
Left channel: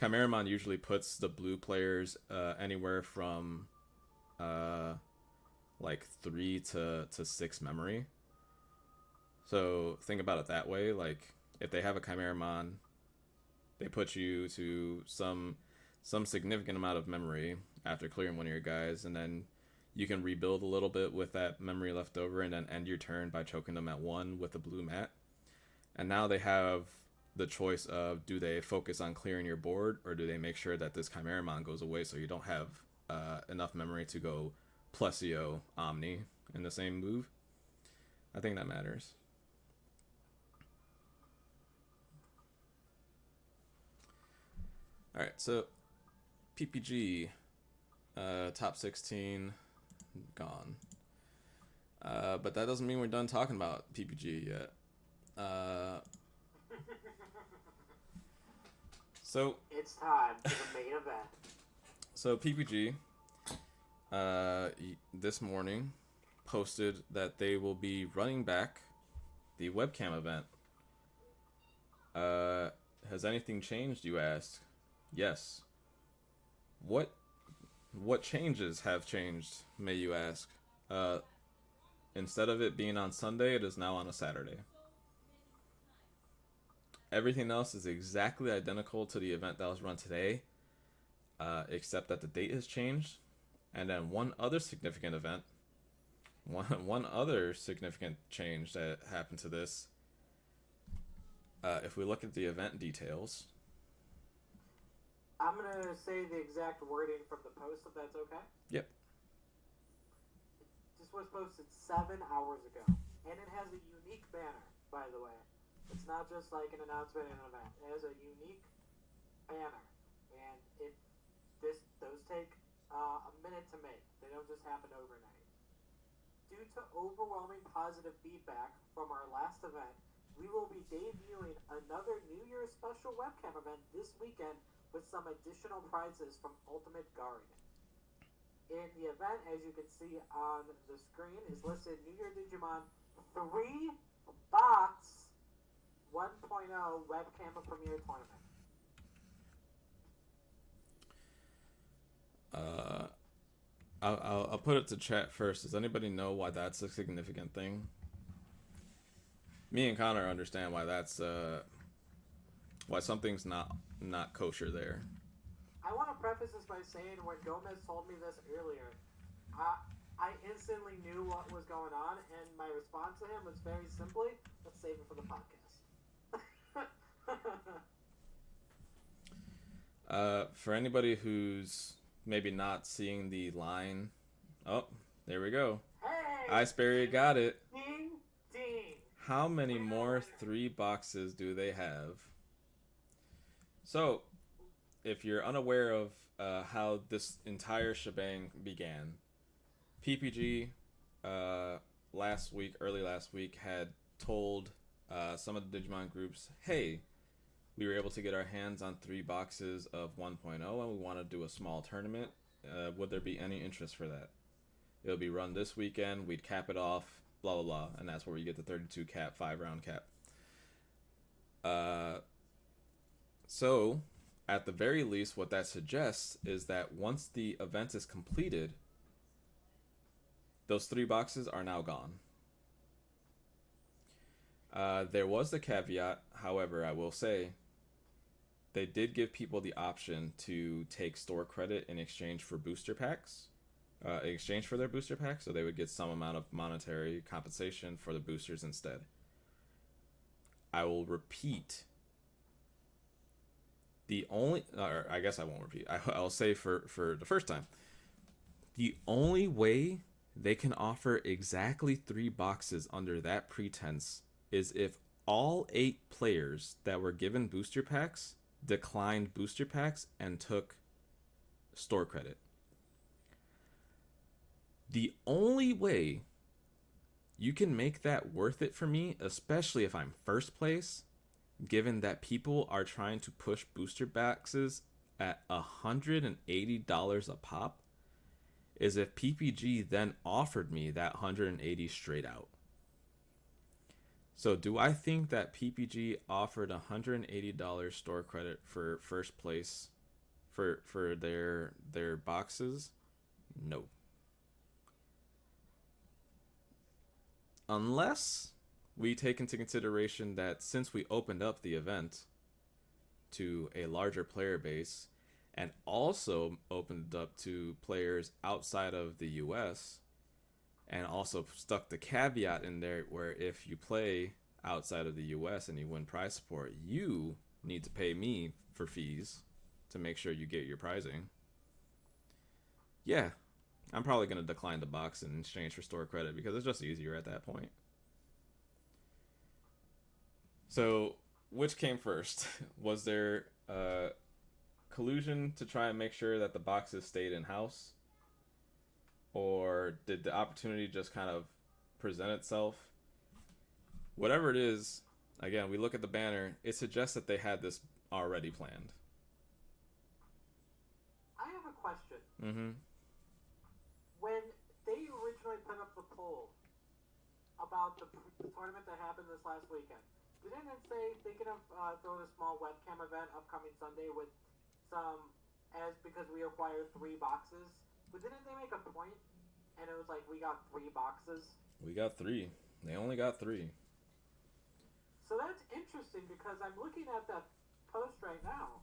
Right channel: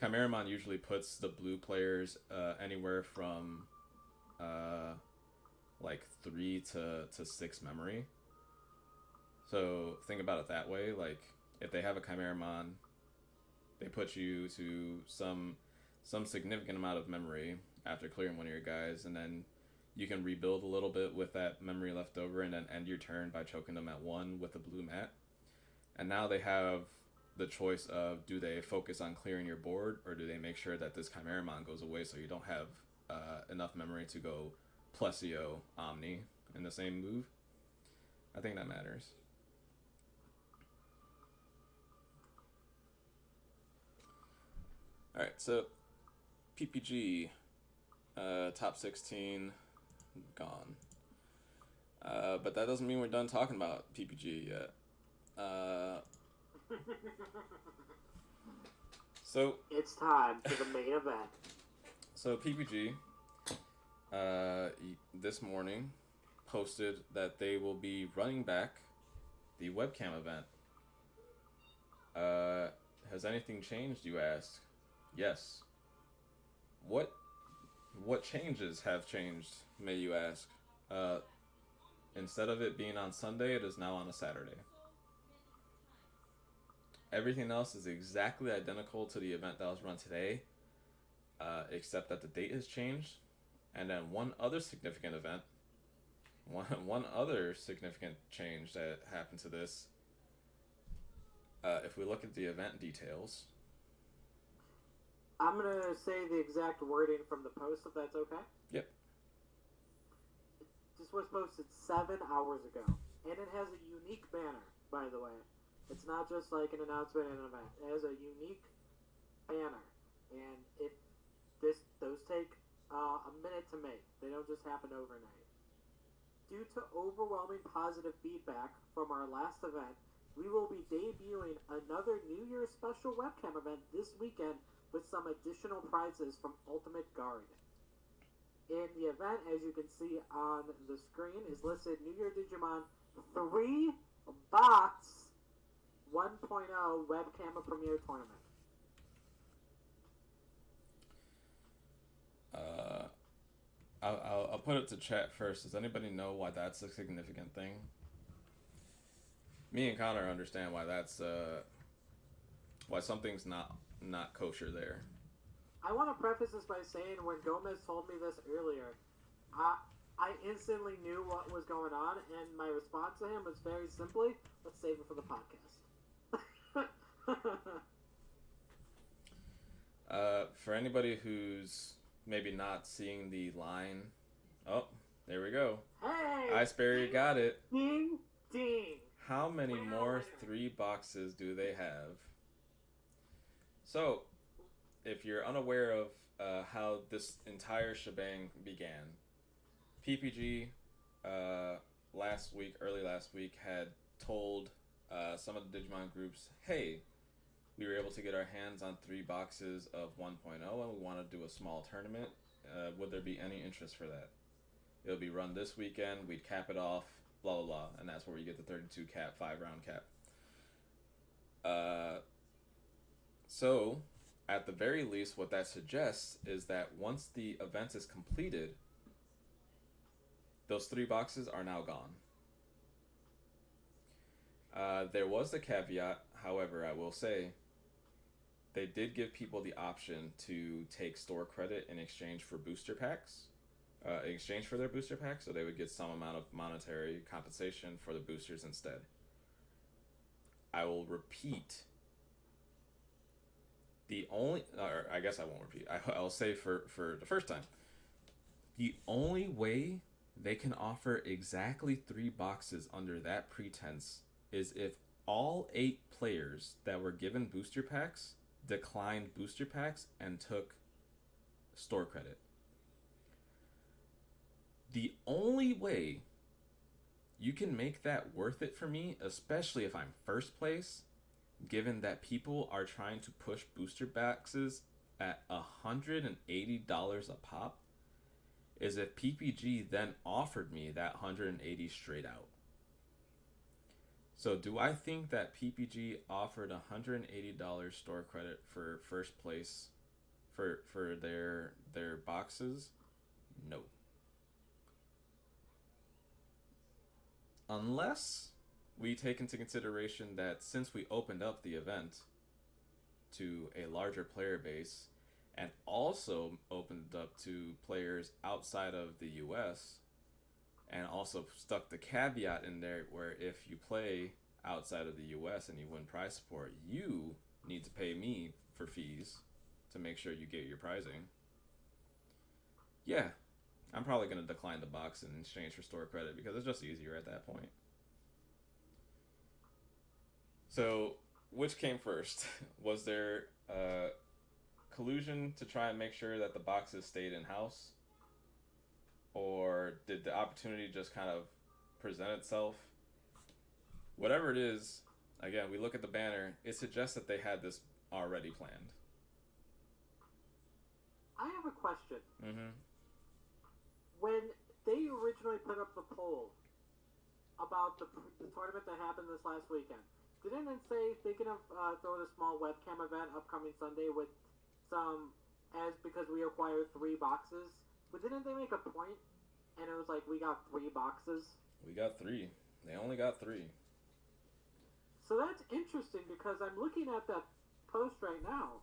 Chimeramon usually puts the blue players anywhere from like 3 to 6 memory. So think about it that way. Like, if they have a Chimeramon, they put you to some significant amount of memory after clearing one of your guys, and then you can rebuild a little bit with that memory left over, and then end your turn by choking them at 1 with a blue mat. And now they have the choice of, do they focus on clearing your board, or do they make sure that this Chimeramon goes away so you don't have enough memory to go Plesio Omni in the same move? I think that matters. Alright, so PPG, top 16, gone. But that doesn't mean we're done talking about PPG yet. So it's time for the main event. So PPG, this morning, posted that they will be running back the webcam event. Has anything changed, you ask? Yes. What changes have changed, may you ask? Instead of it being on Sunday, it is now on a Saturday. Everything else is exactly identical to the event that was run today, except that the date has changed. And then one other significant change that happened to this. If we look at the event details, I'm going to say the exact wording from the post, if that's okay. Yep. This was posted 7 hours ago, and it has a unique banner, by the way. It's not just like an announcement and an event. It has a unique banner, and those take a minute to make. They don't just happen overnight. Due to overwhelming positive feedback from our last event, we will be debuting another New Year's special webcam event this weekend with some additional prizes from Ultimate Guard. In the event, as you can see on the screen, is listed New Year Digimon 3 Box 1.0 Webcam Premier Tournament. I'll put it to chat first. Does anybody know why that's a significant thing? Me and Connor understand why that's why something's not kosher there. I want to preface this by saying when Gomez told me this earlier, I instantly knew what was going on, and my response to him was very simply, let's save it for the podcast. For anybody who's maybe not seeing the line, oh, there we go. Hey! Iceberry got it. Ding, ding. How many more 3 boxes do they have? So, if you're unaware of how this entire shebang began, PPG early last week, had told some of the Digimon groups, hey, we were able to get our hands on 3 boxes of 1.0 and we want to do a small tournament. Would there be any interest for that? It'll be run this weekend. We'd cap it off, blah, blah, blah. And that's where you get the 32 cap, 5-round cap. So, at the very least, what that suggests is that once the event is completed, those 3 boxes are now gone. There was the caveat, however, I will say, they did give people the option to take store credit in exchange for booster packs. In exchange for their booster packs, so they would get some amount of monetary compensation for the boosters instead. I will repeat. I guess I won't repeat. I'll say for the first time. The only way they can offer exactly 3 boxes under that pretense is if all 8 players that were given booster packs declined booster packs and took store credit. The only way you can make that worth it for me, especially if I'm first place, given that people are trying to push booster boxes at $180 a pop, is if PPG then offered me that 180 straight out. So do I think that PPG offered $180 store credit for first place for their boxes? No. Unless we take into consideration that since we opened up the event to a larger player base and also opened it up to players outside of the US and also stuck the caveat in there where if you play outside of the US and you win prize support, you need to pay me for fees to make sure you get your prizing. Yeah, I'm probably going to decline the box in exchange for store credit because it's just easier at that point. So, which came first? Was there collusion to try and make sure that the boxes stayed in-house? Or did the opportunity just kind of present itself? Whatever it is, again, we look at the banner, it suggests that they had this already planned. I have a question. Mm-hmm. When they originally put up the poll about the tournament that happened this last weekend, didn't it say thinking of throwing a small webcam event upcoming Sunday with some, because we acquired 3 boxes? But didn't they make a point? And it was like, we got 3 boxes? We got 3. They only got 3. So that's interesting because I'm looking at that post right now.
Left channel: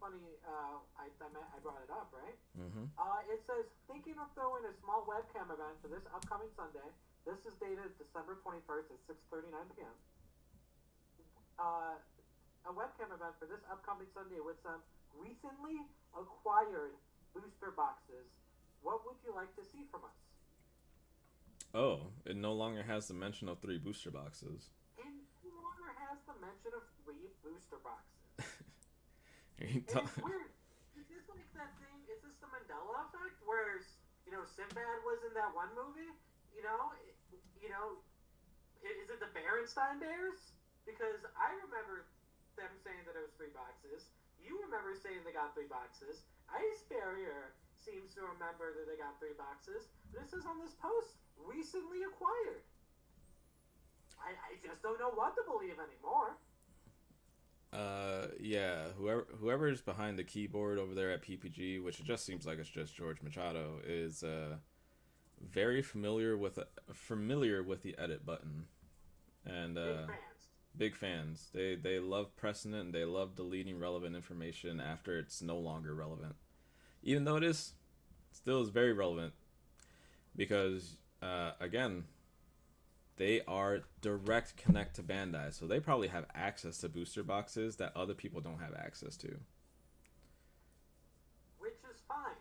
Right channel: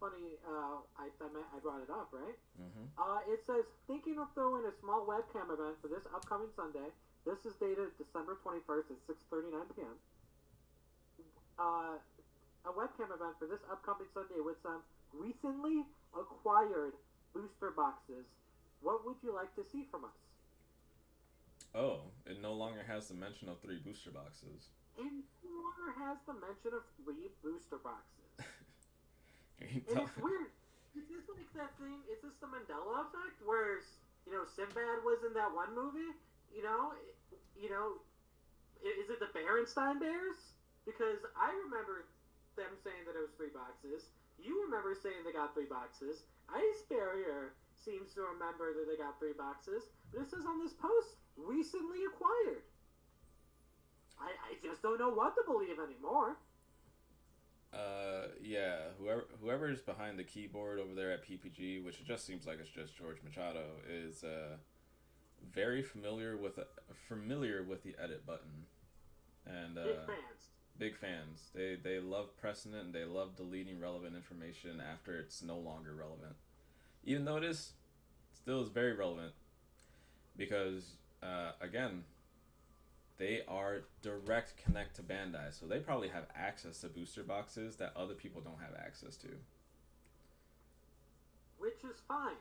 Funny, I brought it up, right? Mm-hmm. It says, thinking of throwing a small webcam event for this upcoming Sunday. This is dated December 21st at 6:39 p.m. A webcam event for this upcoming Sunday with some recently acquired booster boxes. What would you like to see from us? Oh, it no longer has the mention of 3 booster boxes. It no longer has the mention of 3 booster boxes. It's weird. Is this like that thing? Is this the Mandela effect? Where, Sinbad was in that one movie? Is it the Berenstain Bears? Because I remember them saying that it was 3 boxes. You remember saying they got 3 boxes. Ice Barrier seems to remember that they got 3 boxes. But it says on this post, recently acquired. I just don't know what to believe anymore. Yeah, whoever's behind the keyboard over there at PPG, which it just seems like it's just George Machado, is very familiar with the edit button, and big fans. They love pressing it and they love deleting relevant information after it's no longer relevant, even though it still is very relevant, because again, they are direct connect to Bandai, so they probably have access to booster boxes that other people don't have access to. which is fine.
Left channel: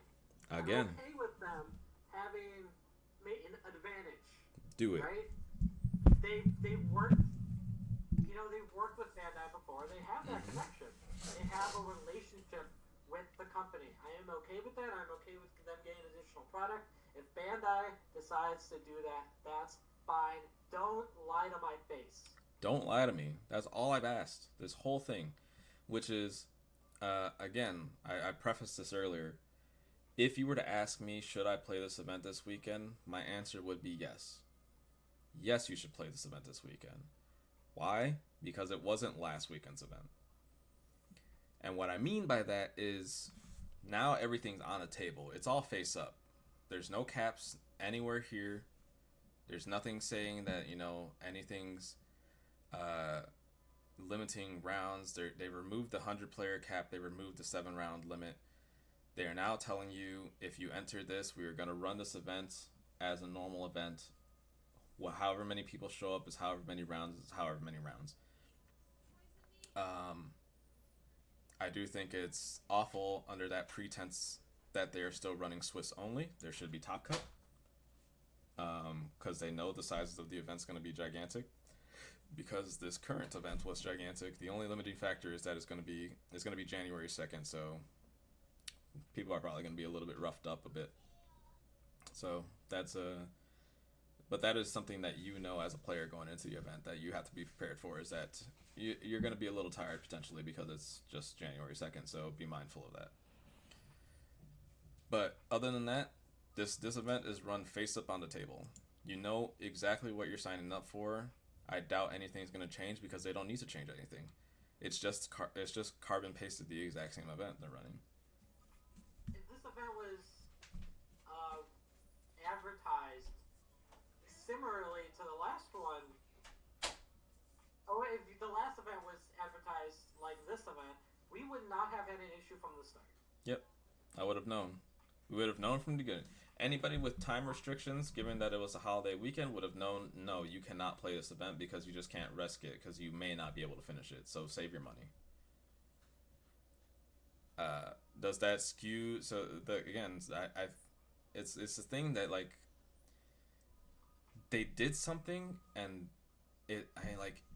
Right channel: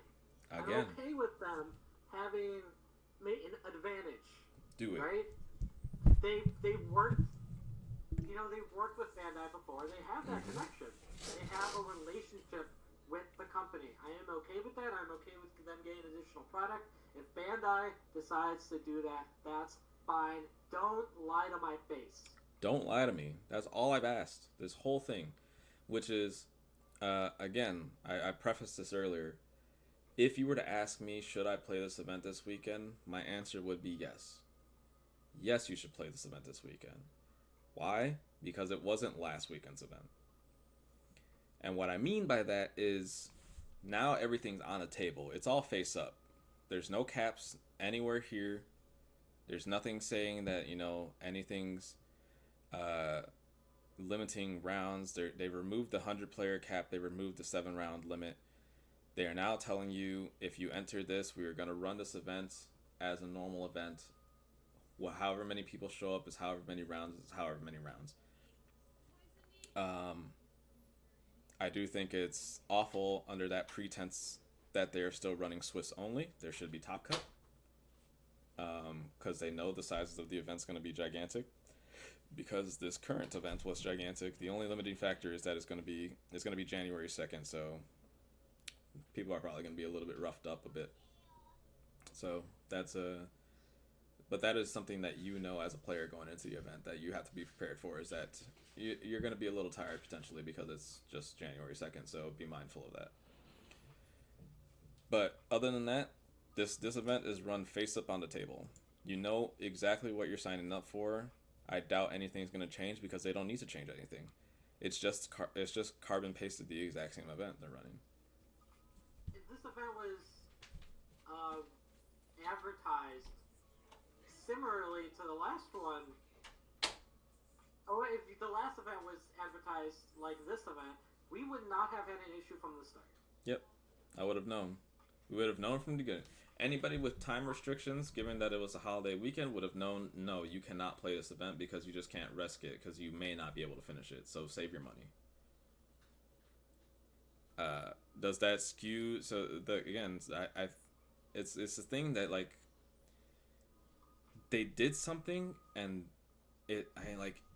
Again, I'm okay with them having an advantage. do it. Right? They worked, they've worked with Bandai before. They have that connection. They have a relationship with the company. I am okay with that. I'm okay with them getting additional product. If Bandai decides to do that, that's fine. Don't lie to my face. Don't lie to me. That's all I've asked. This whole thing, which is, again, I prefaced this earlier. If you were to ask me, should I play this event this weekend? My answer would be yes. Yes, you should play this event this weekend. Why? Because it wasn't last weekend's event. And what I mean by that is now everything's on the table. It's all face up. There's no caps anywhere here. There's nothing saying that, anything's limiting rounds. They removed the 100-player cap. They removed the 7-round limit. They are now telling you, if you enter this, we are going to run this event as a normal event. Well, however many people show up is however many rounds is however many rounds. I do think it's awful under that pretense that they are still running Swiss only. There should be Top Cut. Because they know the sizes of the event's going to be gigantic. Because this current event was gigantic. The only limiting factor is that it's going to be January 2nd, so people are probably going to be a little bit roughed up a bit. So but that is something that as a player going into the event that you have to be prepared for, is that you're going to be a little tired potentially because it's just January 2nd, so be mindful of that. But other than that, this event is run face up on the table. You know exactly what you're signing up for. I doubt anything's going to change because they don't need to change anything. It's just carbon pasted the exact same event they're running. If this event was advertised similarly to the last one, or if the last event was advertised like this event, we would not have had an issue from the start. Yep, I would have known. We would have known from the beginning. Anybody with time restrictions, given that it was a holiday weekend, would have known, no, you cannot play this event because you just can't risk it because you may not be able to finish it. So save your money. Does that skew? So it's the thing that they did something, and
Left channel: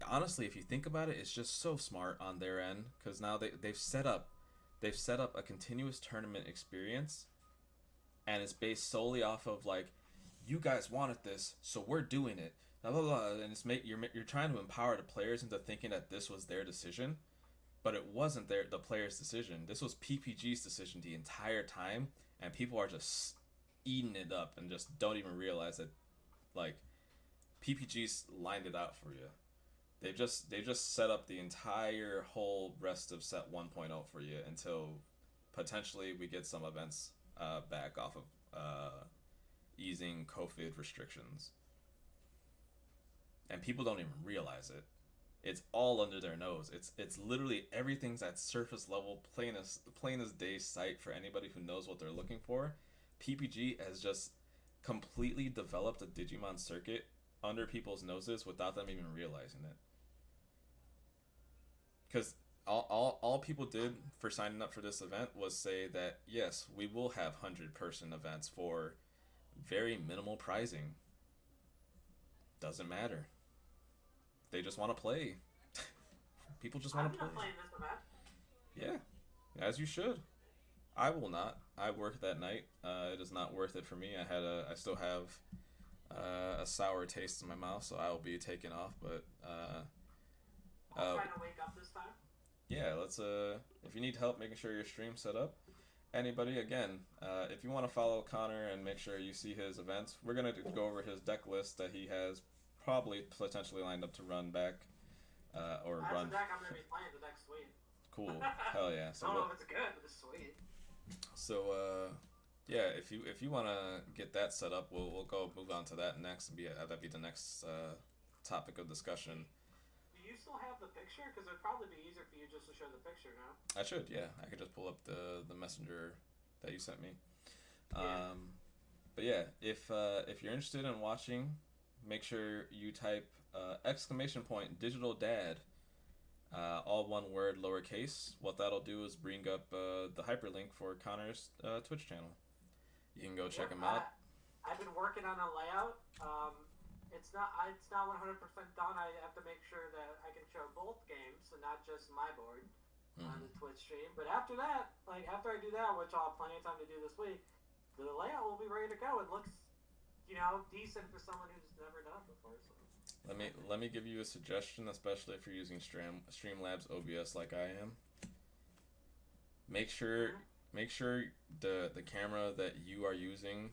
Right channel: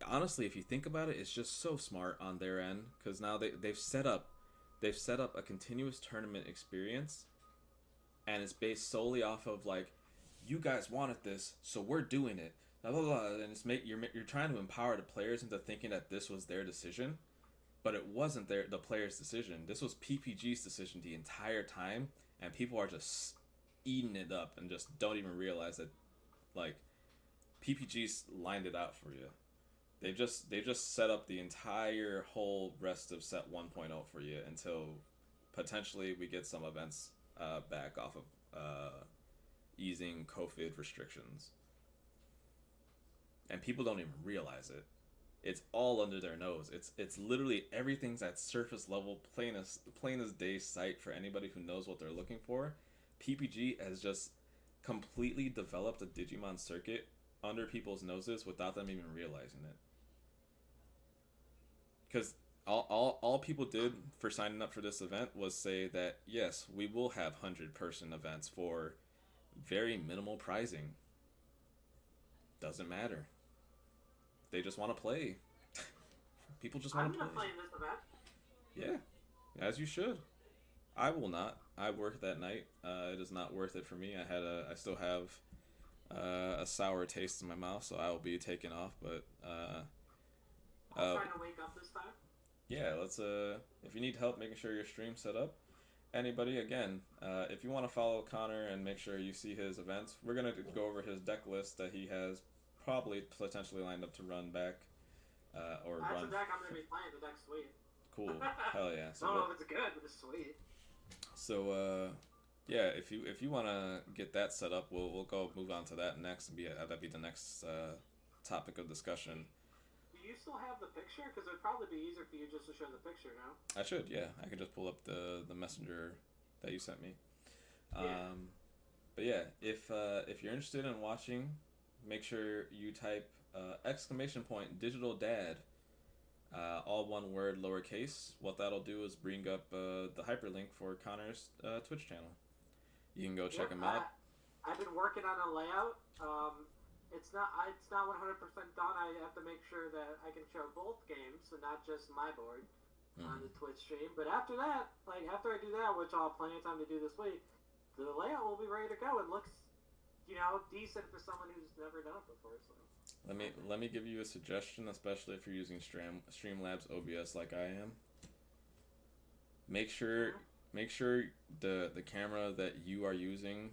honestly, if you think about it, it's just so smart on their end because now they've set up a continuous tournament experience. And it's based solely off of you guys wanted this, so we're doing it. Blah blah blah. And you're trying to empower the players into thinking that this was their decision, but it wasn't the players' decision. This was PPG's decision the entire time, and people are just eating it up and just don't even realize that PPG's lined it out for you. They just set up the entire whole rest of set 1.0 for you until potentially we get some events back off of easing COVID restrictions. And people don't even realize it. It's all under their nose. It's literally everything's at surface level, plain as day sight for anybody who knows what they're looking for. PPG has just completely developed a Digimon circuit under people's noses without them even realizing it. Because all people did for signing up for this event was say that, yes, we will have 100-person events for very minimal pricing. Doesn't matter. They just want to play. People just want to play. I'm not playing this event. Yeah, as you should. I will not. I worked that night. It is not worth it for me. I still have a sour taste in my mouth, so I will be taking off. But I'll try to wake up this time. Yeah, let's. If you need help making sure your stream's set up, anybody, again, if you want to follow Connor and make sure you see his events, we're gonna go over his deck list that he has probably potentially lined up to run back, or That's run. The deck I'm gonna be playing. The deck's sweet. Cool, hell yeah. So I don't know if it's good, but it's sweet. So yeah, if you want to get that set up, we'll go move on to that next and that'd be the next topic of discussion. Do you still have the picture? Because it'd probably be easier for you just to show the picture now. I should, yeah. I can just pull up the messenger that you sent me. Yeah. But yeah, if you're interested in watching, make sure you type !digital dad all one word, lowercase. What that'll do is bring up the hyperlink for Connor's Twitch channel. You can go check him out. I've been working on a layout. It's not 100% done. I have to make sure that I can show both games and not just my board on the Twitch stream. But after that, after I do that, which I'll have plenty of time to do this week, the layout will be ready to go. It looks, decent for someone who's never done it before. So. Let me give you a suggestion, especially if you're using Streamlabs OBS like I am. Make sure the camera that you are using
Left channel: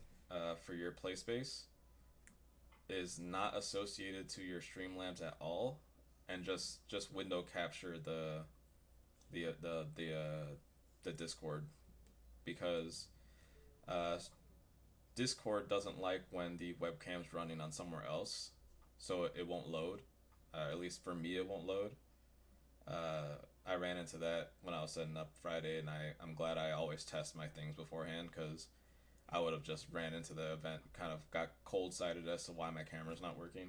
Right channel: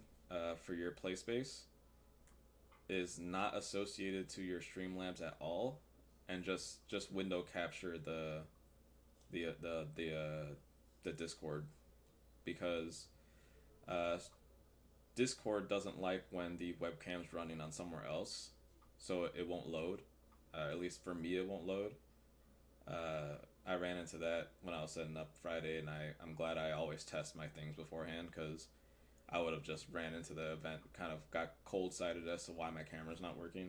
for your play space is not associated to your Streamlabs at all, and just window capture the Discord, because Discord doesn't like when the webcam's running on somewhere else, so it won't load. At least for me, it won't load. I ran into that when I was setting up Friday, and I'm glad I always test my things beforehand, because I would have just ran into the event, kind of got cold-sided as to why my camera's not working.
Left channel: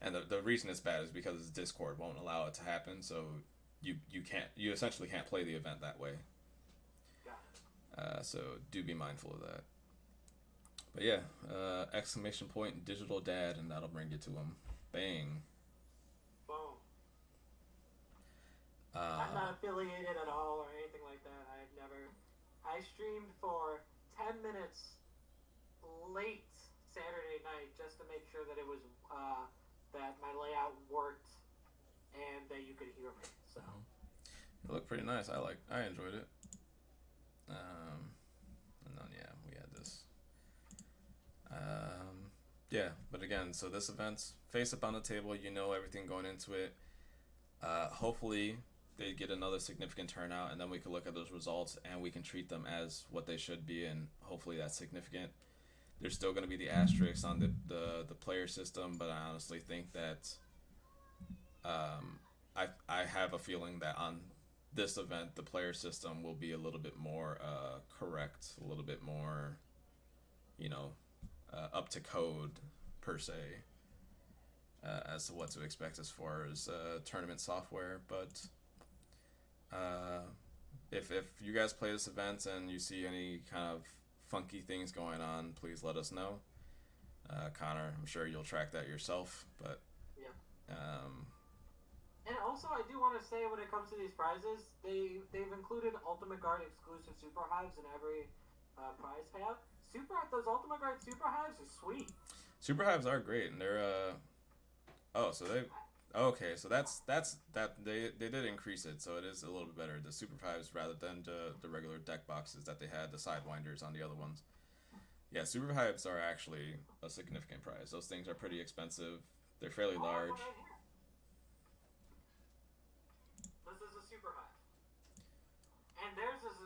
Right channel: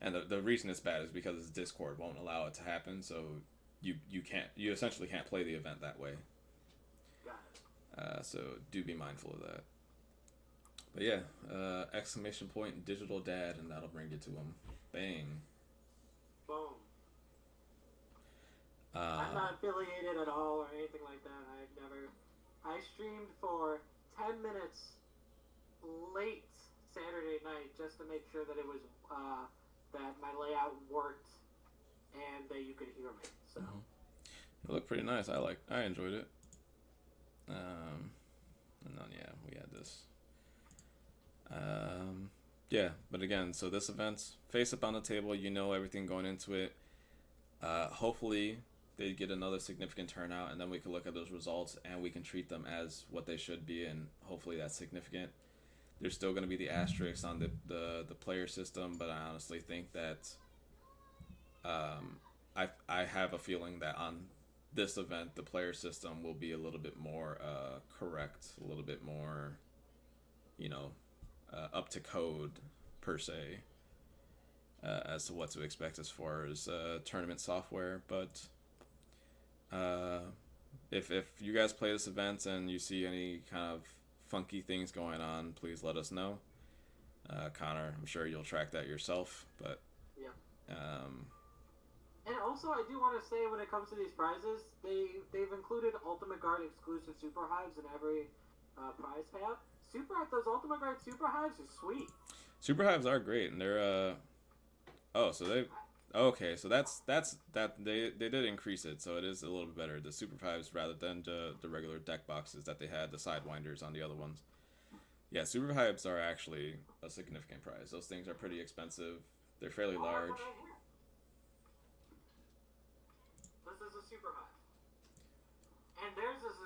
And the reason it's bad is because Discord won't allow it to happen, so you essentially can't play the event that way. Got it. So do be mindful of that. But yeah, exclamation point digital dad, and that'll bring you to him. Bang. Boom. I'm not affiliated at all or anything like that. I streamed for 10 minutes late Saturday night just to make sure that it was that my layout worked and that you could hear me. So it looked pretty nice. I enjoyed it. And then we had this. Yeah, but again, so this event's face up on the table. You know everything going into it. Hopefully they get another significant turnout, and then we can look at those results and we can treat them as what they should be, and hopefully that's significant. There's still going to be the asterisks on the player system, but I honestly think that I have a feeling that on this event the player system will be a little bit more correct, a little bit more, up to code per se, as to what to expect as far as tournament software. But if you guys play this event and you see any kind of funky things going on, please let us know. Connor, I'm sure you'll track that yourself, but yeah. And also, I do want to say, when it comes to these prizes, they've included Ultimate Guard exclusive Super Hives in every prize tab. Those Ultimate Guard Super Hives are sweet. Super Hives are great, and they're so that's that they did increase it, so it is a little bit better. The Super Hives rather than the regular deck boxes that they had, the Sidewinders on the other ones. Yeah, Super Hives are actually a significant prize. Those things are pretty expensive. They're fairly large. This is a Super Hive. And theirs is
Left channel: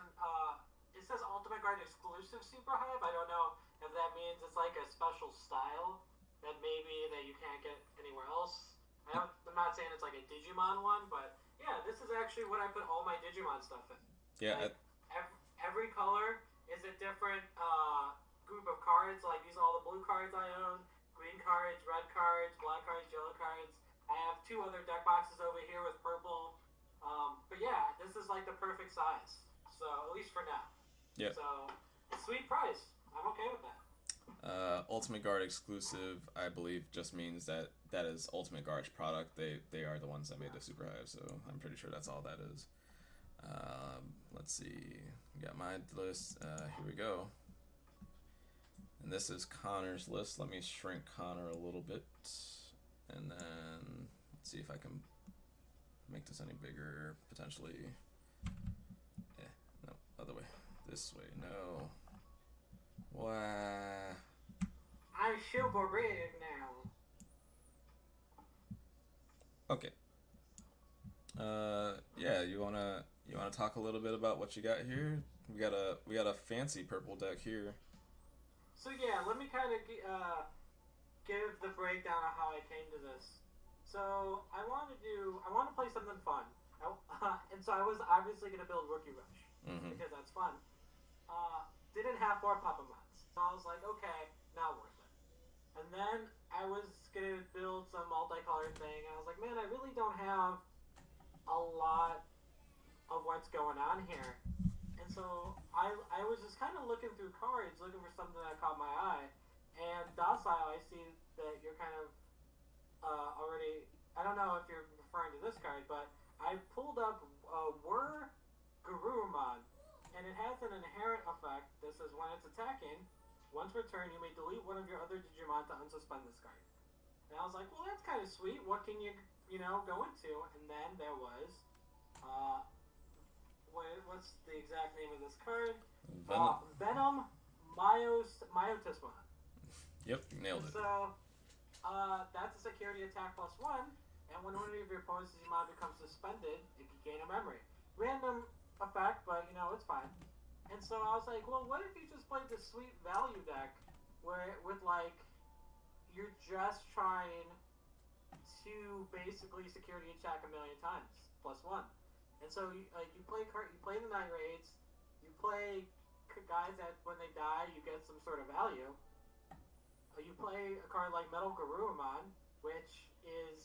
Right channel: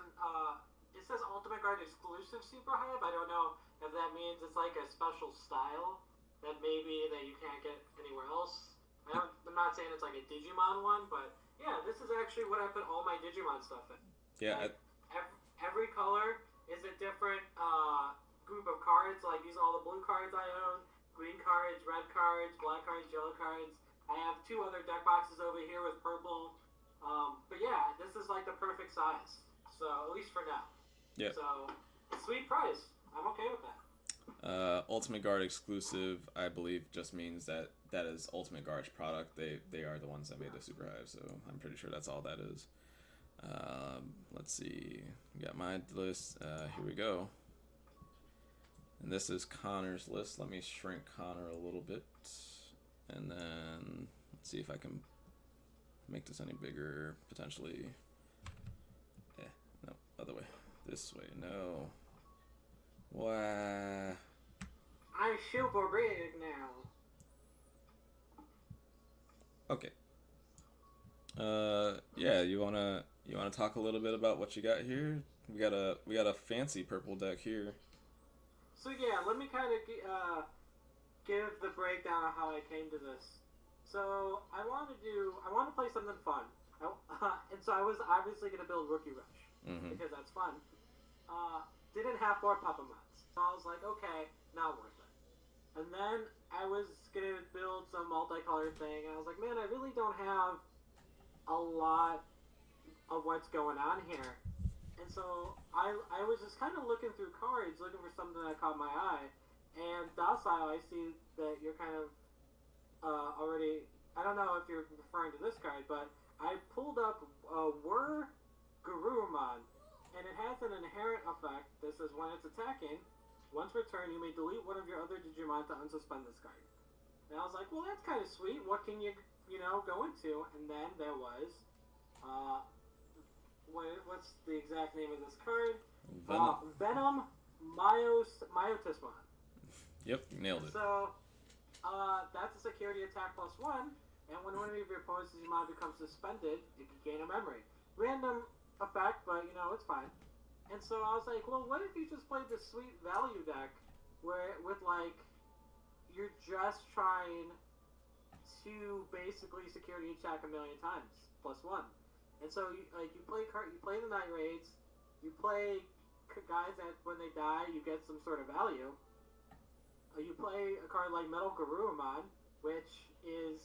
it says Ultimate Guard exclusive Super Hive. I don't know if that means it's like a special style that you can't get anywhere else. I'm not saying it's like a Digimon one, but yeah, this is actually what I put all my Digimon stuff in. Yeah. Every color is a different group of cards. Like, these are all the blue cards I own, green cards, red cards, black cards, yellow cards. I have 2 other deck boxes over here with purple. But yeah, this is like the perfect size. So, at least for now. Yeah. So, sweet price. I'm okay with that. Ultimate Guard exclusive, I believe, just means that is Ultimate Guard's product. They are the ones that made the Super Hive, so I'm pretty sure that's all that is. Let's see. We got my list. Here we go. And this is Connor's list. Let me shrink Connor a little bit. And then let's see if I can make this any bigger, potentially. No, other way. This way, no. Wow. I'm super big now. Okay. Yeah, you wanna talk a little bit about what you got here? We got a fancy purple deck here. So yeah, let me kind of give the breakdown of how I came to this. So I want to play something fun, and so I was obviously gonna build Rookie Rush because that's fun. Didn't have 4 Papa Mods, so I was like, okay, not worth it. And then I was gonna build some multicolored thing, and I was like, man, I really don't have a lot of what's going on here. And so I was just kind of looking through cards, looking for something that caught my eye. And Docile, I see that you're kind of already. I don't know if you're referring to this card, but I pulled up Were Garurumon, and it has an inherent effect. This is when it's attacking. Once per turn, you may delete one of your other Digimon to unsuspend this card. And I was like, well, that's kind of sweet. What can you go into? And then there was, what's the exact name of this card? Venom Myotismon. Yep, nailed it. So, that's a security attack +1, and when one of your opponent's Digimon becomes suspended, it can gain a memory. Random effect, but it's fine. And so I was like, well, what if you just played this sweet value deck where you're just trying to basically security attack a million times +1. And so you play the Night Raids, you play guys that when they die you get some sort of value. You play a card like Metal Garurumon, which is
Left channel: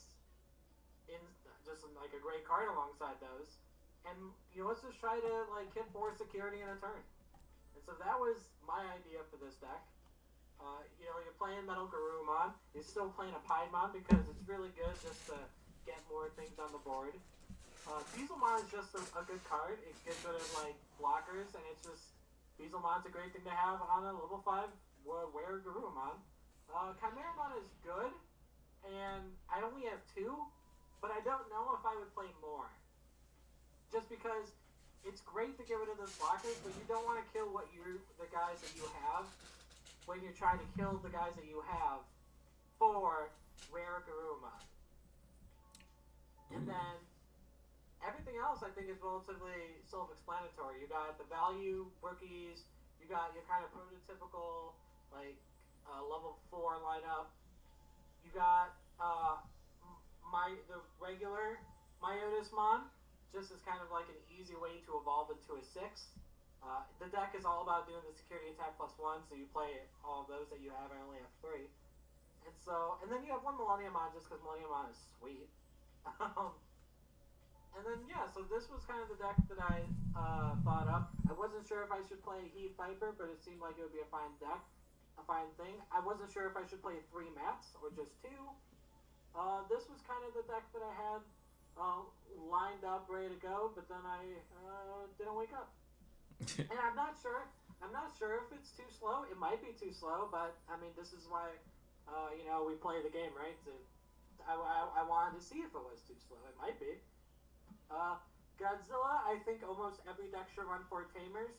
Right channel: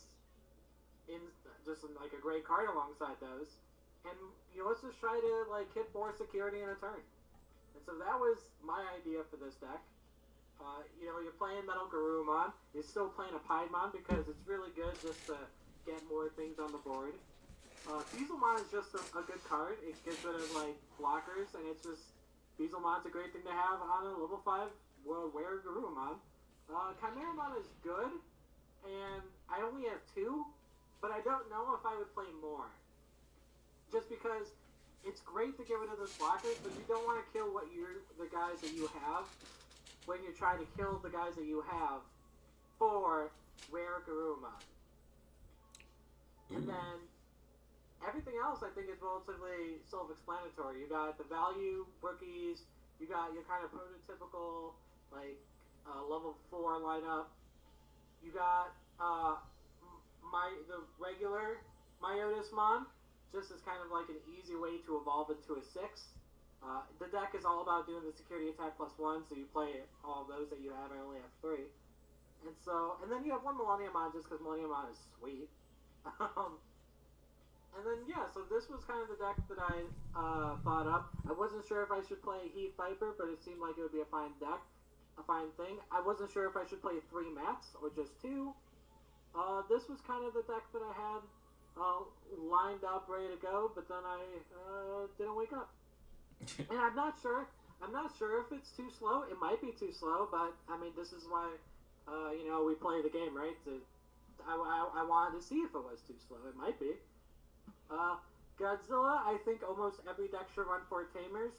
just like a great card alongside those. And let's just try to hit 4 security in a turn. And so that was my idea for this deck. You're playing Metal Garurumon. You're still playing a Piedmon because it's really good just to get more things on the board. Beezlemon is just a good card. It gets rid of blockers, and it's just Beezlemon's a great thing to have on a level 5 Were Garurumon. Chimeramon is good, and I only have 2, but I don't know if I would play more. Just because it's great to get rid of those blockers, but you don't want to kill the guys that you have when you're trying to kill the guys that you have for Rare Garurumon. And then everything else I think is relatively self-explanatory. You got the value rookies, you got your kind of prototypical level 4 lineup. You got the regular Myotismon, just as kind of like an easy way to evolve into a 6. The deck is all about doing the security attack +1, so you play all of those that you have. I only have 3. And then you have one Millenniumon just because Millenniumon is sweet. And then, so this was kind of the deck that I thought up. I wasn't sure if I should play Heath Viper, but it seemed like it would be a fine deck. A fine thing. I wasn't sure if I should play 3 mats or just 2. This was kind of the deck that I had lined up, ready to go, but then I didn't wake up. And I'm not sure if it's too slow. It might be too slow, but I mean, this is why we play the game, right? I wanted to see if it was too slow. It might be. Godzilla, I think almost every deck should run 4 Tamers.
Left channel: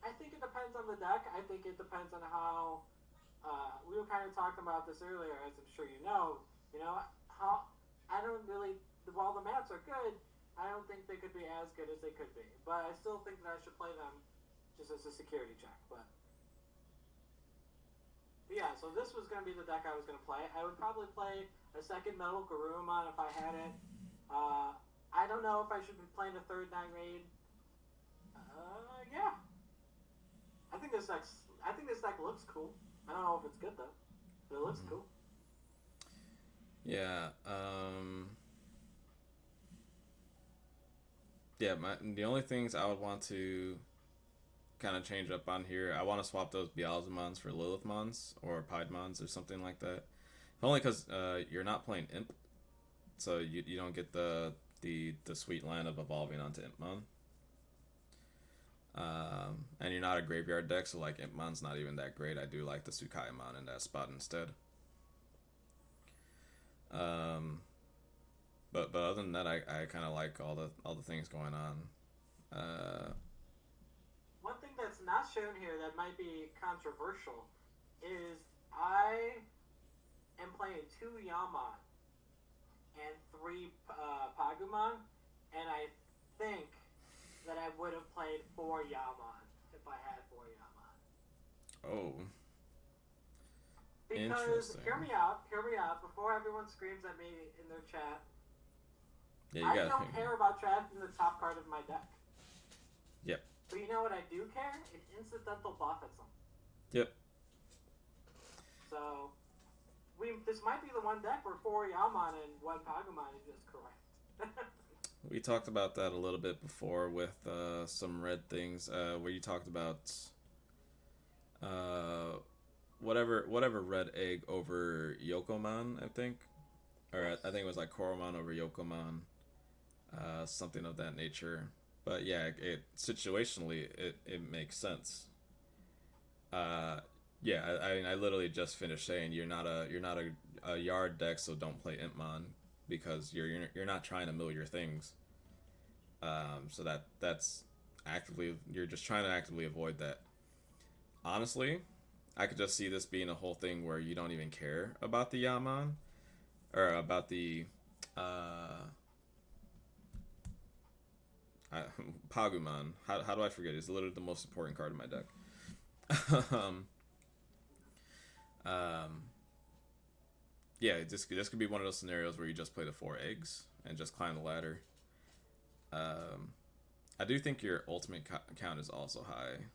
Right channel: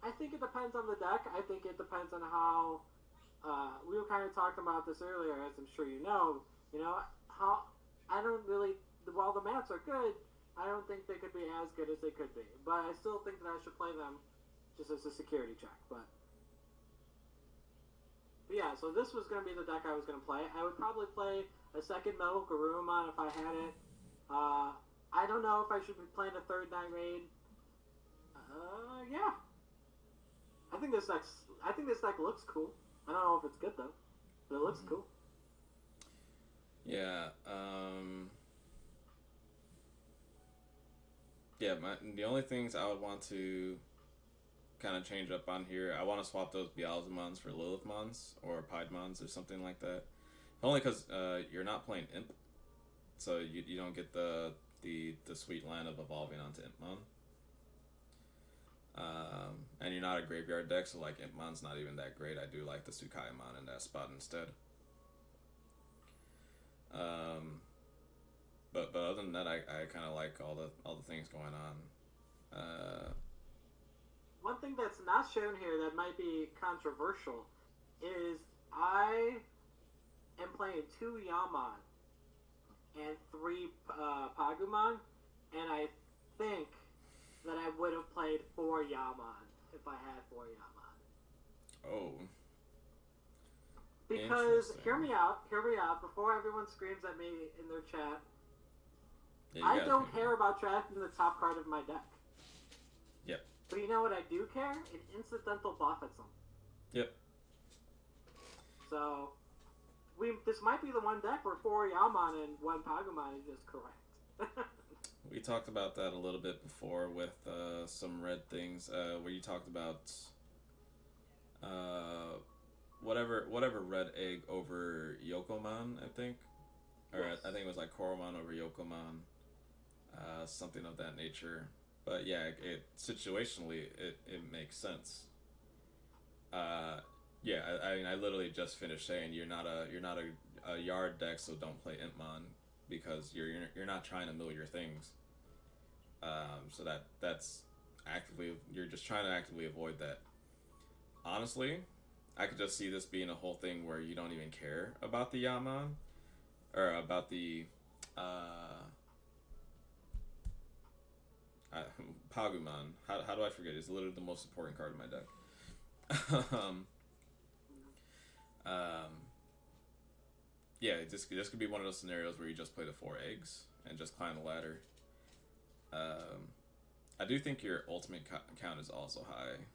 I think it depends on the deck. I think it depends on how. We were kind of talking about this earlier, as I'm sure you know. How I don't really. While the mats are good, I don't think they could be as good as they could be. But I still think that I should play them just as a security check. But yeah, so this was going to be the deck I was going to play. I would probably play a second Metal Garurumon if I had it. I don't know if I should be playing a 3rd Night Raid. Yeah. I think this deck looks cool. I don't know if it's good though, but it looks cool. Yeah. The only things I would want to kind of change up on here, I want to swap those Beelzemons for Lilithmons or Piedmons or something like that. Only because you're not playing Imp, so you don't get the sweet line of evolving onto Impmon. And you're not a graveyard deck, so Impmon's not even that great. I do like the Tsukaimon in that spot instead. But other than that, I kind of like all the things going on. One thing that's not shown here that might be controversial is I am playing 2 Yammon and 3 Pagumon, and I think that I would have played 4 Yammon if I had 4 Yammon. Oh. Because, hear me out, before everyone screams at me in their chat, I don't care about drafting the top card of my deck. Yep. But you know what I do care? An incidental buff at some. Yep. So, this might be the one deck where 4 Yammon and 1 Pagumon is just correct. We talked about that a little bit before with some red things, where you talked about whatever red egg over Yokoman, I think, or Yes. I think it was like Koromon over Yokoman, something of that nature. But yeah, it situationally it makes sense. Yeah, I literally just finished saying you're not a yard deck, so don't play Impmon because you're not trying to mill your things. So that's actively you're just trying to actively avoid that. Honestly, I could just see this being a whole thing where you don't even care about the Yaman or about the uh, Pagumon. How do I forget? It's literally the most important card in my deck. um, yeah, this could be one of those scenarios where you just play the 4 eggs and just climb the ladder. I do think your ultimate count is also high.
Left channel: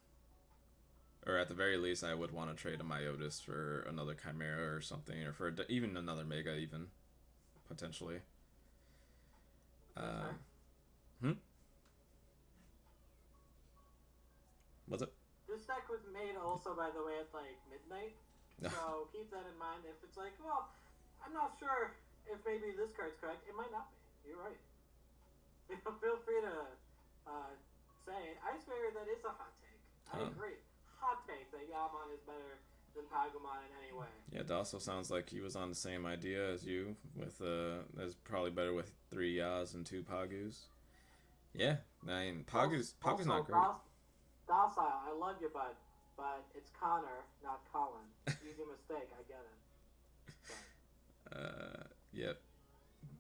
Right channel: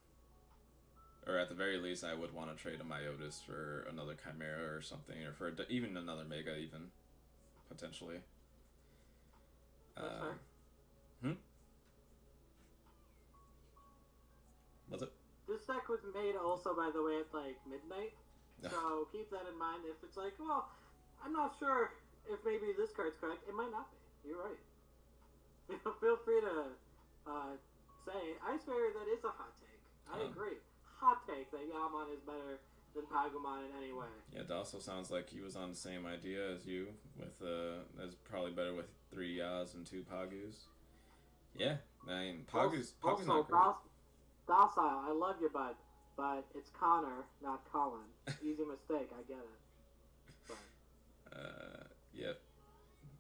Or at the very least, I would want to trade a Myotis for another Chimera or something, or for even another Mega, even potentially. That's fair. Was it? This deck was made also, by the way, at like midnight. Yeah. So keep that in mind. If it's like, well, I'm not sure if maybe this card's correct. It might not be. You're right. Feel free to say it. Ice Barrier, that is a hot take. I agree. Hot take that Yaman is better than Pagumon in any way. Yeah, it also sounds like he was on the same idea as you. With that's probably better with 3 Yas and 2 Pagus. Yeah, I mean Pagu's not great. Docile, I love you, bud, but it's Connor, not Colin. Easy mistake, I get it.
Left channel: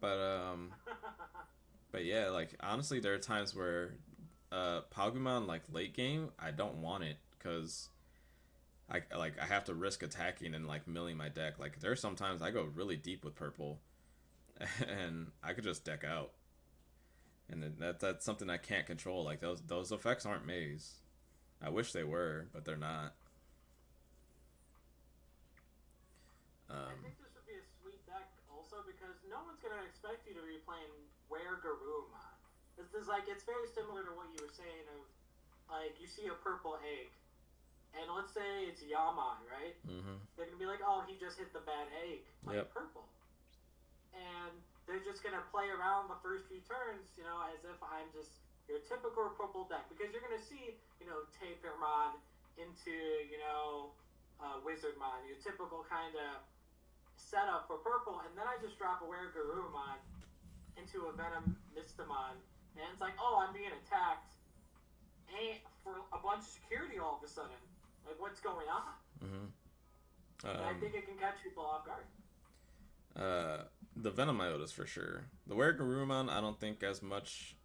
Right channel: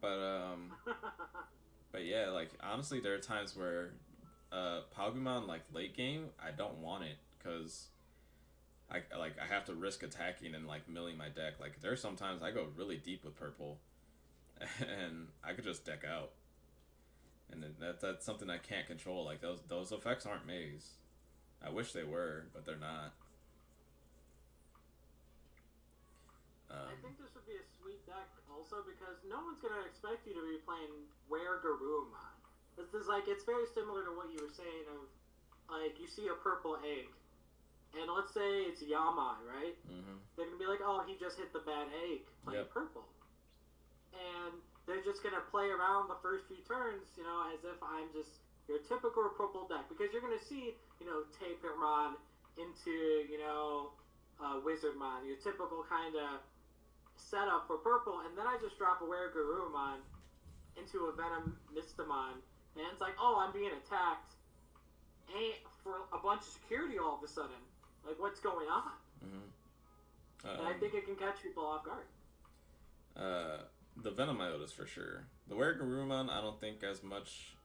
But. Yep. But yeah, like honestly, there are times where Pagumon, like late game, I don't want it because I have to risk attacking and like milling my deck. Like there are sometimes I go really deep with purple, and I could just deck out, and that's something I can't control. Like those effects aren't maze. I wish they were, but they're not. I think this would be a sweet deck also because no one's gonna expect you to be playing Where Garurumon. This is like it's very similar to what you were saying of like you see a purple egg, and let's say it's Yaman, right? Mm-hmm. They're gonna be like, oh, he just hit the bad egg playing purple, and they're just gonna play around the first few turns, you know, as if I'm just your typical purple deck because you're gonna see, you know, Tapermon into, you know, Wizardmon, your typical kind of setup for purple, and then I just drop a Were Garurumon into a Venom Mistamon, and it's like, oh, I'm being attacked, and for a bunch of security all of a sudden, like what's going on? Mm-hmm. And I think it can catch people off guard. The Venom Myotis for sure. The Were Garurumon, I don't think as much.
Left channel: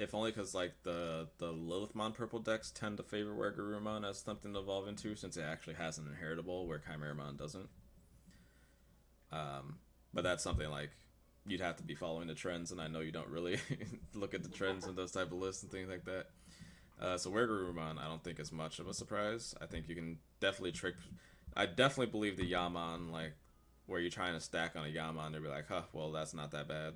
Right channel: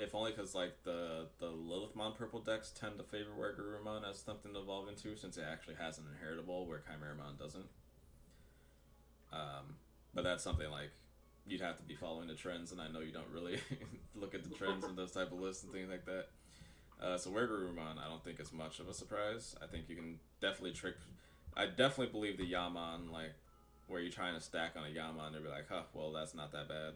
If only because like the Lilithmon purple decks tend to favor Were Garurumon as something to evolve into, since it actually has an inheritable where Chimeramon doesn't. But that's something like you'd have to be following the trends, and I know you don't really look at the trends and those type of lists and things like that. So Were Garurumon, I don't think is much of a surprise. I think you can definitely trick. I definitely believe the Yaman, like where you're trying to stack on a Yaman, they'll be like, huh, well that's not that bad.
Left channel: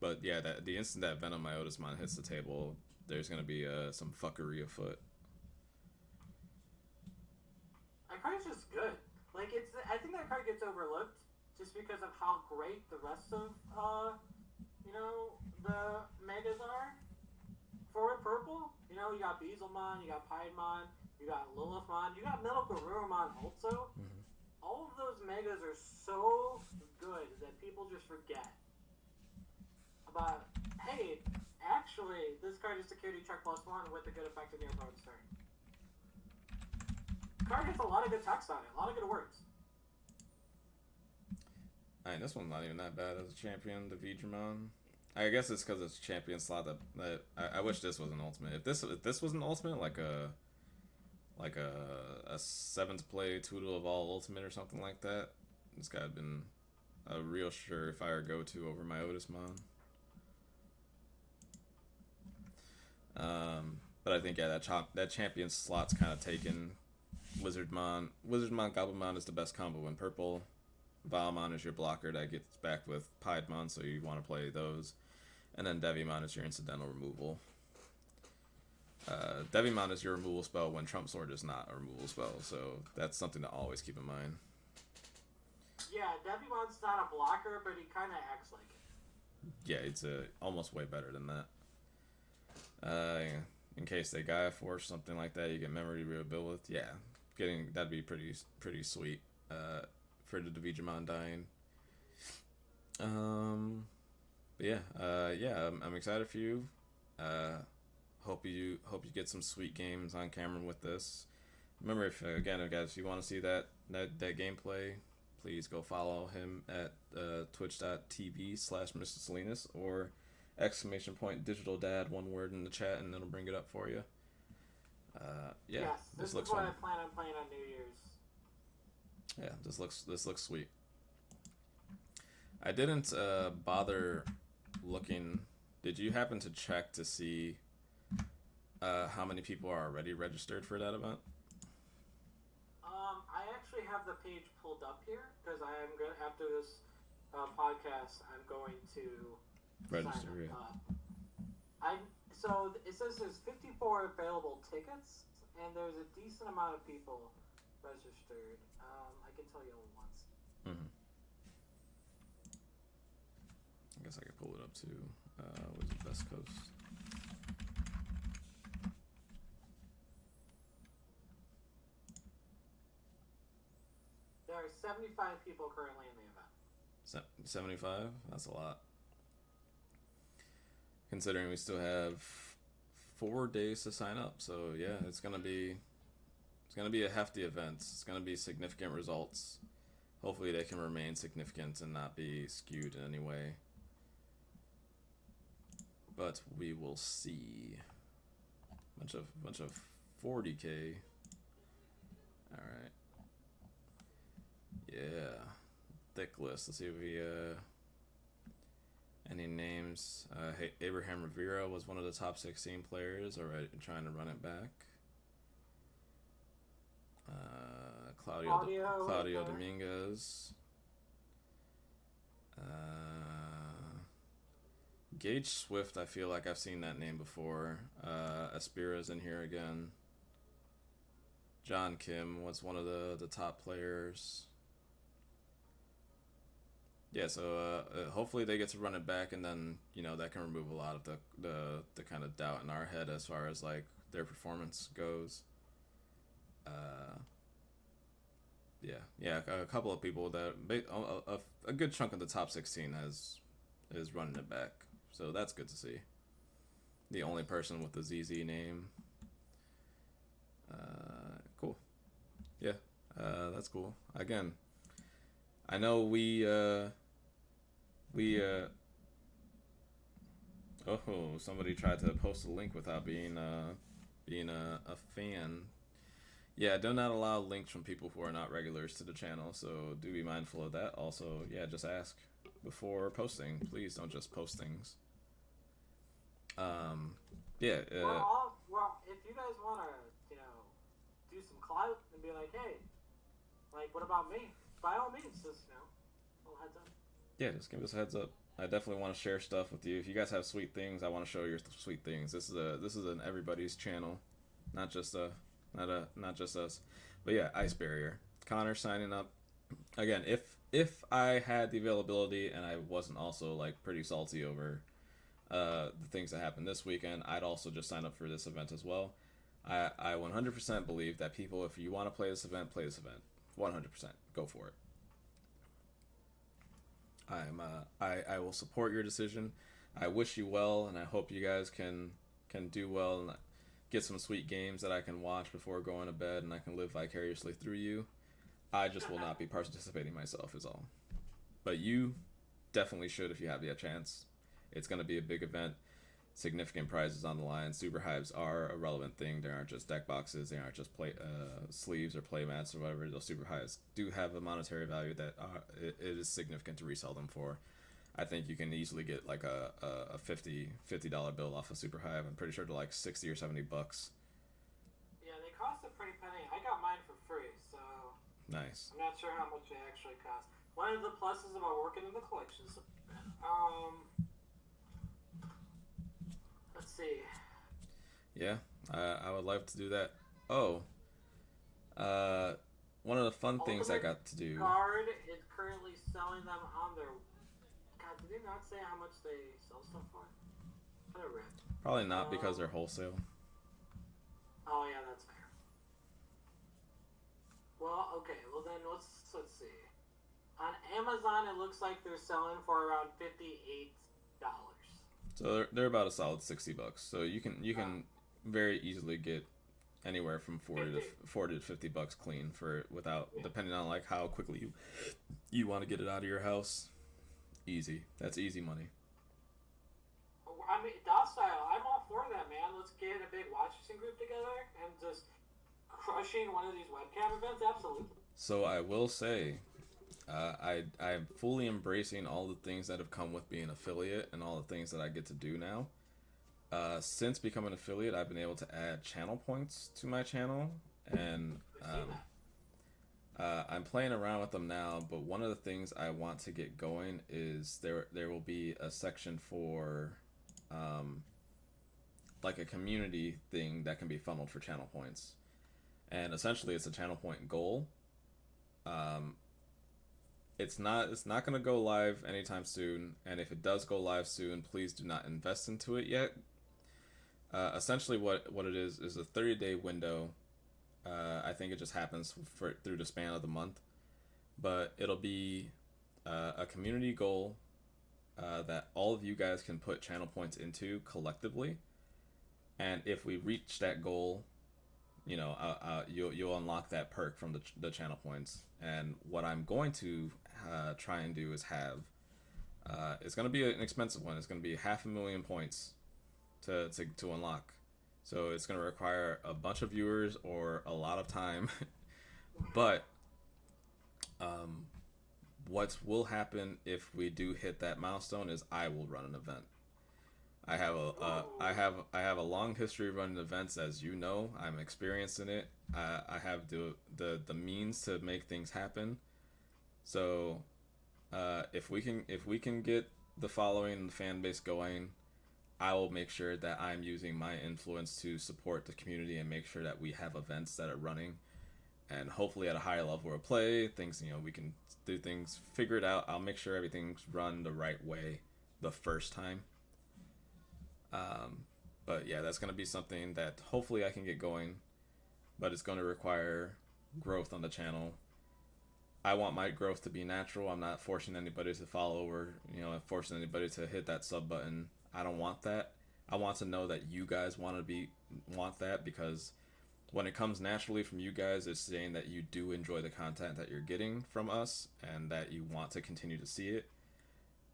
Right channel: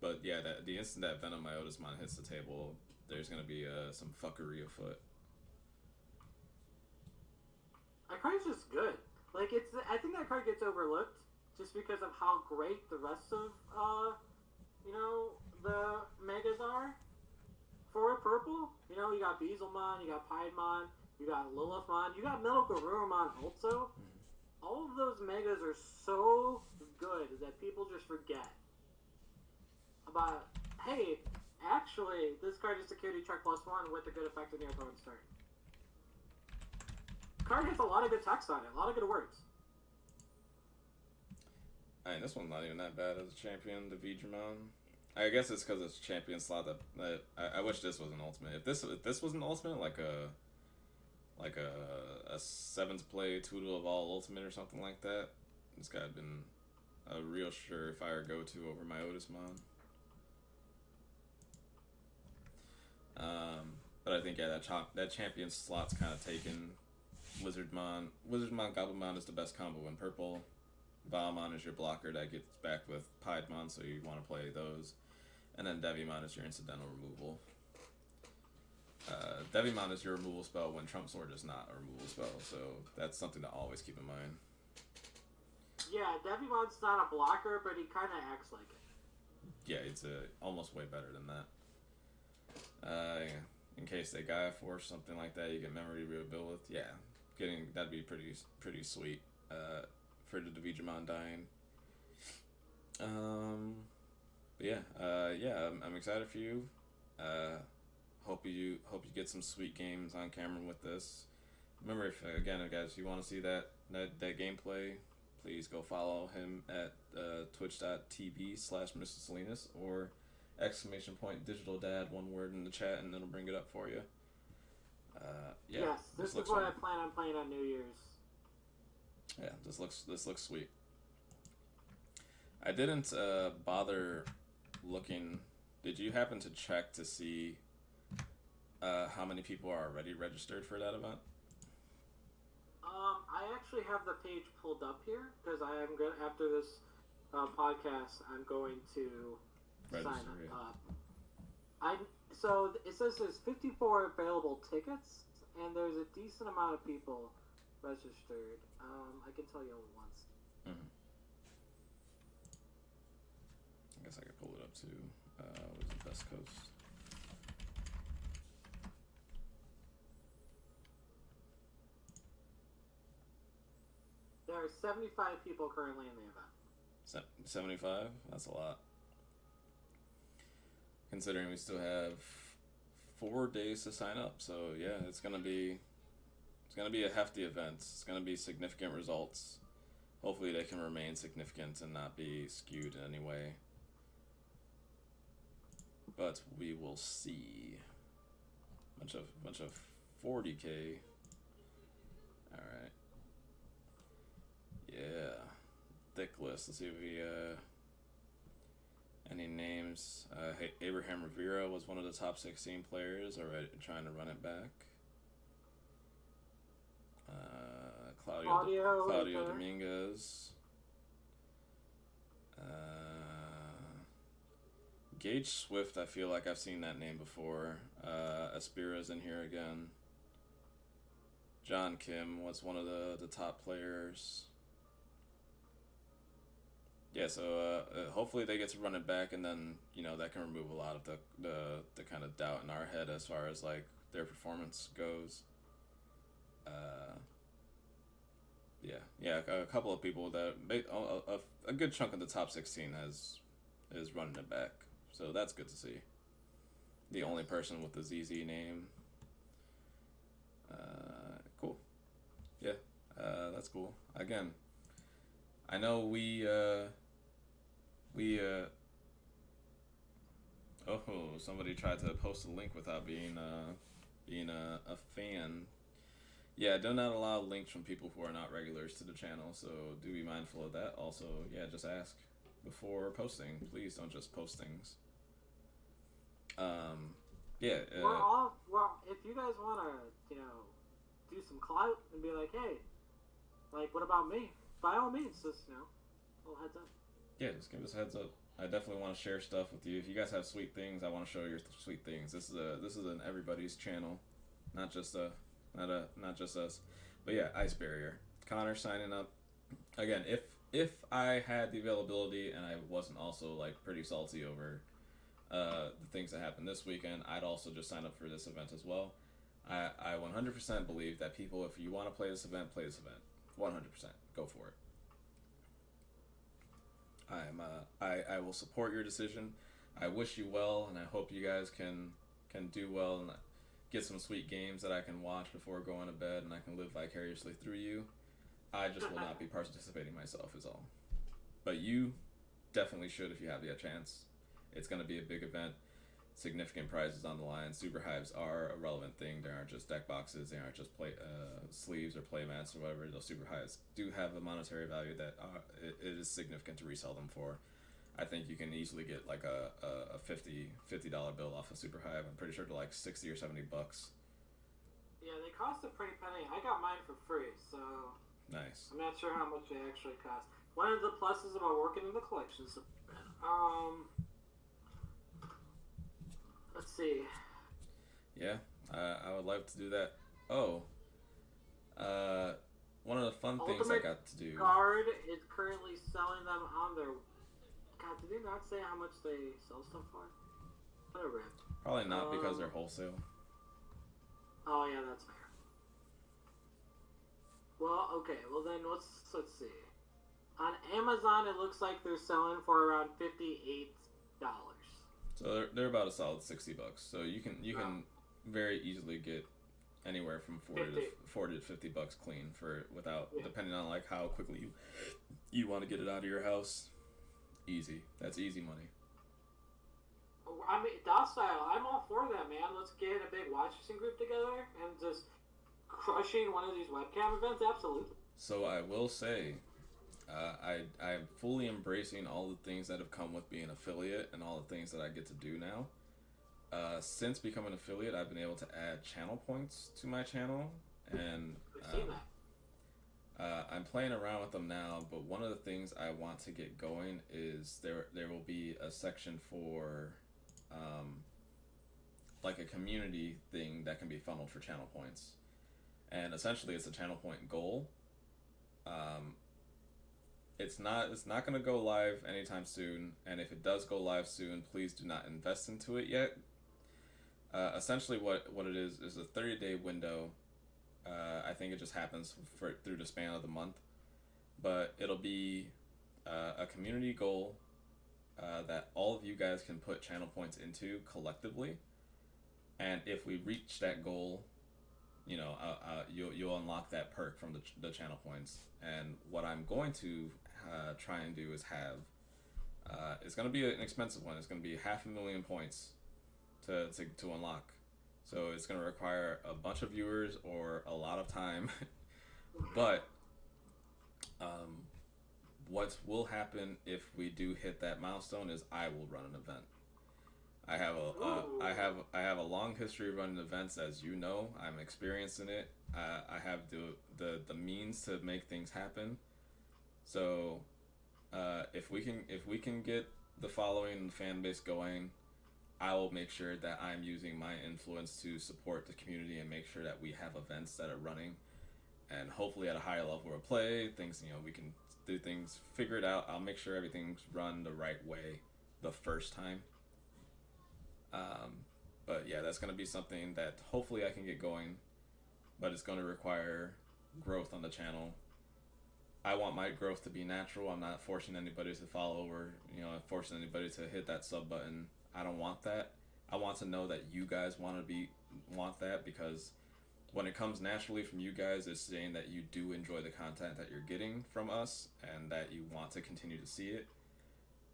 But yeah, the instant that Venom Myotismon hits the table, there's gonna be some fuckery afoot. That card's just good. Like I think that card gets overlooked just because of how great the rest of you know, the megas are for purple. You know, you got Beezlemon, you got Piedmon, you got Lilithmon, you got Metal Garurumon also. Mm-hmm. All of those megas are so good that people just forget about, hey, actually, this card is security check +1 with a good effect in your opponent's turn. Card has a lot of good text on it, a lot of good words. I mean, this one's not even that bad as a champion, the Digimon. I guess it's because it's champion slot that I wish this was an ultimate. If this was an ultimate, like a 7th play Toodle of all ultimate or something like that, this guy had been a real surefire go-to over Myotismon. But I think that champion slot's kind of taken. Wizardmon, Goblinmon is the best combo in purple. Valmon is your blocker that gets back with Piedmon, so you want to play those. And then Devimon is your incidental removal. Devimon is your removal spell when Trump Sword is not a removal spell, so that's something to always keep in mind. Yeah, Devimon's not a blocker, but he kind of acts like it. Yeah, it's almost way better than that. In case they Gaia Force, something like that, you get memory rebuild with. Yeah, that'd be pretty sweet for the Digimon dying. But yeah, I'm excited for you. Hope you get some sweet games on camera with this. Remember, if you want to see that gameplay, please go follow him at twitch.tv/Mr. Salinas or !digital dad, one word in the chat, and it'll bring it up for you. Yeah. Yes, this is what I plan on playing on New Year's. Yeah, this looks sweet. I didn't bother looking. Did you happen to check to see how many people are already registered for that event? I actually have the page pulled up here because I am going after this podcast. I'm going to Register. sign up. So it says there's 54 available tickets, and there's a decent amount of people registered. I can tell you once. Mm-hmm. I guess I could pull it up too. Was it West Coast? There are 75 people currently in the event. 75? That's a lot. Considering we still have 4 days to sign up, so yeah, it's gonna be a hefty event. It's gonna be significant results. Hopefully, they can remain significant and not be skewed in any way. But we will see. Bunch of 40K. All right. Yeah. Decklist. Let's see if we any names. Hey, Abraham Rivera was one of the top 16 players already trying to run it back. Claudio Dominguez. Gage Swift, I feel like I've seen that name before. Aspira's in here again. John Kim was one of the top players. Yeah, so hopefully they get to run it back, and then that can remove a lot of the kind of doubt in our head as far as like their performance goes. Yeah, a couple of people that a good chunk of the top 16 is running it back, so that's good to see. The only person with the ZZ name. Cool. Yeah, that's cool. Again, I know we somebody tried to post a link without being a fan. Yeah, do not allow links from people who are not regulars to the channel, so do be mindful of that. Also, yeah, just ask before posting. Please don't just post things. Yeah. Well, if you guys want to, do some clout and be like, hey, like, what about me? By all means, just, a little heads up. Yeah, just give us a heads up. I definitely want to share stuff with you. If you guys have sweet things, I want to show your sweet things. This is an everybody's channel, not just us. But yeah, Ice Barrier. Connor signing up. Again, if I had the availability and I wasn't also like pretty salty over the things that happened this weekend, I'd also just sign up for this event as well. I 100% believe that people, if you want to play this event, play this event. 100%. Go for it. I will support your decision. I wish you well, and I hope you guys can do well and get some sweet games that I can watch before going to bed, and I can live vicariously through you. I just will not be participating myself is all. But you definitely should if you have the chance. It's going to be a big event. Significant prizes on the line. Super Hives are a relevant thing. They aren't just deck boxes. They aren't just sleeves or play mats or whatever. Those Super Hives do have a monetary value that it is significant to resell them for. I think you can easily get like a $50 bill off a Super Hive. I'm pretty sure they're like $60 or $70. Yeah, they cost a pretty penny. I got mine for free, so nice. I'm not sure how much they actually cost. One of the pluses about working in the collections, Let's see. Yeah, I would love to do that. Oh, one of the fun things I got to do. Guard is currently selling them on their. God, did they not say how much they sell stuff for? What a rip. Probably not because they're wholesale. Oh yeah, that's fair. Well, okay. Well then, let's see. On Amazon, it looks like they're selling for around $58. So they're about a solid $60. So you can very easily get anywhere from 40 to $50 clean without depending on like how quickly you want to get it out of your house. Easy. That's easy money. I mean, docile. I'm all for that, man. Let's get a big watching group together and just crushing one of these webcam events. Absolutely. So I will say, I'm fully embracing all the things that have come with being an affiliate and all the things that I get to do now. Since becoming an affiliate, I've been able to add channel points to my channel, and I'm playing around with them now. But one of the things I want to get going is there will be a section for like a community thing that can be funneled for channel points, and essentially it's a channel point goal. It's not going to go live anytime soon, and if it does go live soon, please do not invest into it yet. Essentially what it is a 30-day window. I think it just happens through the span of the month, but it'll be a community goal that all of you guys can put channel points into collectively, and if we reach that goal, you'll unlock that perk from the channel points. And what I'm going to try and do is have it's going to be an expensive one. It's going to be 500,000 points to unlock. So it's going to require a bunch of viewers or a lot of time. But what will happen if we do hit that milestone is I will run an event. I have a long history of running events, as you know. I'm experienced in it. I have the means to make things happen. So if we can get the following and the fan base going, I will make sure that I'm using my influence to support the community and make sure that we have events that are running, and hopefully at a higher level of play, things, we can do things, figure it out. I'll make sure everything's run the right way the first time. But yeah, that's going to be something that hopefully I can get going, but it's going to require growth on the channel. I want my growth to be natural. I'm not forcing anybody to follow or, forcing anybody to hit that sub button. I don't want that. I want to know that you guys want that, because when it comes naturally from you guys, it's saying that you do enjoy the content that you're getting from us and that you want to continue to see it.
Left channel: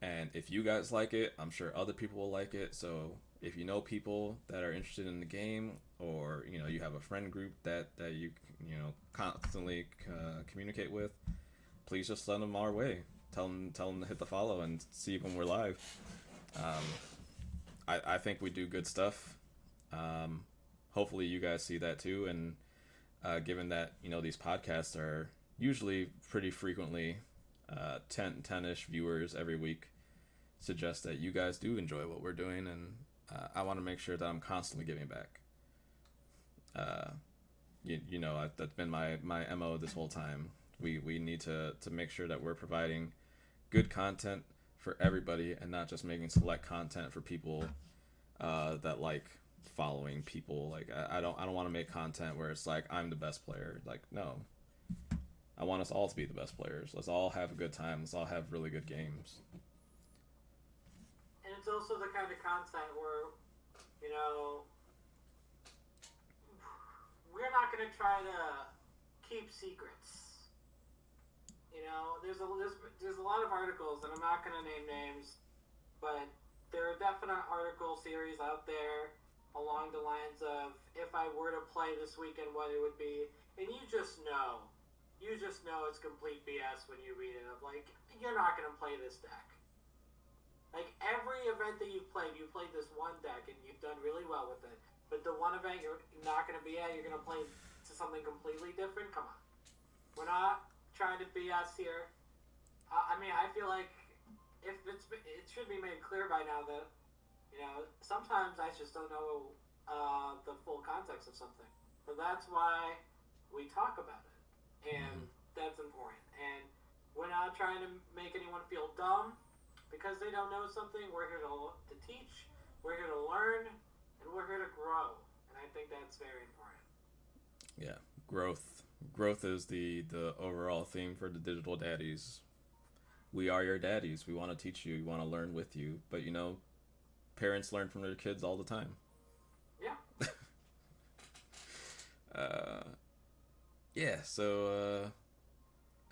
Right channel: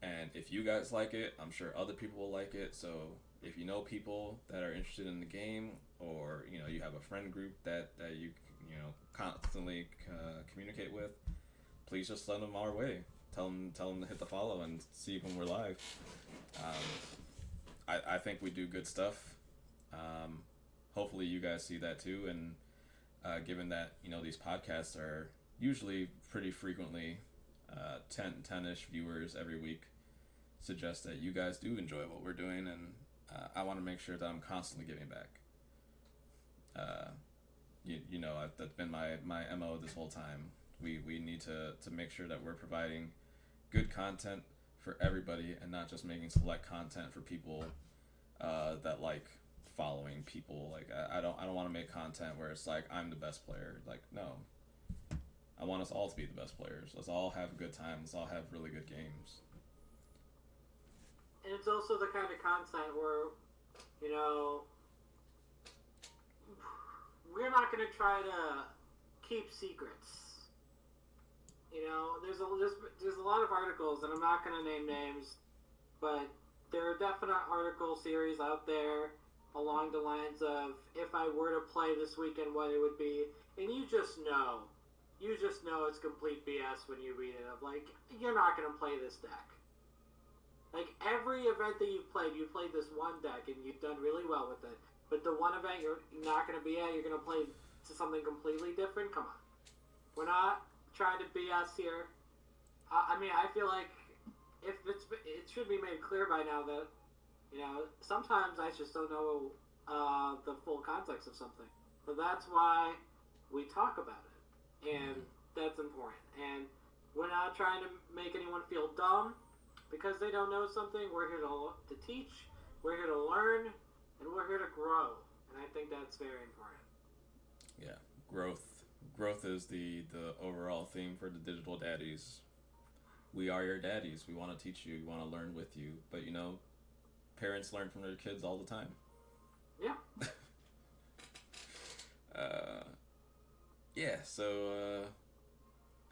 And if you guys like it, I'm sure other people will like it. So if you know people that are interested in the game, or you have a friend group that you constantly communicate with, please just send them our way. Tell them to hit the follow and see when we're live. I think we do good stuff. Hopefully you guys see that too. And given that these podcasts are usually pretty frequently 10-ish viewers every week, suggest that you guys do enjoy what we're doing, and I want to make sure that I'm constantly giving back. That's been my MO this whole time. We need to make sure that we're providing good content for everybody and not just making select content for people that like following people. Like I don't want to make content where it's like I'm the best player. Like, no. I want us all to be the best players. Let's all have a good time. Let's all have really good games. And it's also the kind of content where, we're not going to try to keep secrets. There's a lot of articles, and I'm not going to name names, but there are definite article series out there along the lines of, if I were to play this weekend, what it would be. And you just know it's complete BS when you read it, of like, you're not going to play this deck. Like, every event that you've played this one deck and you've done really well with it. But the one event you're not going to be at, you're going to play to something completely different? Come on. We're not trying to BS here. I feel like it should be made clear by now that You know, sometimes I just don't know the full context of something. So that's why we talk about it. And that's important. And we're not trying to make anyone feel dumb because they don't know something. We're here to teach, we're here to learn, and we're here to grow. And I think that's very important. Yeah, growth. Growth is the overall theme for the Digital Daddies. We are your daddies. We want to teach you. We want to learn with you. But you know, parents learn from their kids all the time. Yeah. Yeah. So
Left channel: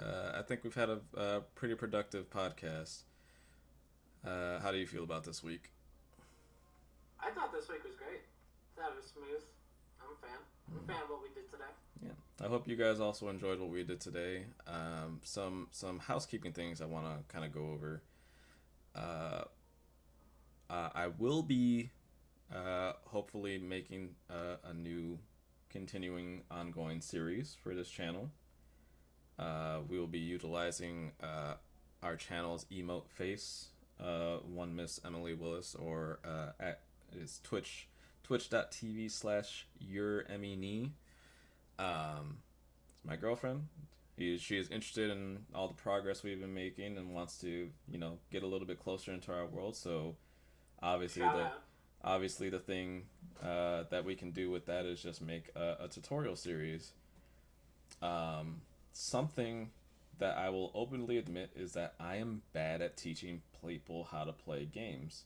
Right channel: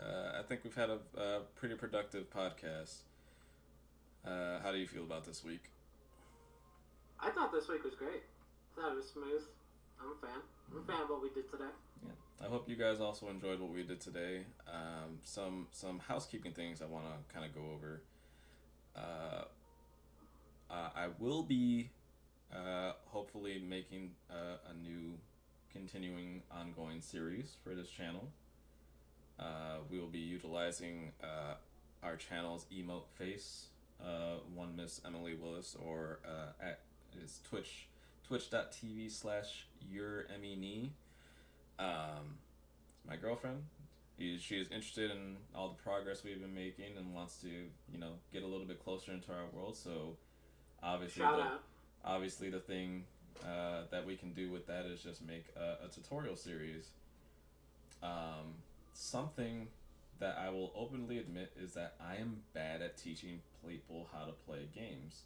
I think we've had a pretty productive podcast. How do you feel about this week? I thought this week was great. I thought it was smooth. I'm a fan. I'm a fan of what we did today. Yeah, I hope you guys also enjoyed what we did today. Some housekeeping things I want to kind of go over. I will be hopefully making a new continuing ongoing series for this channel. We will be utilizing our channel's emote face, one Miss Emily Willis, or at is twitch.tv/youremini. It's my girlfriend. She is interested in all the progress we've been making and wants to, you know, get a little bit closer into our world. So obviously the thing that we can do with that is just make a tutorial series. Something that I will openly admit is that I am bad at teaching people how to play games.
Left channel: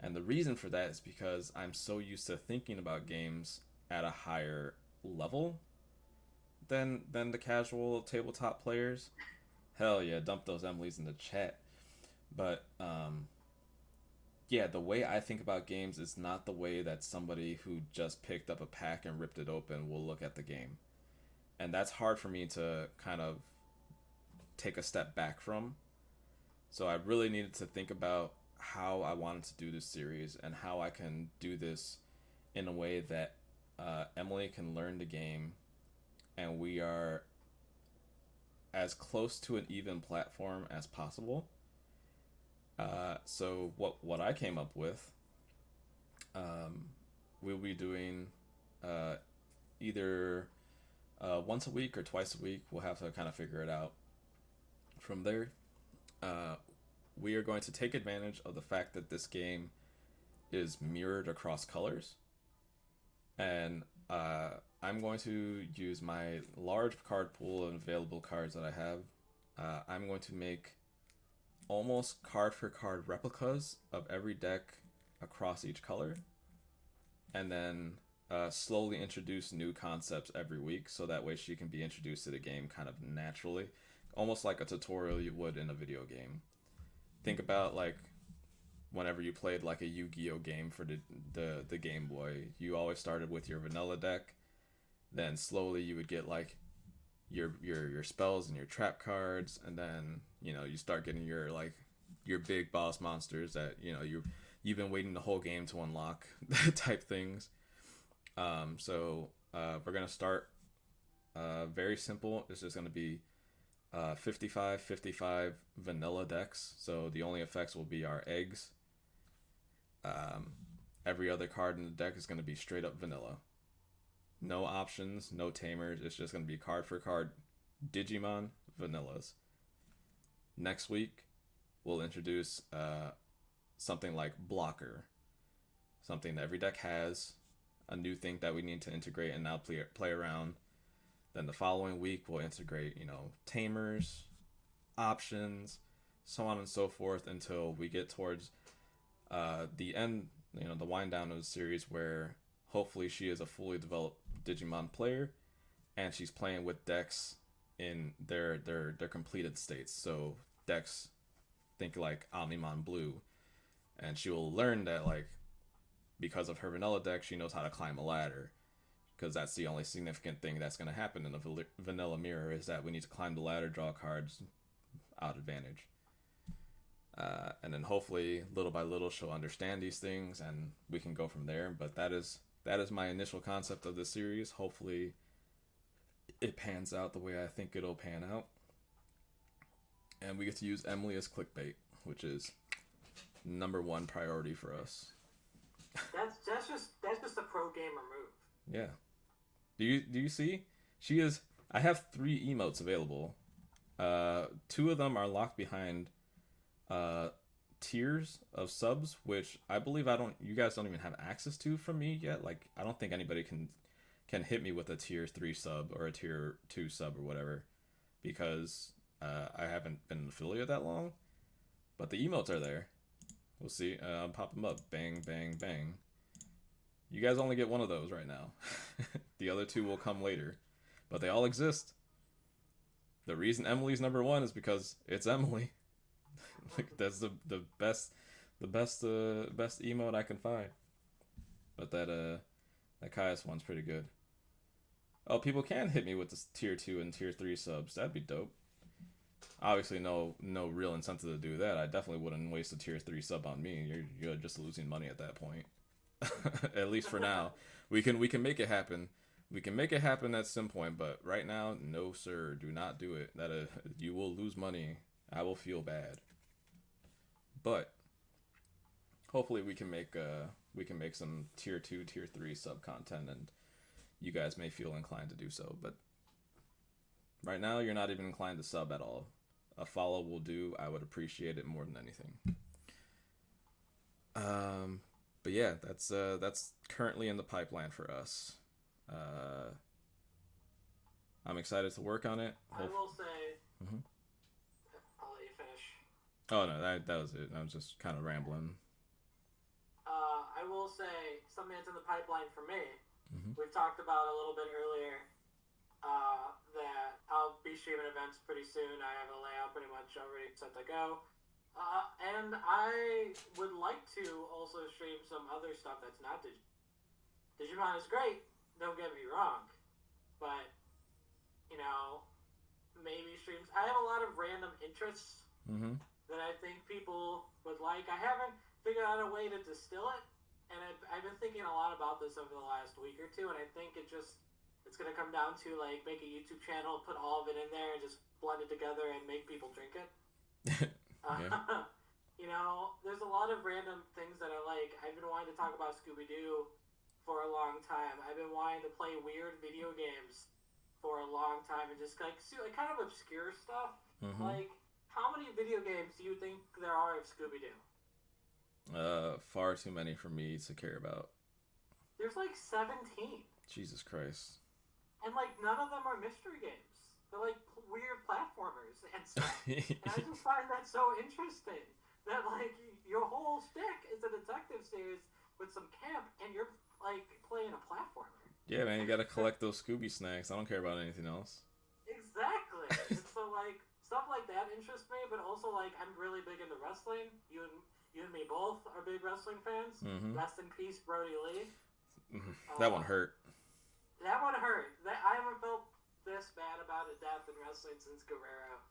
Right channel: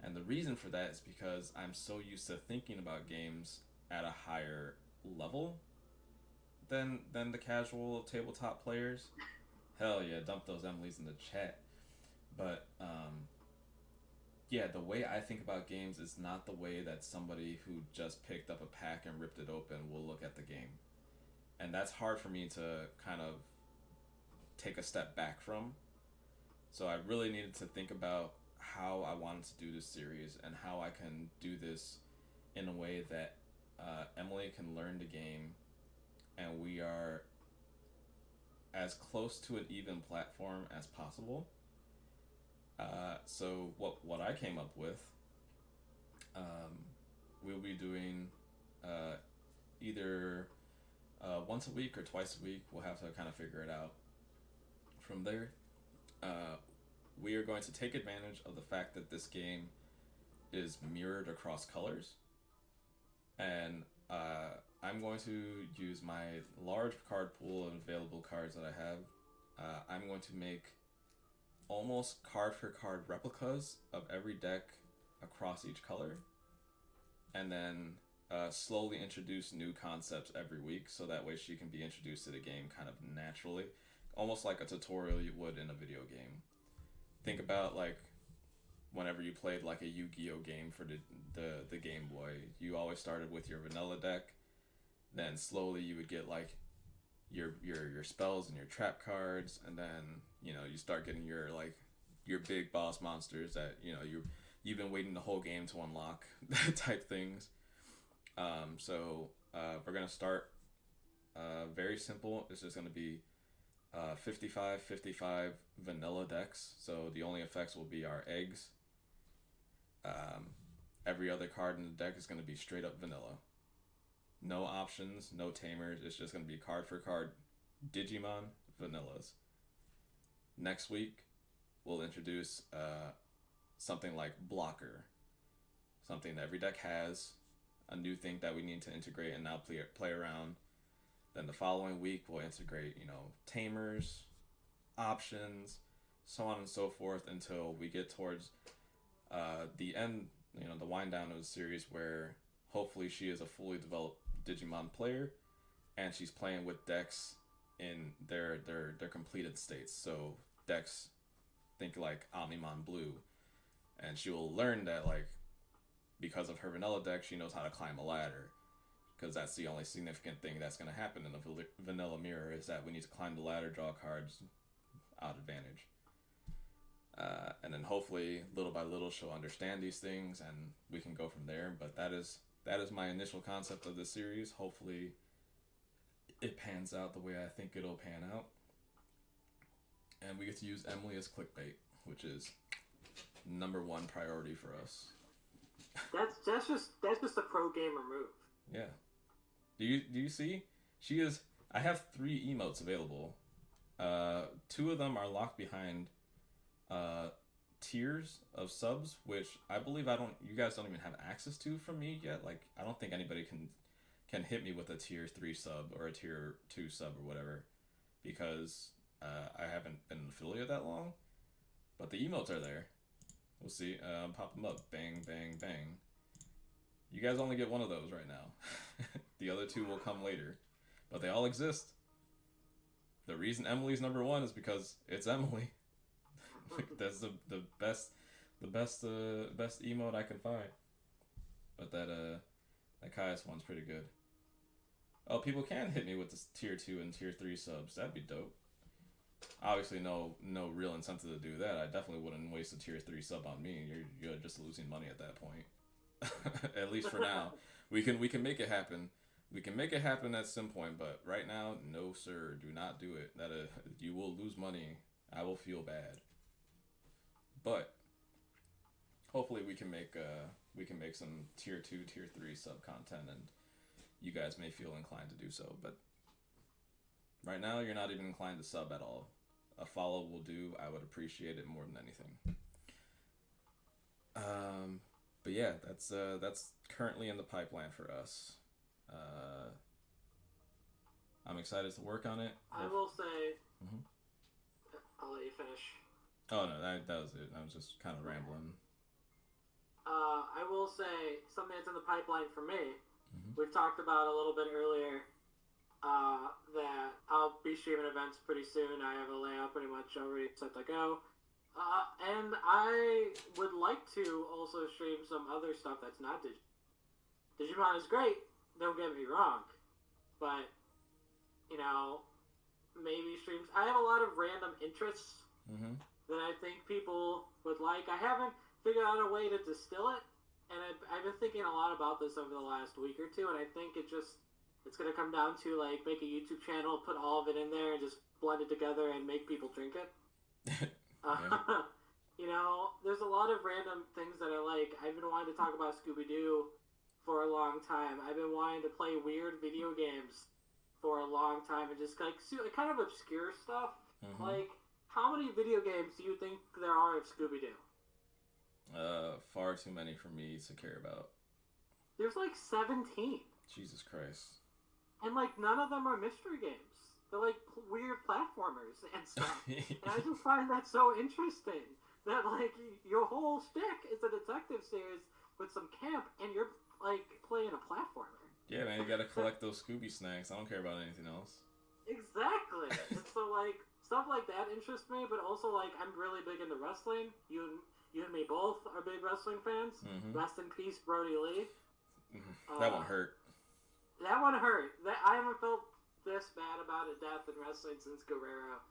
And the reason for that is because I'm so used to thinking about games at a higher level than the casual tabletop players. Hell yeah, dump those Emily's in the chat. But yeah, the way I think about games is not the way that somebody who just picked up a pack and ripped it open will look at the game. And that's hard for me to kind of take a step back from. So I really needed to think about how I wanted to do this series and how I can do this in a way that Emily can learn the game and we are as close to an even platform as possible. So what I came up with, we'll be doing either once a week or twice a week. We'll have to kind of figure it out. From there, we are going to take advantage of the fact that this game is mirrored across colors. And I'm going to use my large card pool of available cards that I have. I'm going to make almost card for card replicas of every deck across each color. And then slowly introduce new concepts every week so that way she can be introduced to the game kind of naturally. Almost like a tutorial you would in a video game. Think about like whenever you played like a Yu-Gi-Oh game for the Game Boy. You always started with your vanilla deck. Then slowly you would get like your spells and your trap cards, and then you know you start getting your big boss monsters that you know you've been waiting the whole game to unlock type things. So we're gonna start very simple. It's just gonna be 55 vanilla decks. So the only effects will be our eggs. Every other card in the deck is going to be straight up vanilla. No options, no tamers. It's just going to be card for card Digimon vanillas. Next week, we'll introduce something like blocker. Something that every deck has. A new thing that we need to integrate and now play around. Then the following week, we'll integrate, you know, tamers, options, so on and so forth until we get towards the end, you know, the wind down of the series where hopefully she is a fully developed Digimon player and she's playing with decks in their completed states. So decks, think like Omnimon Blue, and she will learn that like because of her vanilla deck, she knows how to climb a ladder. Because that's the only significant thing that's going to happen in the vanilla mirror is that we need to climb the ladder, draw cards, out advantage. And then hopefully, little by little, she'll understand these things, and we can go from there. But that is my initial concept of this series. Hopefully, it pans out the way I think it'll pan out. And we get to use Emily as clickbait, which is number one priority for us. That's just a pro gamer move. Yeah. Do you see? I have 3 emotes available. 2 of them are locked behind uh tiers of subs, which I believe you guys don't even have access to from me yet. Like I don't think anybody can hit me with a tier 3 sub or a tier 2 sub or whatever because I haven't been an affiliate that long. But the emotes are there. We'll see. I'll pop them up. Bang, bang, bang. You guys only get one of those right now. The other 2 will come later. But they all exist. The reason Emily's number 1 is because it's Emily. That's the best emote I can find. But that Caius one's pretty good. Oh, people can hit me with the tier 2 and tier 3 subs. That'd be dope. Obviously, no real incentive to do that. I definitely wouldn't waste a tier 3 sub on me. You're just losing money at that point. At least for now. We can make it happen. We can make it happen at some point, but right now, no sir, do not do it. That you will lose money. I will feel bad. But hopefully we can make some tier 2, tier 3 sub content, and you guys may feel inclined to do so. But right now, you're not even inclined to sub at all. A follow will do. I would appreciate it more than anything. But yeah, that's currently in the pipeline for us. I'm excited to work on it. I will say. Mm-hmm. I'll let you finish. Oh no, that was it. I was just kind of rambling. I will say something that's in the pipeline for me. Mm-hmm. We've talked about a little bit earlier that I'll be streaming events pretty soon. I have a layout pretty much already set to go. And I would like to also stream some other stuff that's not Digimon. Digimon is great, don't get me wrong. But, maybe streams. I have a lot of random interests that I think people would like. I haven't figured out a way to distill it, and I've been thinking a lot about this over the last week or two, and I think it's going to come down to, make a YouTube channel, put all of it in there, and just blend it together and make people drink it. There's a lot of random things that I like. I've been wanting to talk about Scooby-Doo for a long time. I've been wanting to play weird video games for a long time and just kind of obscure stuff. How many video games do you think there are of Scooby-Doo? Far too many for me to care about. There's 17. Jesus Christ. And none of them are mystery games. They're weird platformers and stuff. And I just find that so interesting. That your whole shtick is a detective series with some camp, and you're playing a platformer. Yeah, man, you gotta collect those Scooby snacks. I don't care about anything else. Exactly. And so stuff like that interests me, but also I'm really big into wrestling. You and me both are big wrestling fans. Rest in peace, Brody Lee. That one hurt. That one hurt. I haven't felt this bad about a death in wrestling since Guerrero.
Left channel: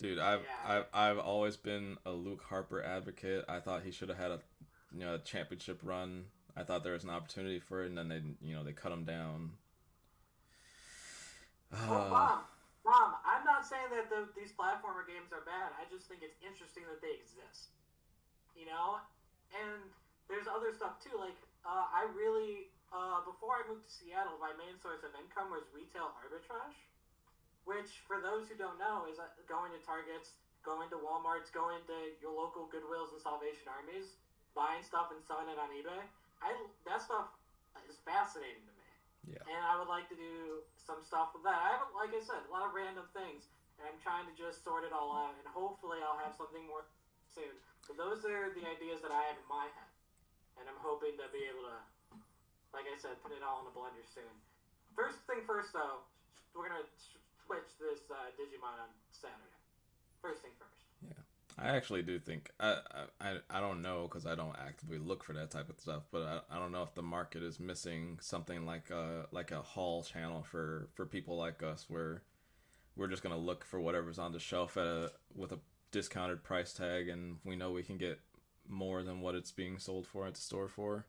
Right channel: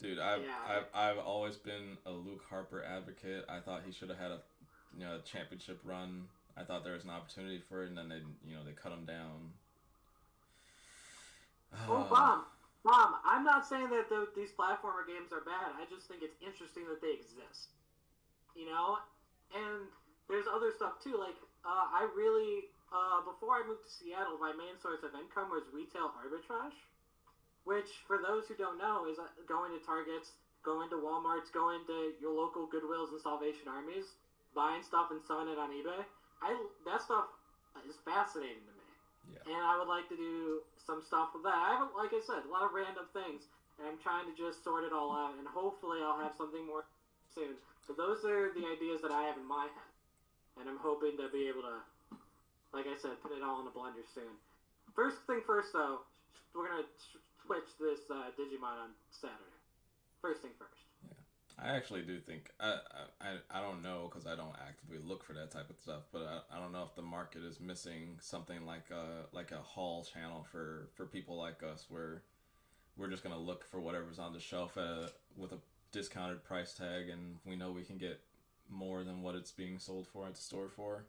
Dude, I've always been a Luke Harper advocate. I thought he should have had a championship run. I thought there was an opportunity for it, and then they cut him down. Mom, I'm not saying that these platformer games are bad. I just think it's interesting that they exist. And there's other stuff too. I really before I moved to Seattle, my main source of income was retail arbitrage. Which, for those who don't know, is going to Targets, going to Walmarts, going to your local Goodwills and Salvation Armies, buying stuff and selling it on eBay. That stuff is fascinating to me. Yeah. And I would like to do some stuff with that. I have, like I said, a lot of random things, and I'm trying to just sort it all out, and hopefully I'll have something more soon. So those are the ideas that I have in my head, and I'm hoping to be able to, like I said, put it all in a blender soon. First thing first, though, we're going to switch this Digimon on Saturday. First thing first. Yeah, I actually do think I don't know because I don't actively look for that type of stuff, but I don't know if the market is missing something like a haul channel for people like us where we're just gonna look for whatever's on the shelf with a discounted price tag, and we know we can get more than what it's being sold for at the store for.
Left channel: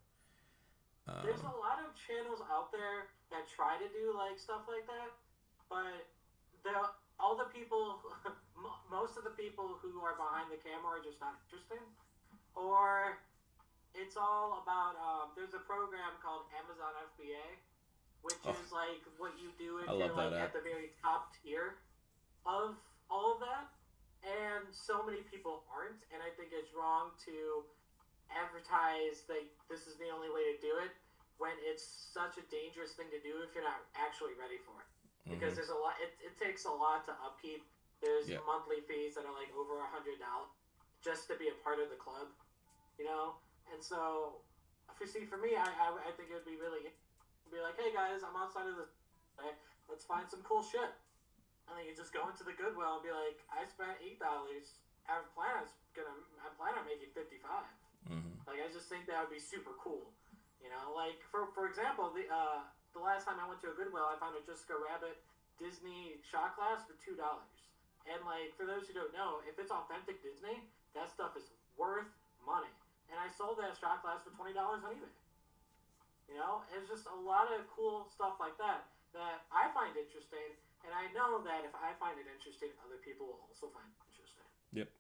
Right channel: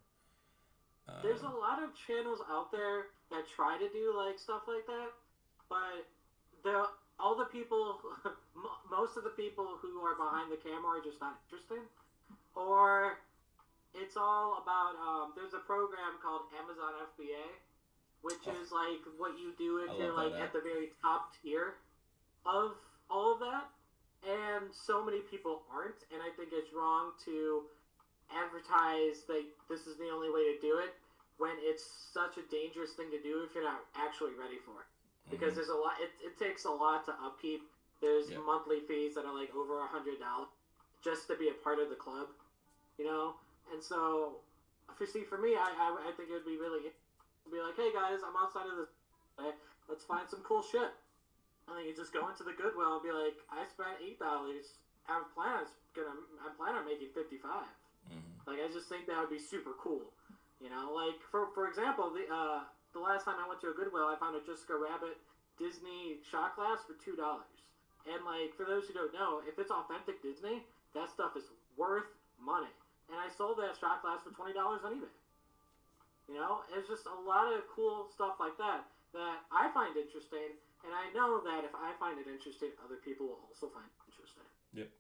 There's a lot of channels out there that try to do stuff like that, but most of the people who are behind the camera are just not interesting, or it's all about. There's a program called Amazon FBA, which is like what you do if you're like at the very top tier of all of that. And so many people aren't, and I think it's wrong to advertise that this is the only way to do it when it's such a dangerous thing to do if you're not actually ready for it. Because there's a lot. It takes a lot to upkeep. There's monthly fees that are like over $100 just to be a part of the club, you know. And so, for me, I think it would be really be like, hey guys, I'm outside of this. Let's find some cool shit. And then you just go into the Goodwill and be like, I spent $8. I'm planning on making $55. Like, I just think that would be super cool. You know, like for example, the last time I went to a Goodwill, I found a Jessica Rabbit Disney shot glass for $2. And like, for those who don't know, if it's authentic Disney, that stuff is worth money. And I sold that shot glass for $20 on eBay. You know, it's just a lot of cool stuff like that that I find interesting. And I know that if I find it interesting, other people will also find it interesting. Yep.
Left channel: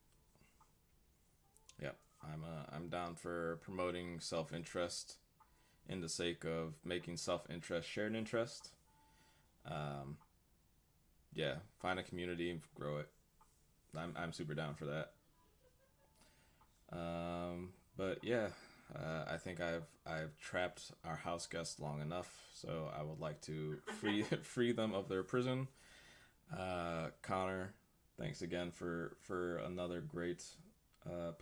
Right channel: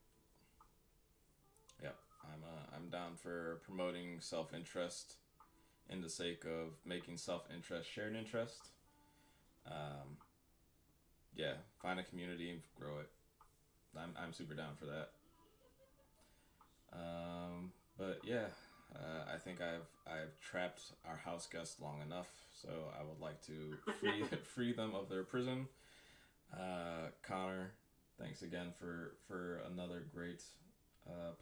I'm down for promoting self-interest in the sake of making self-interest shared interest. Find a community, grow it. I'm super down for that. I think I've trapped our house guests long enough, so I would like to free them of their prison. Connor, thanks again for another great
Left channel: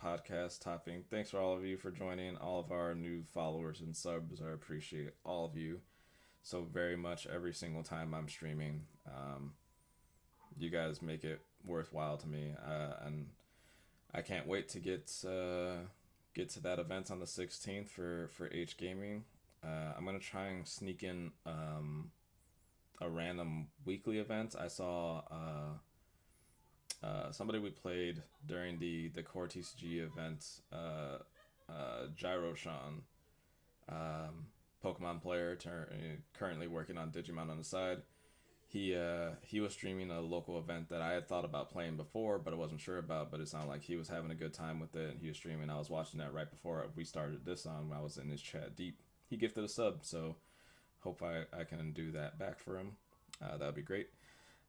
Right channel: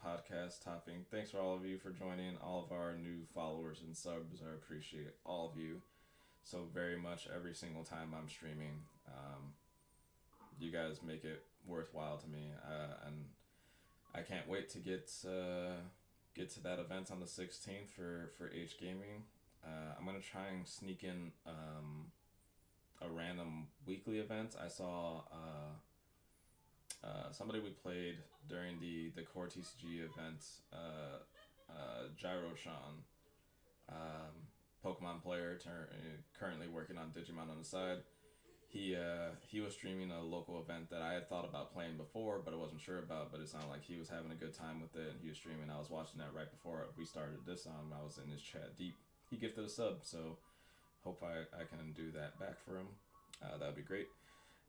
podcast topping. Thanks for all of you for joining, all of our new followers and subs. I appreciate all of you so very much every single time I'm streaming. You guys make it worthwhile to me, and I can't wait to get to that event on the 16th for H Gaming. I'm gonna try and sneak in a random weekly event. I saw somebody we played during the core TCG event, Gyro-Sean, Pokemon player, currently working on Digimon on the side. He was streaming a local event that I had thought about playing before, but I wasn't sure about. But it sounded like he was having a good time with it, and he was streaming. I was watching that right before we started this on. I was in his chat deep. He gifted a sub, so hope I can do that back for him. That would be great.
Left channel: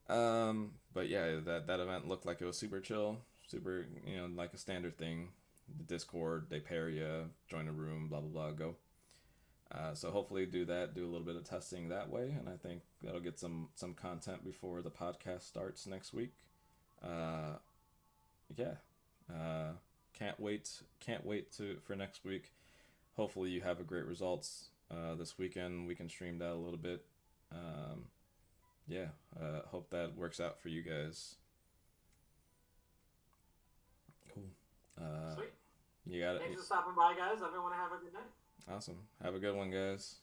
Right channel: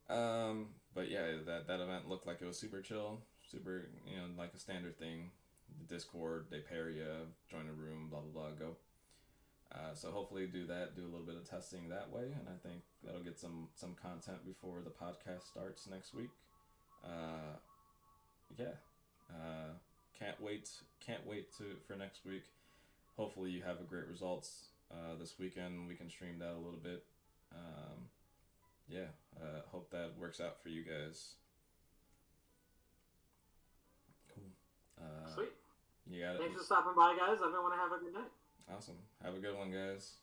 But yeah, that event looked like it was super chill, super, like a standard thing. The Discord, they pair you, join a room, blah blah blah, go. So hopefully do that, do a little bit of testing that way, and I think that'll get some content before the podcast starts next week. Can't wait for next week. Hopefully you have a great results this weekend. We can stream that a little bit. Hope that works out for you guys. Cool. Sweet. You got it. Thanks for stopping by, guys. Everyone have a good night. Awesome. Have a good one, guys.